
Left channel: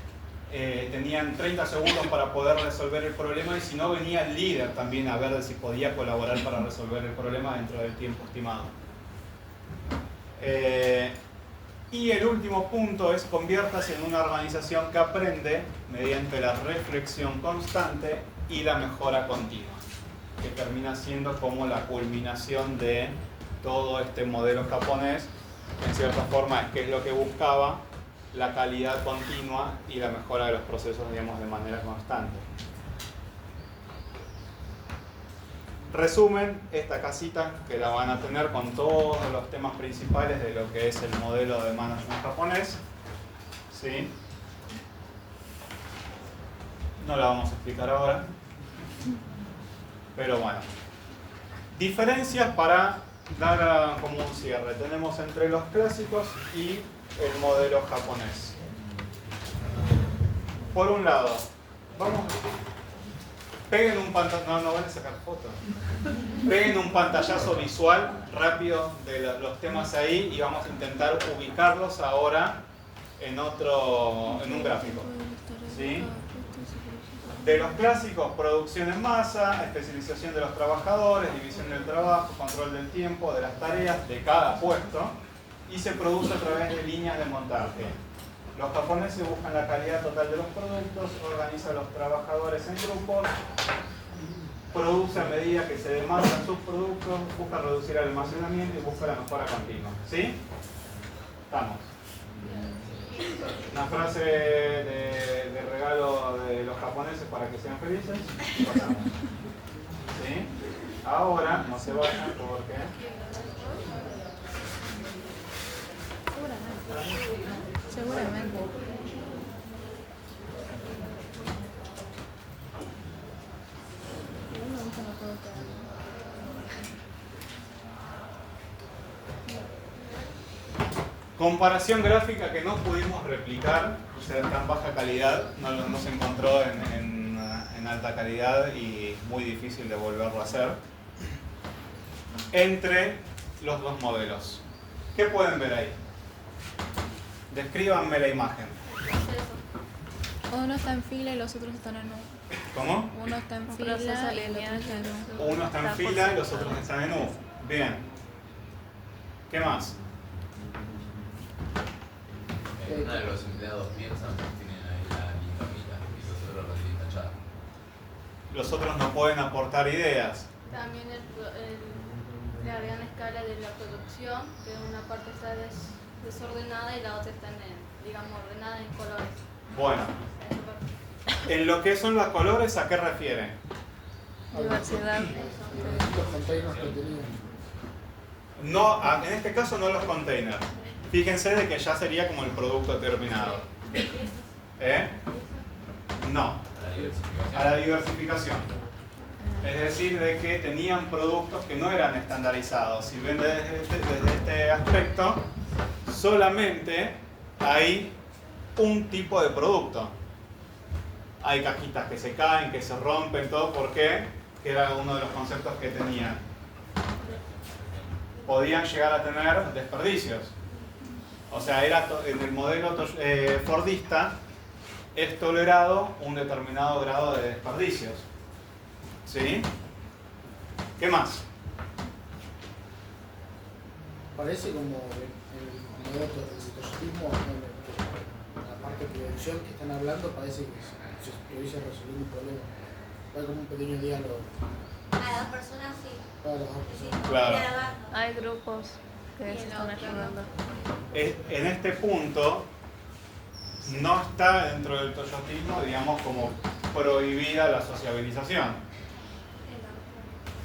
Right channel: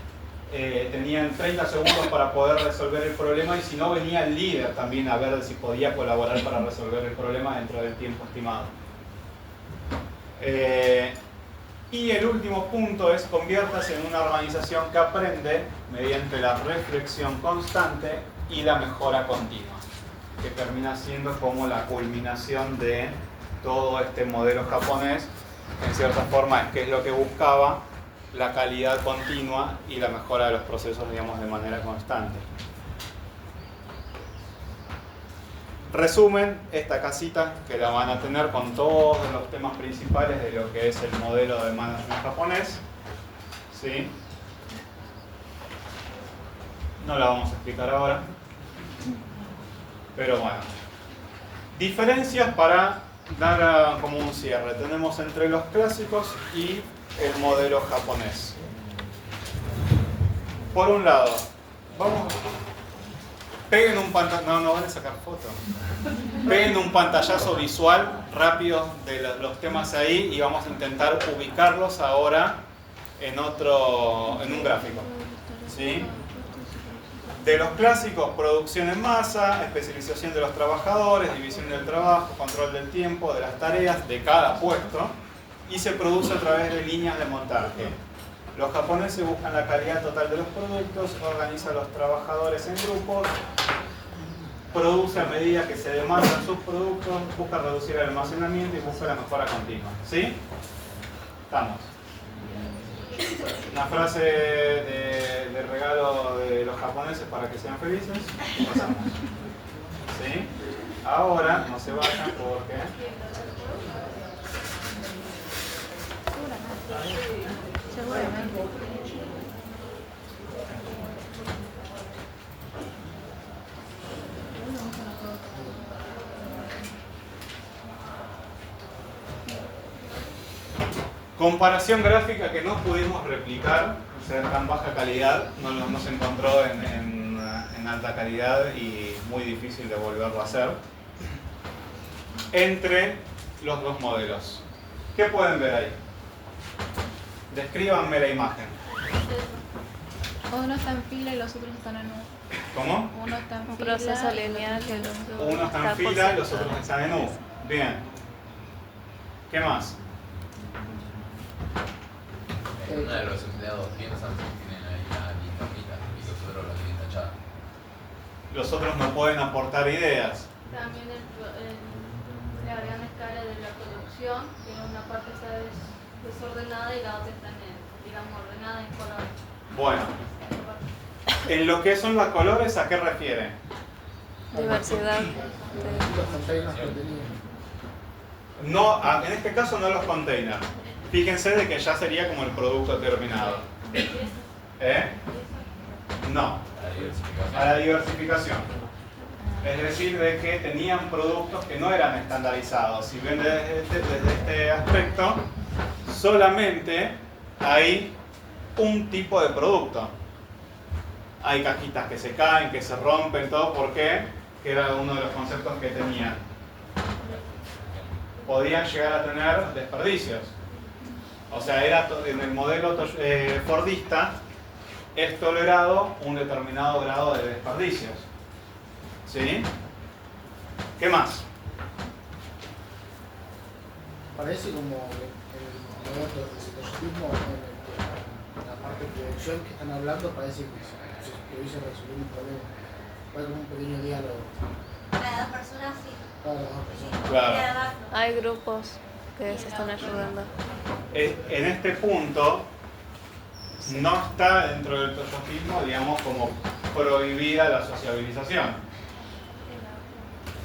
tenían 30 segundos para poder resolver el problema, y si no, venía el líder también a ver si podía colaborar para resolver el problema dentro del tiempo estimado. Y el último punto es: conviértase en una organización que aprende mediante la reflexión constante y la mejora continua, que termina siendo como la culminación de todo este modelo japonés, que en cierta forma es que es lo que buscaba, la calidad continua y la mejora de los procesos, digamos, de manera constante. Resumen, esta casita que la van a tener con todos los temas principales de lo que es el modelo de management japonés, ¿sí? No la vamos a explicar ahora, pero bueno. Diferencias para dar como un cierre. Tenemos entre los clásicos y el modelo japonés. Por un lado, peguen un pantallazo, no van a sacar fotos. Peguen un pantallazo visual rápido de los temas ahí y vamos a intentar ubicarlos ahora en un gráfico. ¿Sí? De los clásicos: producción en masa, especialización de los trabajadores, división del trabajo, control del tiempo, de las tareas, de cada puesto, y se produce a través de líneas de montaje. Los japoneses buscan la calidad total de los productos, organizan a los trabajadores en grupos, produce a medida que se demandan sus productos, busca reducir el almacenamiento y busca la mejora continua. ¿Sí? Estamos. Una frase de regalo de los japoneses para que sean felices. ¿Sí? Ahora, no se vayan porque... Seguramente. Comparación gráfica que no pudimos replicar, o sea, en tan baja calidad, no se encontró en alta calidad y muy difícil de volverlo a hacer, entre los dos modelos. ¿Qué pueden ver ahí? Descríbanme la imagen. Uno está en fila y los otros están en U. ¿Cómo? Uno está en Un fila. proceso lineal que el otro Uno está en por fila y los sector. otros están en U. Bien. ¿Qué más? Uno de los empleados piensan que tienen ahí la quinta hojita y los otros lo tienen tachada. Los otros no pueden aportar ideas. También la gran escala de la producción, que una parte está desordenada y la otra está, digamos, ordenada en colores. Bueno, en lo que son los colores, ¿a qué refiere? Diversidad. Los containers que tenían. No, en este caso no los containers. Fíjense de que ya sería como el producto terminado. ¿Eh? No, a la diversificación. Es decir, de que tenían productos que no eran estandarizados. Si ven desde este aspecto, solamente hay un tipo de producto. Hay cajitas que se caen, que se rompen, todo porque era uno de los conceptos que tenían. Podían llegar a tener desperdicios. O sea, en el modelo fordista es tolerado un determinado grado de desperdicios. ¿Sí? ¿Qué más? Parece como el modelo de toyotismo, en la parte de producción que están hablando, parece que se hubiese resolvido un problema. Hay como un pequeño diálogo. Para dos personas, sí. Para las dos personas. Claro. Hay grupos que se están ayudando. En este punto no está dentro del toyotismo, digamos, como prohibida la sociabilización.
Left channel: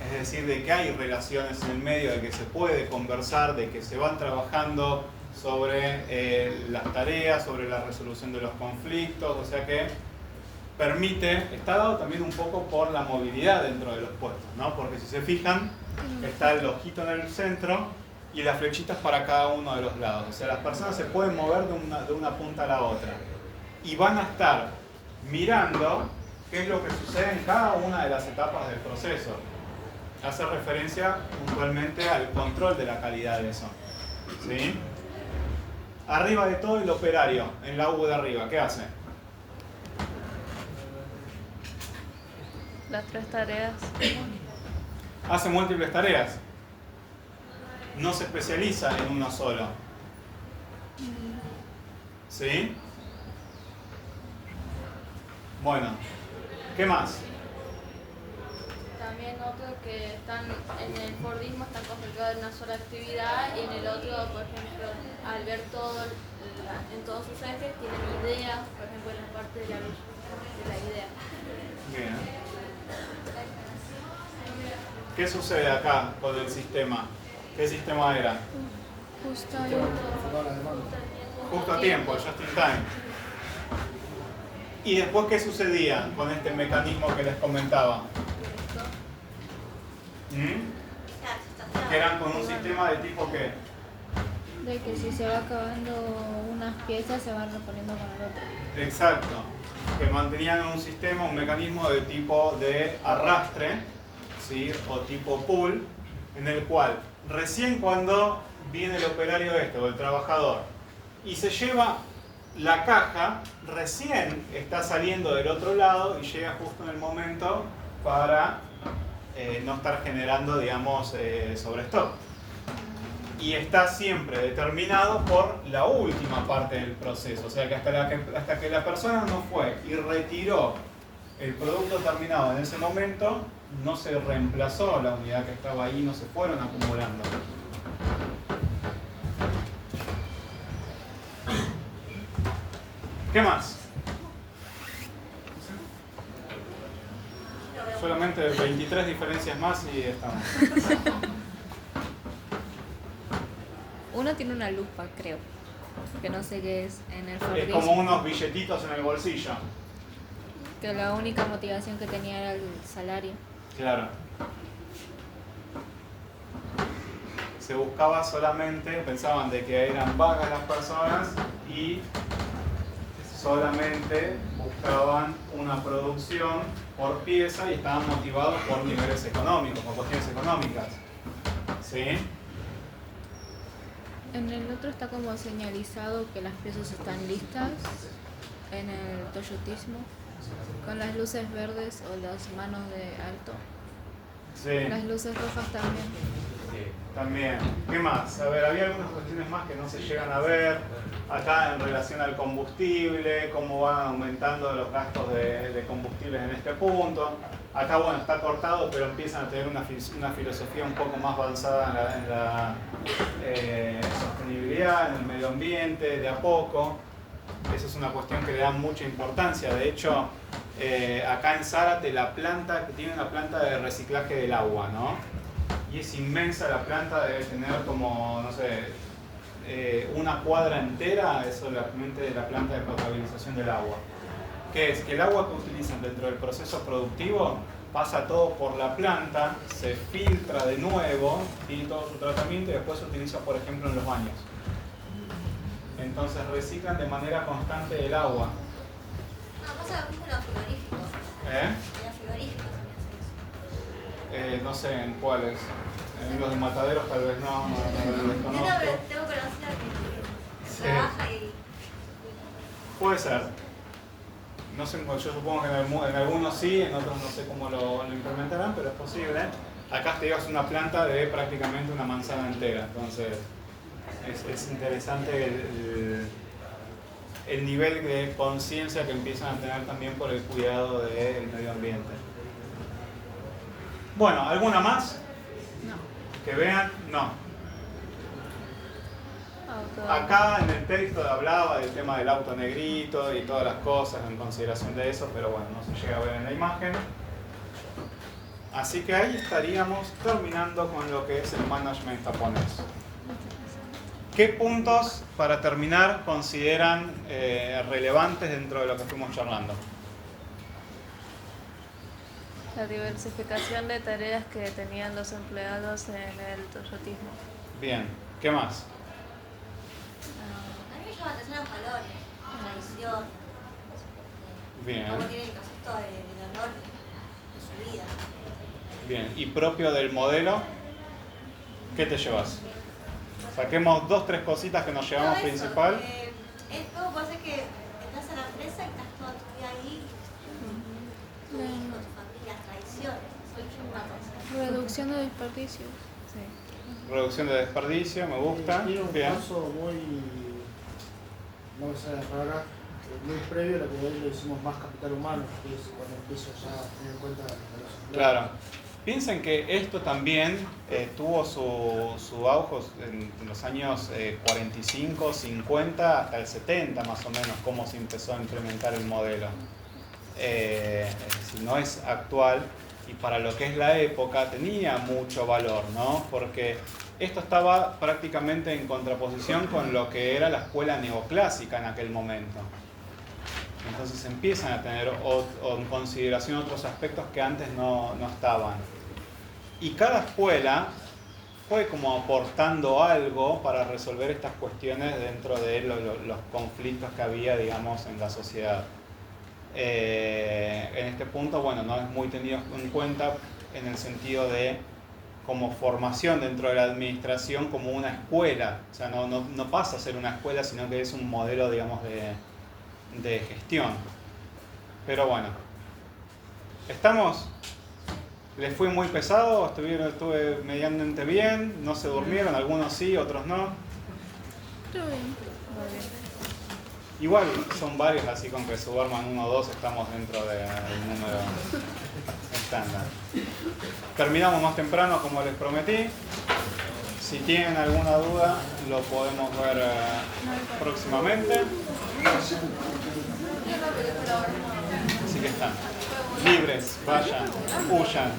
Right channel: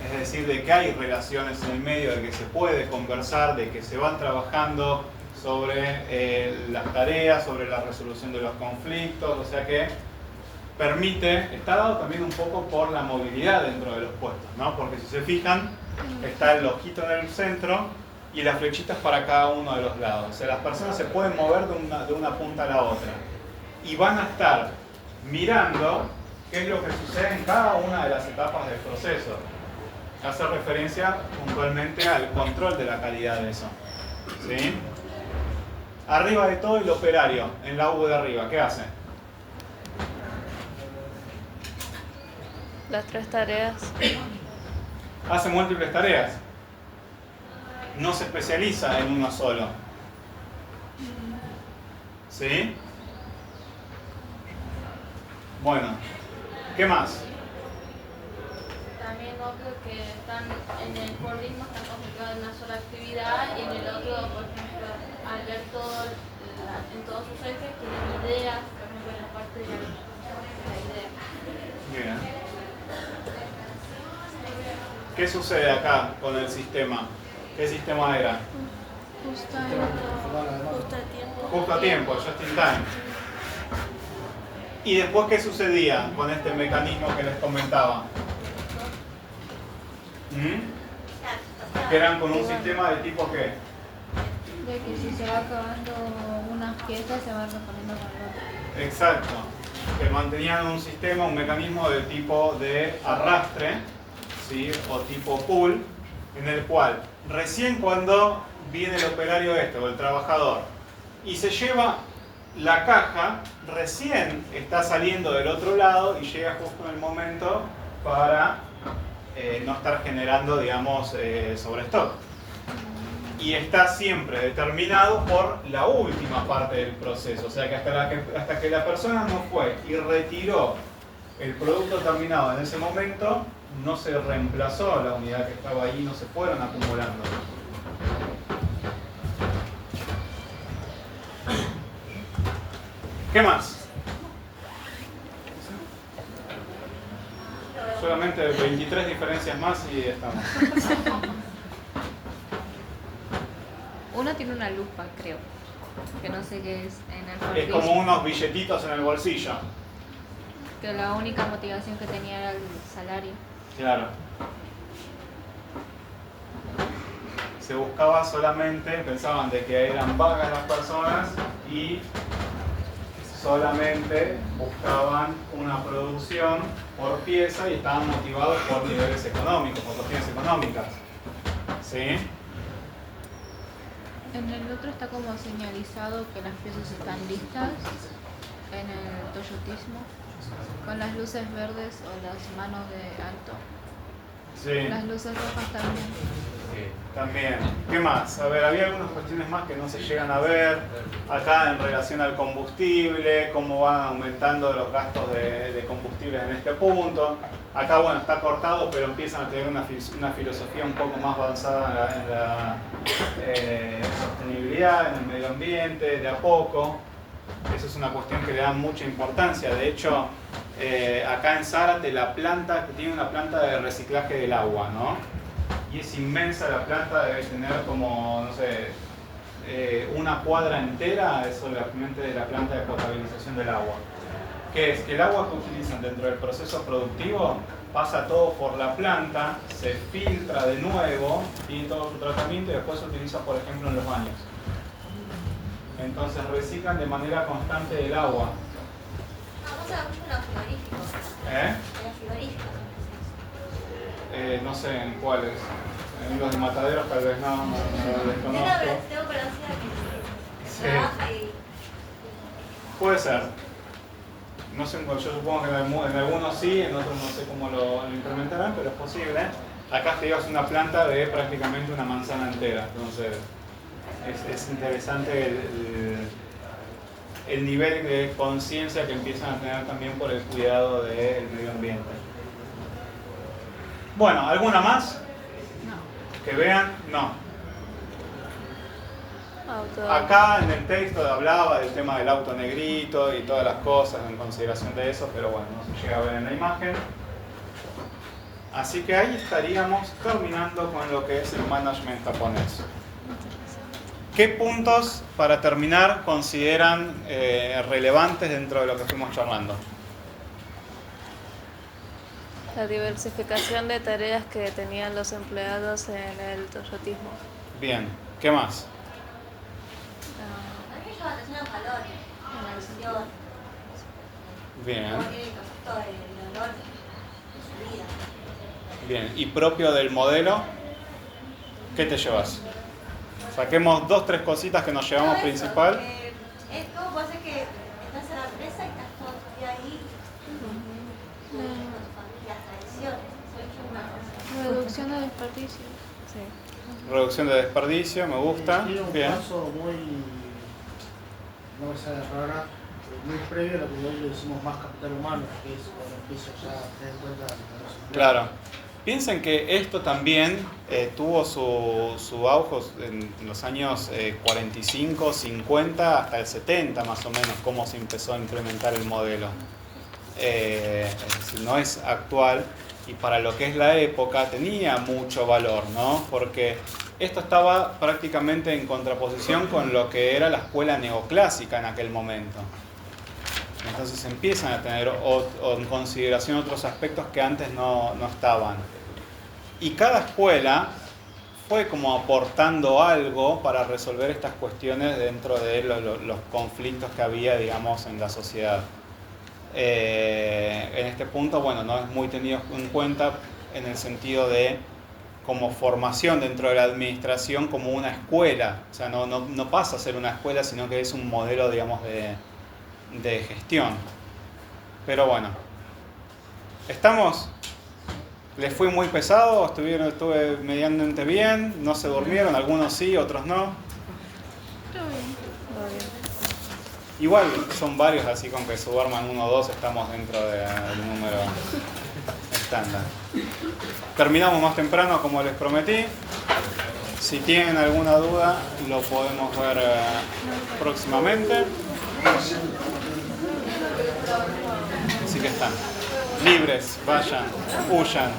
Es decir, de que hay relaciones en el medio, de que se puede conversar, de que se van trabajando sobre las tareas, sobre la resolución de los conflictos, o sea que permite, está dado también un poco por la movilidad dentro de los puestos, ¿no? Porque si se fijan, está el ojito en el centro y las flechitas para cada uno de los lados. O sea, las personas se pueden mover de una punta a la otra y van a estar mirando qué es lo que sucede en cada una de las etapas del proceso. Hace referencia puntualmente al control de la calidad de eso. ¿Sí? Arriba de todo el operario, en la U de arriba, ¿qué hace? Las 3 tareas. Hace múltiples tareas. No se especializa en uno solo. ¿Sí? Bueno, ¿qué más? También otro que están en el Fordismo están concentrados en una sola actividad y en el otro, por ejemplo, al ver todo en todos sus ejes, tienen ideas, por ejemplo, en la parte de la idea. Bien. ¿Qué sucede acá con el sistema? ¿Qué sistema era? Justo Justo a tiempo, just in time. ¿Y después qué sucedía con este mecanismo que les comentaba? Que eran con un sistema de tipo ¿qué? de que si se va acabando unas piezas se van reponiendo con otra. Exacto. Que mantenían un sistema, un mecanismo de tipo de arrastre, ¿sí? O tipo pull, en el cual recién cuando viene el operario o el trabajador y se lleva la caja, recién está saliendo del otro lado y llega justo en el momento para no estar generando, digamos, sobrestock. Y está siempre determinado por la última parte del proceso. O sea que hasta que la persona no fue y retiró el producto terminado en ese momento, no se reemplazó la unidad que estaba ahí, no se fueron acumulando. ¿Qué más? Solamente 23 diferencias más y estamos. Uno tiene una lupa, creo, que no sé qué es en el Es Fordismo. como unos billetitos en el bolsillo. Que la única motivación que tenía era el salario. Claro. Se buscaba solamente, pensaban de que eran vagas las personas y solamente buscaban una producción por pieza y estaban motivados por niveles económicos, por cuestiones económicas. ¿Sí? En el otro está como señalizado que las piezas están listas en el toyotismo, con las luces verdes o las manos de alto. Sí. Las luces rojas también. También. ¿Qué más? A ver, había algunas cuestiones más que no se llegan a ver. Acá en relación al combustible, cómo van aumentando los gastos de combustibles en este punto. Acá, bueno, está cortado, pero empiezan a tener una filosofía un poco más avanzada en la sostenibilidad, en el medio ambiente, de a poco. Eso es una cuestión que le da mucha importancia. De hecho, acá en Zárate, la planta, que tiene una planta de reciclaje del agua, ¿no? Y es inmensa la planta, debe tener como, no sé, una cuadra entera, es solamente de la planta de potabilización del agua. ¿Qué es? Que el agua que utilizan dentro del proceso productivo pasa todo por la planta, se filtra de nuevo, tiene todo su tratamiento y después se utiliza, por ejemplo, en los baños. Entonces reciclan de manera constante el agua. No sé en cuáles. En los de mataderos tal vez no lo desconozco. Tengo conocido que Sí. trabaja y Puede ser. No sé, yo supongo que en algunos sí, en otros no sé cómo lo implementarán, pero es posible. Acá te llevas una planta de prácticamente una manzana entera, entonces es interesante el nivel de conciencia que empiezan a tener también por el cuidado del medio ambiente. Bueno, ¿alguna más? No. Que vean, no. Auto. Acá en el texto hablaba del tema del auto negrito y todas las cosas en consideración de eso, pero bueno, no se llega a ver en la imagen. Así que ahí estaríamos terminando con lo que es el management japonés. ¿Qué puntos, para terminar, consideran relevantes dentro de lo que fuimos charlando? La diversificación de tareas que tenían los empleados en el toyotismo. Bien. ¿Qué más? A mí me llama la atención los valores, la visión, Bien, cómo tiene el concepto del honor de su vida. bien. ¿Y propio del modelo? ¿Qué te llevas? Saquemos 2, 3 cositas que nos llevamos Todo eso, principal. Es como puede ser que estás en la empresa y estás todo tu día ahí con tu familia, las tradiciones. Eso es una cosa. Reducción de desperdicio. Sí. Reducción de desperdicio, me gusta. Tiene un Bien. paso muy, no me sale rara, muy previo a lo que hoy le decimos más capital humano, que es cuando empiezo ya a tener en cuenta los empleados. Claro. Piensen que esto también tuvo su auge en los años 45, 50 hasta el 70 más o menos, cómo se empezó a implementar el modelo. Es decir, no es actual y para lo que es la época tenía mucho valor, ¿no? Porque esto estaba prácticamente en contraposición con lo que era la escuela neoclásica en aquel momento. Entonces empiezan a tener en consideración otros aspectos que antes no estaban. Y cada escuela fue como aportando algo para resolver estas cuestiones dentro de los conflictos que había, digamos, en la sociedad. En este punto, bueno, no es muy tenido en cuenta en el sentido de como formación dentro de la administración como una escuela. O sea, no pasa a ser una escuela, sino que es un modelo, digamos, de gestión. Pero bueno, ¿estamos? ¿Les fui muy pesado? ¿Estuve medianamente bien? ¿No se durmieron? Algunos sí, otros no. Igual son varios, así con que se duerman 1 o 2 estamos dentro del número estándar. Terminamos más temprano como les prometí. Si tienen alguna duda lo podemos ver próximamente. Así que están libres, vayan, huyan.